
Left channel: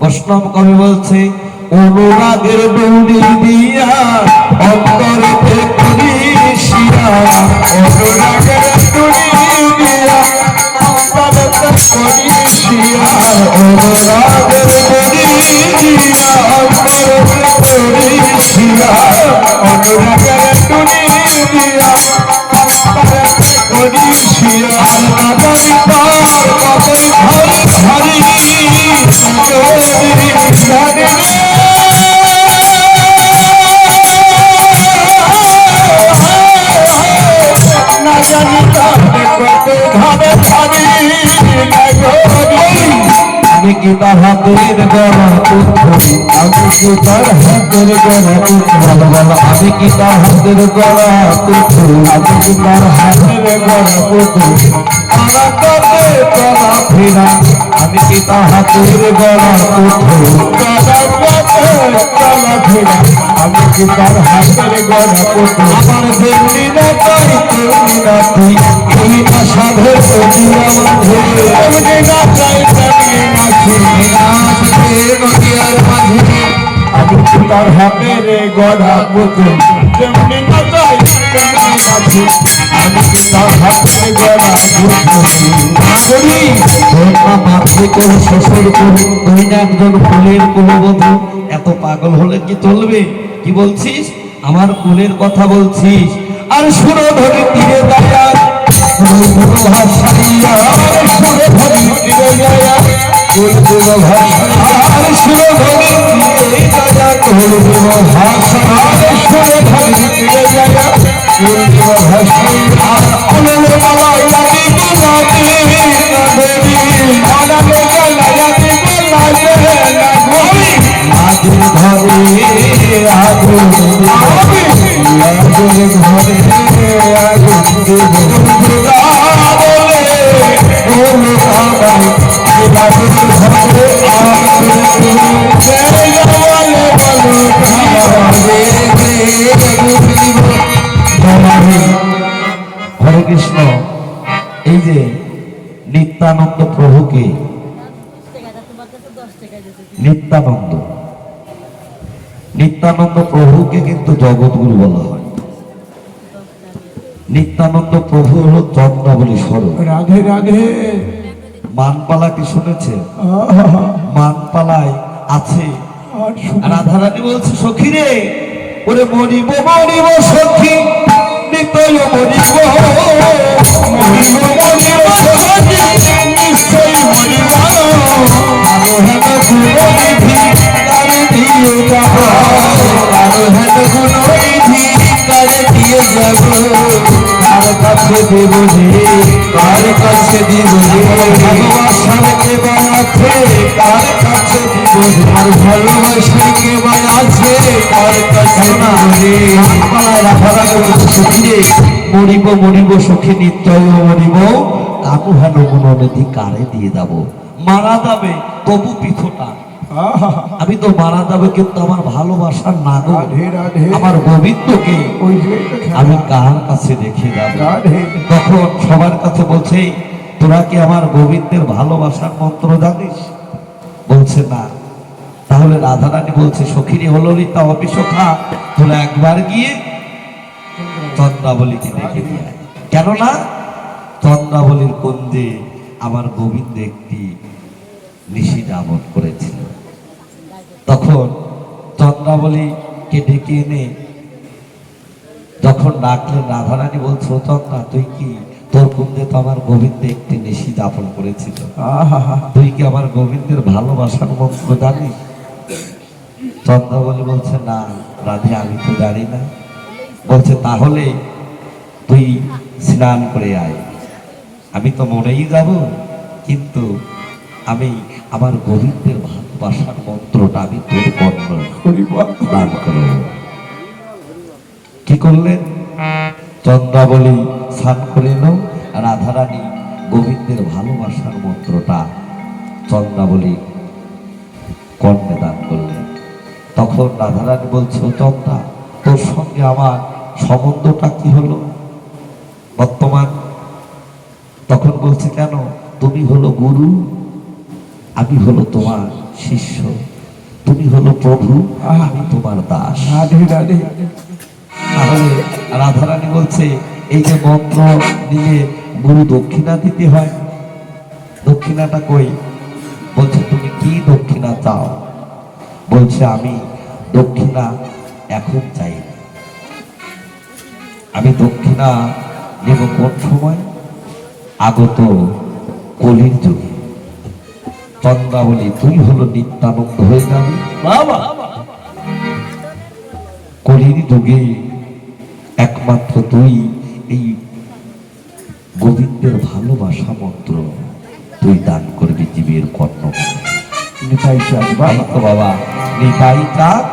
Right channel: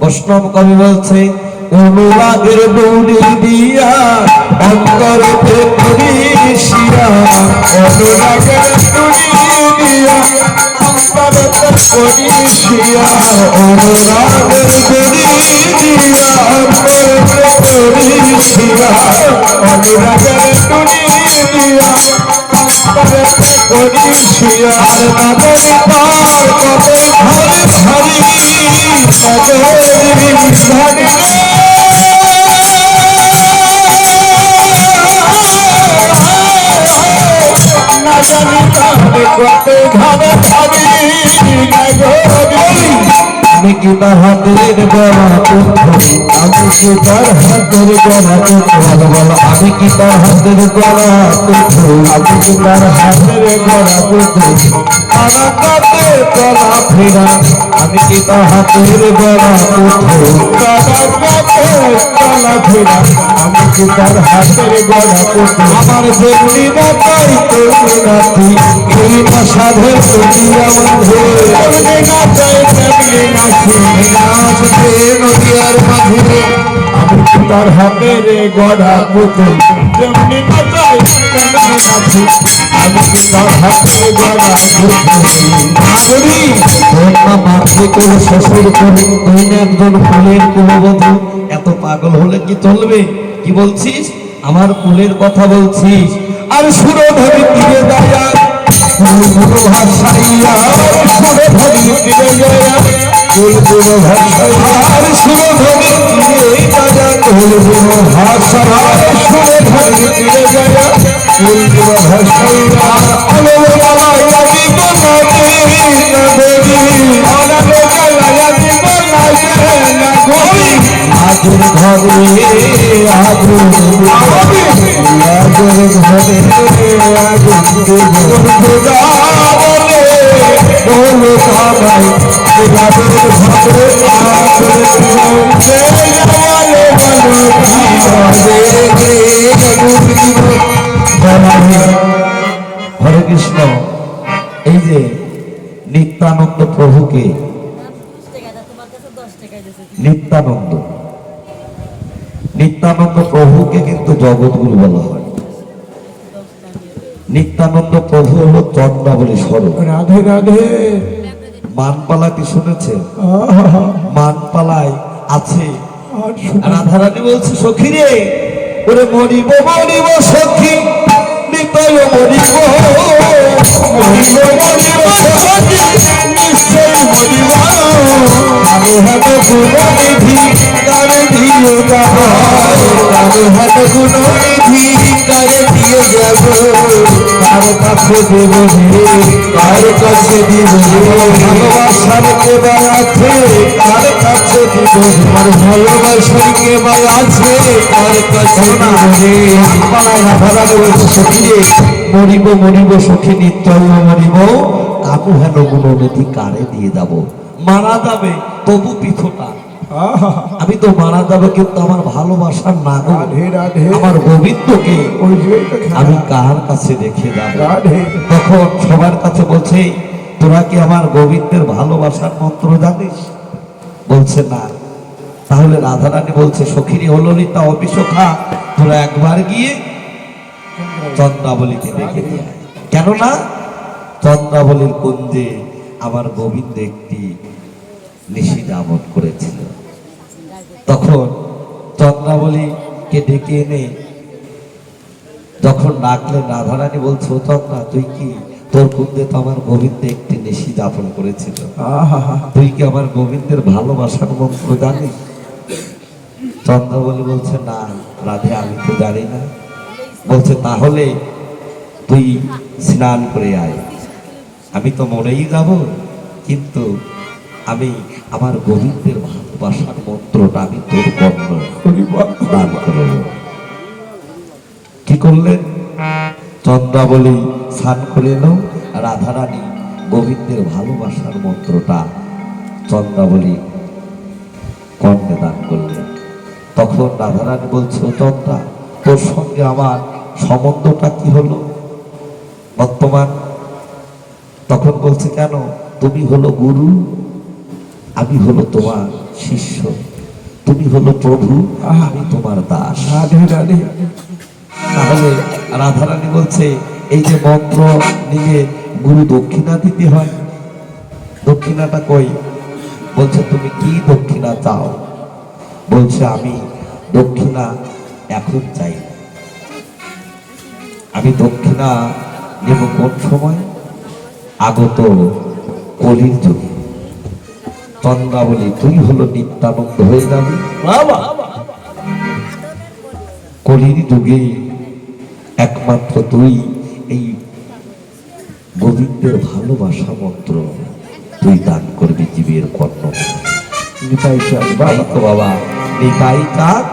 বৈষ্ণব কবি বলছে অনুরাগের দৌড়ি দিয়া অন্তরেতে করিসিয়া অনুরাগের দৌড়ি দিয়া অন্তরেতে করিসিয়া অনুরাগের দৌড়ি দিয়া অন্তরেতে করিসিয়া অনুরাগের দৌড়ি দিয়া অন্তরেতে করিসিয়া নগরী পার কতই ভারী ভারী নগরী ভারী আমি কি তার হাতের গড়া পুত্র আমি কি তার হাতের গড়া পুত্র আমি কি তার হাতের গড়া পুত্র আমি কি তার হাতের গড়া পুত্র আমি কি তার হাতের গড়া পুত্র আমি কি তার হাতের গড়া পুত্র আমার যেমনি না পাই তেমনি না তুই এই না সাধের প্রতি আমি না চাই তেমনি না শুনি আসবে নদীর মাঝে আমি কি তার হাতের গড়া পুত্র যেমনি না চাই তেমনি না তুই আমি কি তার হাতের গড়া পুত্র শ্বশুর করুন দুই না একজন ফুলের কুলবধূ এত পাগল হলে কি চলবে? কি বলছিস? আমার কুলের কথা বলছিস? আর সুরধরি তীরে দাঁড়া ভাষাইয়া সুরধরি তীরে যায় কুল ভাষাইয়া আর সুরধরি তীরে দাঁড়া কুল ভাষা আগুন দেব লাগের ঘরে আগুন দেব খোদা বলে বলে কানাই লাগের ঘরে আগুন দেব বলো হরে কৃষ্ণ। এই যে নিত্যানন্দ প্রভুকে নিত্যানন্দ নিত্যানন্দ প্রভুকে কিন্তু জগৎগুরু বলা হয়। নিত্যানন্দ প্রভু হলো চন্দ্রাবলী স্বরূপ। রাধে রাধে। মানপালা কি শুনেছেন? মানপালায় আছে রাধারানী বলছে সখী রে ওরে মরিব মরিব সখী নিতাই মরিব মরিব মরিব সখী নিশ্চয় মরিব হাত গুণনিধি কারে দিয়ে যাব হাত গুণনিধি কারে দিয়ে যাব কার কাছে দেব রে কার কাছে দিব রে ভালোবাসার কে আছে কার কাছে দিব রে ভালোবাসার কে আছে কার কাছে দিব রে সখী রে মরিব মরিব সখী নিশ্চয় মরিব কাকু ভালো গুণনিধি কারে দিয়ে যাব। মারা যাবে তবু পিছটা আমি তো মারা যাবে কিন্তু আমার ভালোবাসার নাগর আমার গোবিন্দকে আমি কার কাছে রেখে যাবো। তখন সবার কাছে বলছে তোরা কি আমার গোবিন্দের ভালোবাসার মন্ত্র জানিস? বলছে না। তাহলে রাধারানী বলছে সখীরি হলো তা অপিসখা তোরা একবার গিয়ে চন্দ্রাবলীকে দেখে দিয়ে কেননা চন্দ্রাবলীর কুঞ্জে আমার গোবিন্দ একটি নিশি যাপন করেছিল। তখন চন্দ্রাবলীকে ডেকে এনে যখন ডাকলেন রাধারানী বলছে ও চন্দ্রা তুই কি তোর কুঞ্জে তো আমার গোবিন্দ একটি নিশি যাপন করেছিল তুই কি আমার গোবিন্দের ভালোবাসার মন্ত্র জানিস? চন্দ্রাবলী বলছে না রাধে আমি তো জানি না। বলছে তাহলে তুই স্নান করে আয় আমি তো মরেই যাব কিন্তু আমি আমার গোবিন্দের ভালোবাসার মন্ত্রটা আমি তোর কর্ণ দান করব। কি করলেন? চন্দ্রাবলী স্নান করে এলো রাধারানী গোবিন্দের ভালোবাসার মন্ত্রটা চন্দ্রাবলী কর্ণে দান করলেন। তখন রাধারানী বলছে চন্দ্রা তোর সঙ্গে আমার সম্বন্ধটা কি হলো বর্তমান? তখন বলছে কেন তুমি হলো গুরু আমি হলো তোমার শিষ্য তুমি হলো প্রভু আমি তোমার দাস। তাহলে রাধারানী বলছে এই যে মন্ত্র নিয়ে গুরু দক্ষিণা দিতে হয় দক্ষিণাটা কই? বলছে তুমি কি দক্ষিণা চাও? বলছে আমি দক্ষিণা এখন চাই না আমি দক্ষিণা নেব কোন সময়? আগত কলির যুগে। চন্দ্রাবলী তুই হলো নিত্যানন্দ হয়ে যাবে কলির যুগে একমাত্র তুই এই গোবিন্দের ভালোবাসা মন্ত্র তুই দান করবি জীবের কর্ণ। নিতাই চাঁদ বাবা নিতাই চাঁদ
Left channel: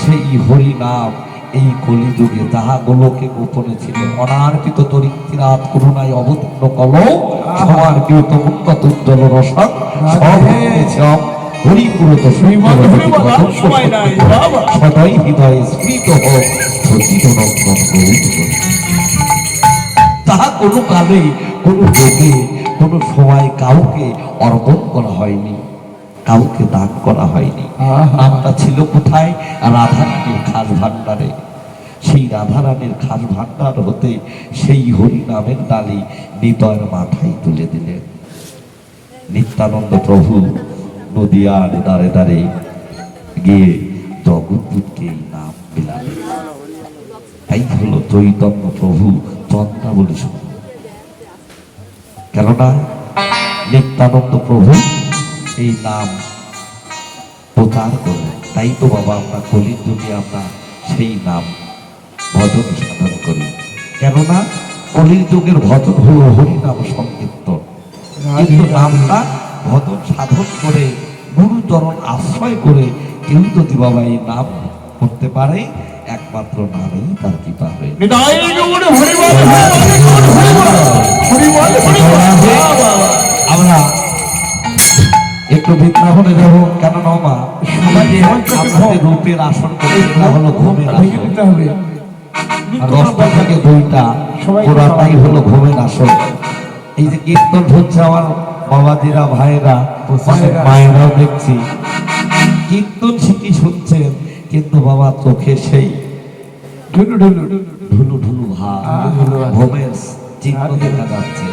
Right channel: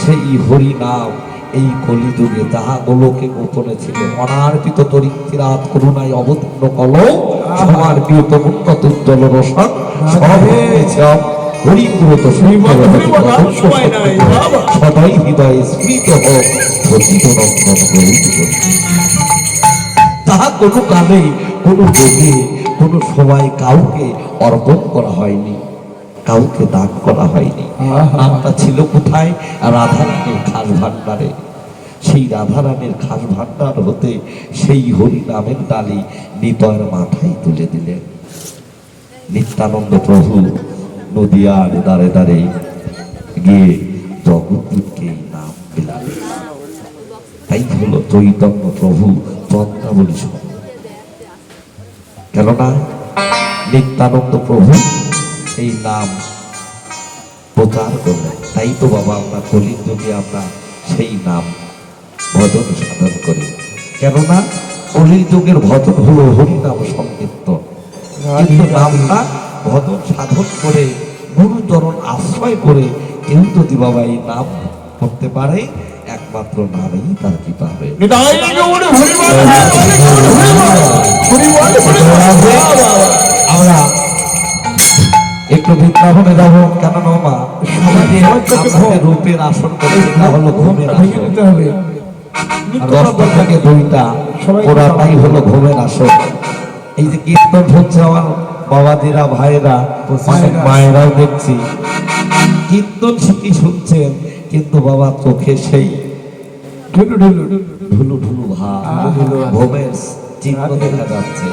সেই হরি নাম এই কলিযুগে তাহা গোলকে গোপনে ছিল অনার্পিত তরিত্রাত করুণায় অবতীর্ণ কল সবার প্রিয়ত উন্নত উজ্জ্বল রসন হরিপুরত সদাই হৃদয়ে স্মৃত হোক প্রতিনন্দন তাহা কোনো কালে কোনো যোগে কোনো সময় কাউকে অর্পণ করা হয়নি কাউকে দান করা হয়নি। নামটা ছিল কোথায়? রাধারানীর খাস ভান্ডারে। সেই রাধারানীর খাস ভান্ডার হতে সেই হরি নামের ডালি নিতর মাথায় তুলে দিলেন। নিত্যানন্দ প্রভু নদিয়ার দাঁড়ে দাঁড়ে গিয়ে জগৎকে নাম দিলেন। তাই হলো চৈতন্য প্রভু চন্দ্রাবলী স্বরূপ। কেননা নিত্যানন্দ প্রভু এই নাম প্রচার করলেন। তাই তো বাবা আমরা কলির যুগে আমরা সেই নাম ভজন সাধন করি। কেননা কলির যুগের ভজন হলো হরিনাম সংকীর্তন। কিন্তু নামটা ভজন সাধন করে গুরুচরণ আশ্রয় করে কেউ যদি বাবা এই নাম করতে পারে একমাত্র নারী তারই পারে। আমরা একটু বৃন্দাবনে যাবো, কেন মামা সমাজে আমাদের রূপের আসন না হলো ঘুমের আসন, দশটা থেকে দুইটা পুরাটাই হলো ঘুমের আসন। এই যে কীর্তন হচ্ছে আমার বাবাদিরা ভাইরা মায়েরাও দেখছি কীর্তন শিখি শুনছেন, কিন্তু বাবা চোখে সেই ঢুলু ঢুলু ভাব, ঘুমের চিহ্ন দেখা যাচ্ছে।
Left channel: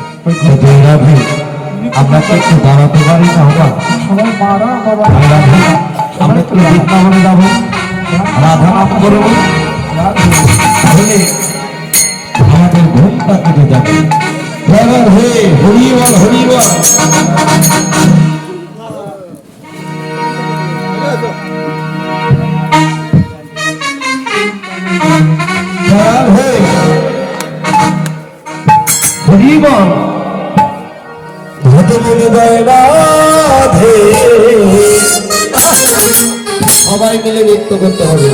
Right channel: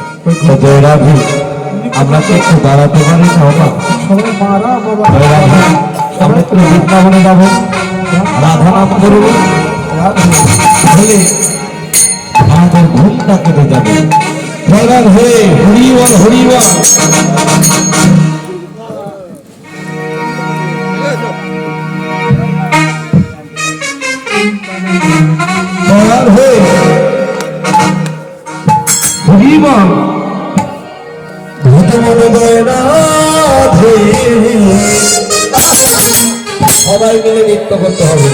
আমরা তো একটু দাঁড়াতে পারি না বাবা, আমরা একটু বৃন্দাবনে যাবো, রাধা নাম করবো, আমাদের ঘুমটা কেটে যাবে। দয়াল হয়ে হরিবল হরিবল। দয়াল হয়ে হরিবল ভজমন রাধে। সবাই মিলে নৃত্য করতে হবে।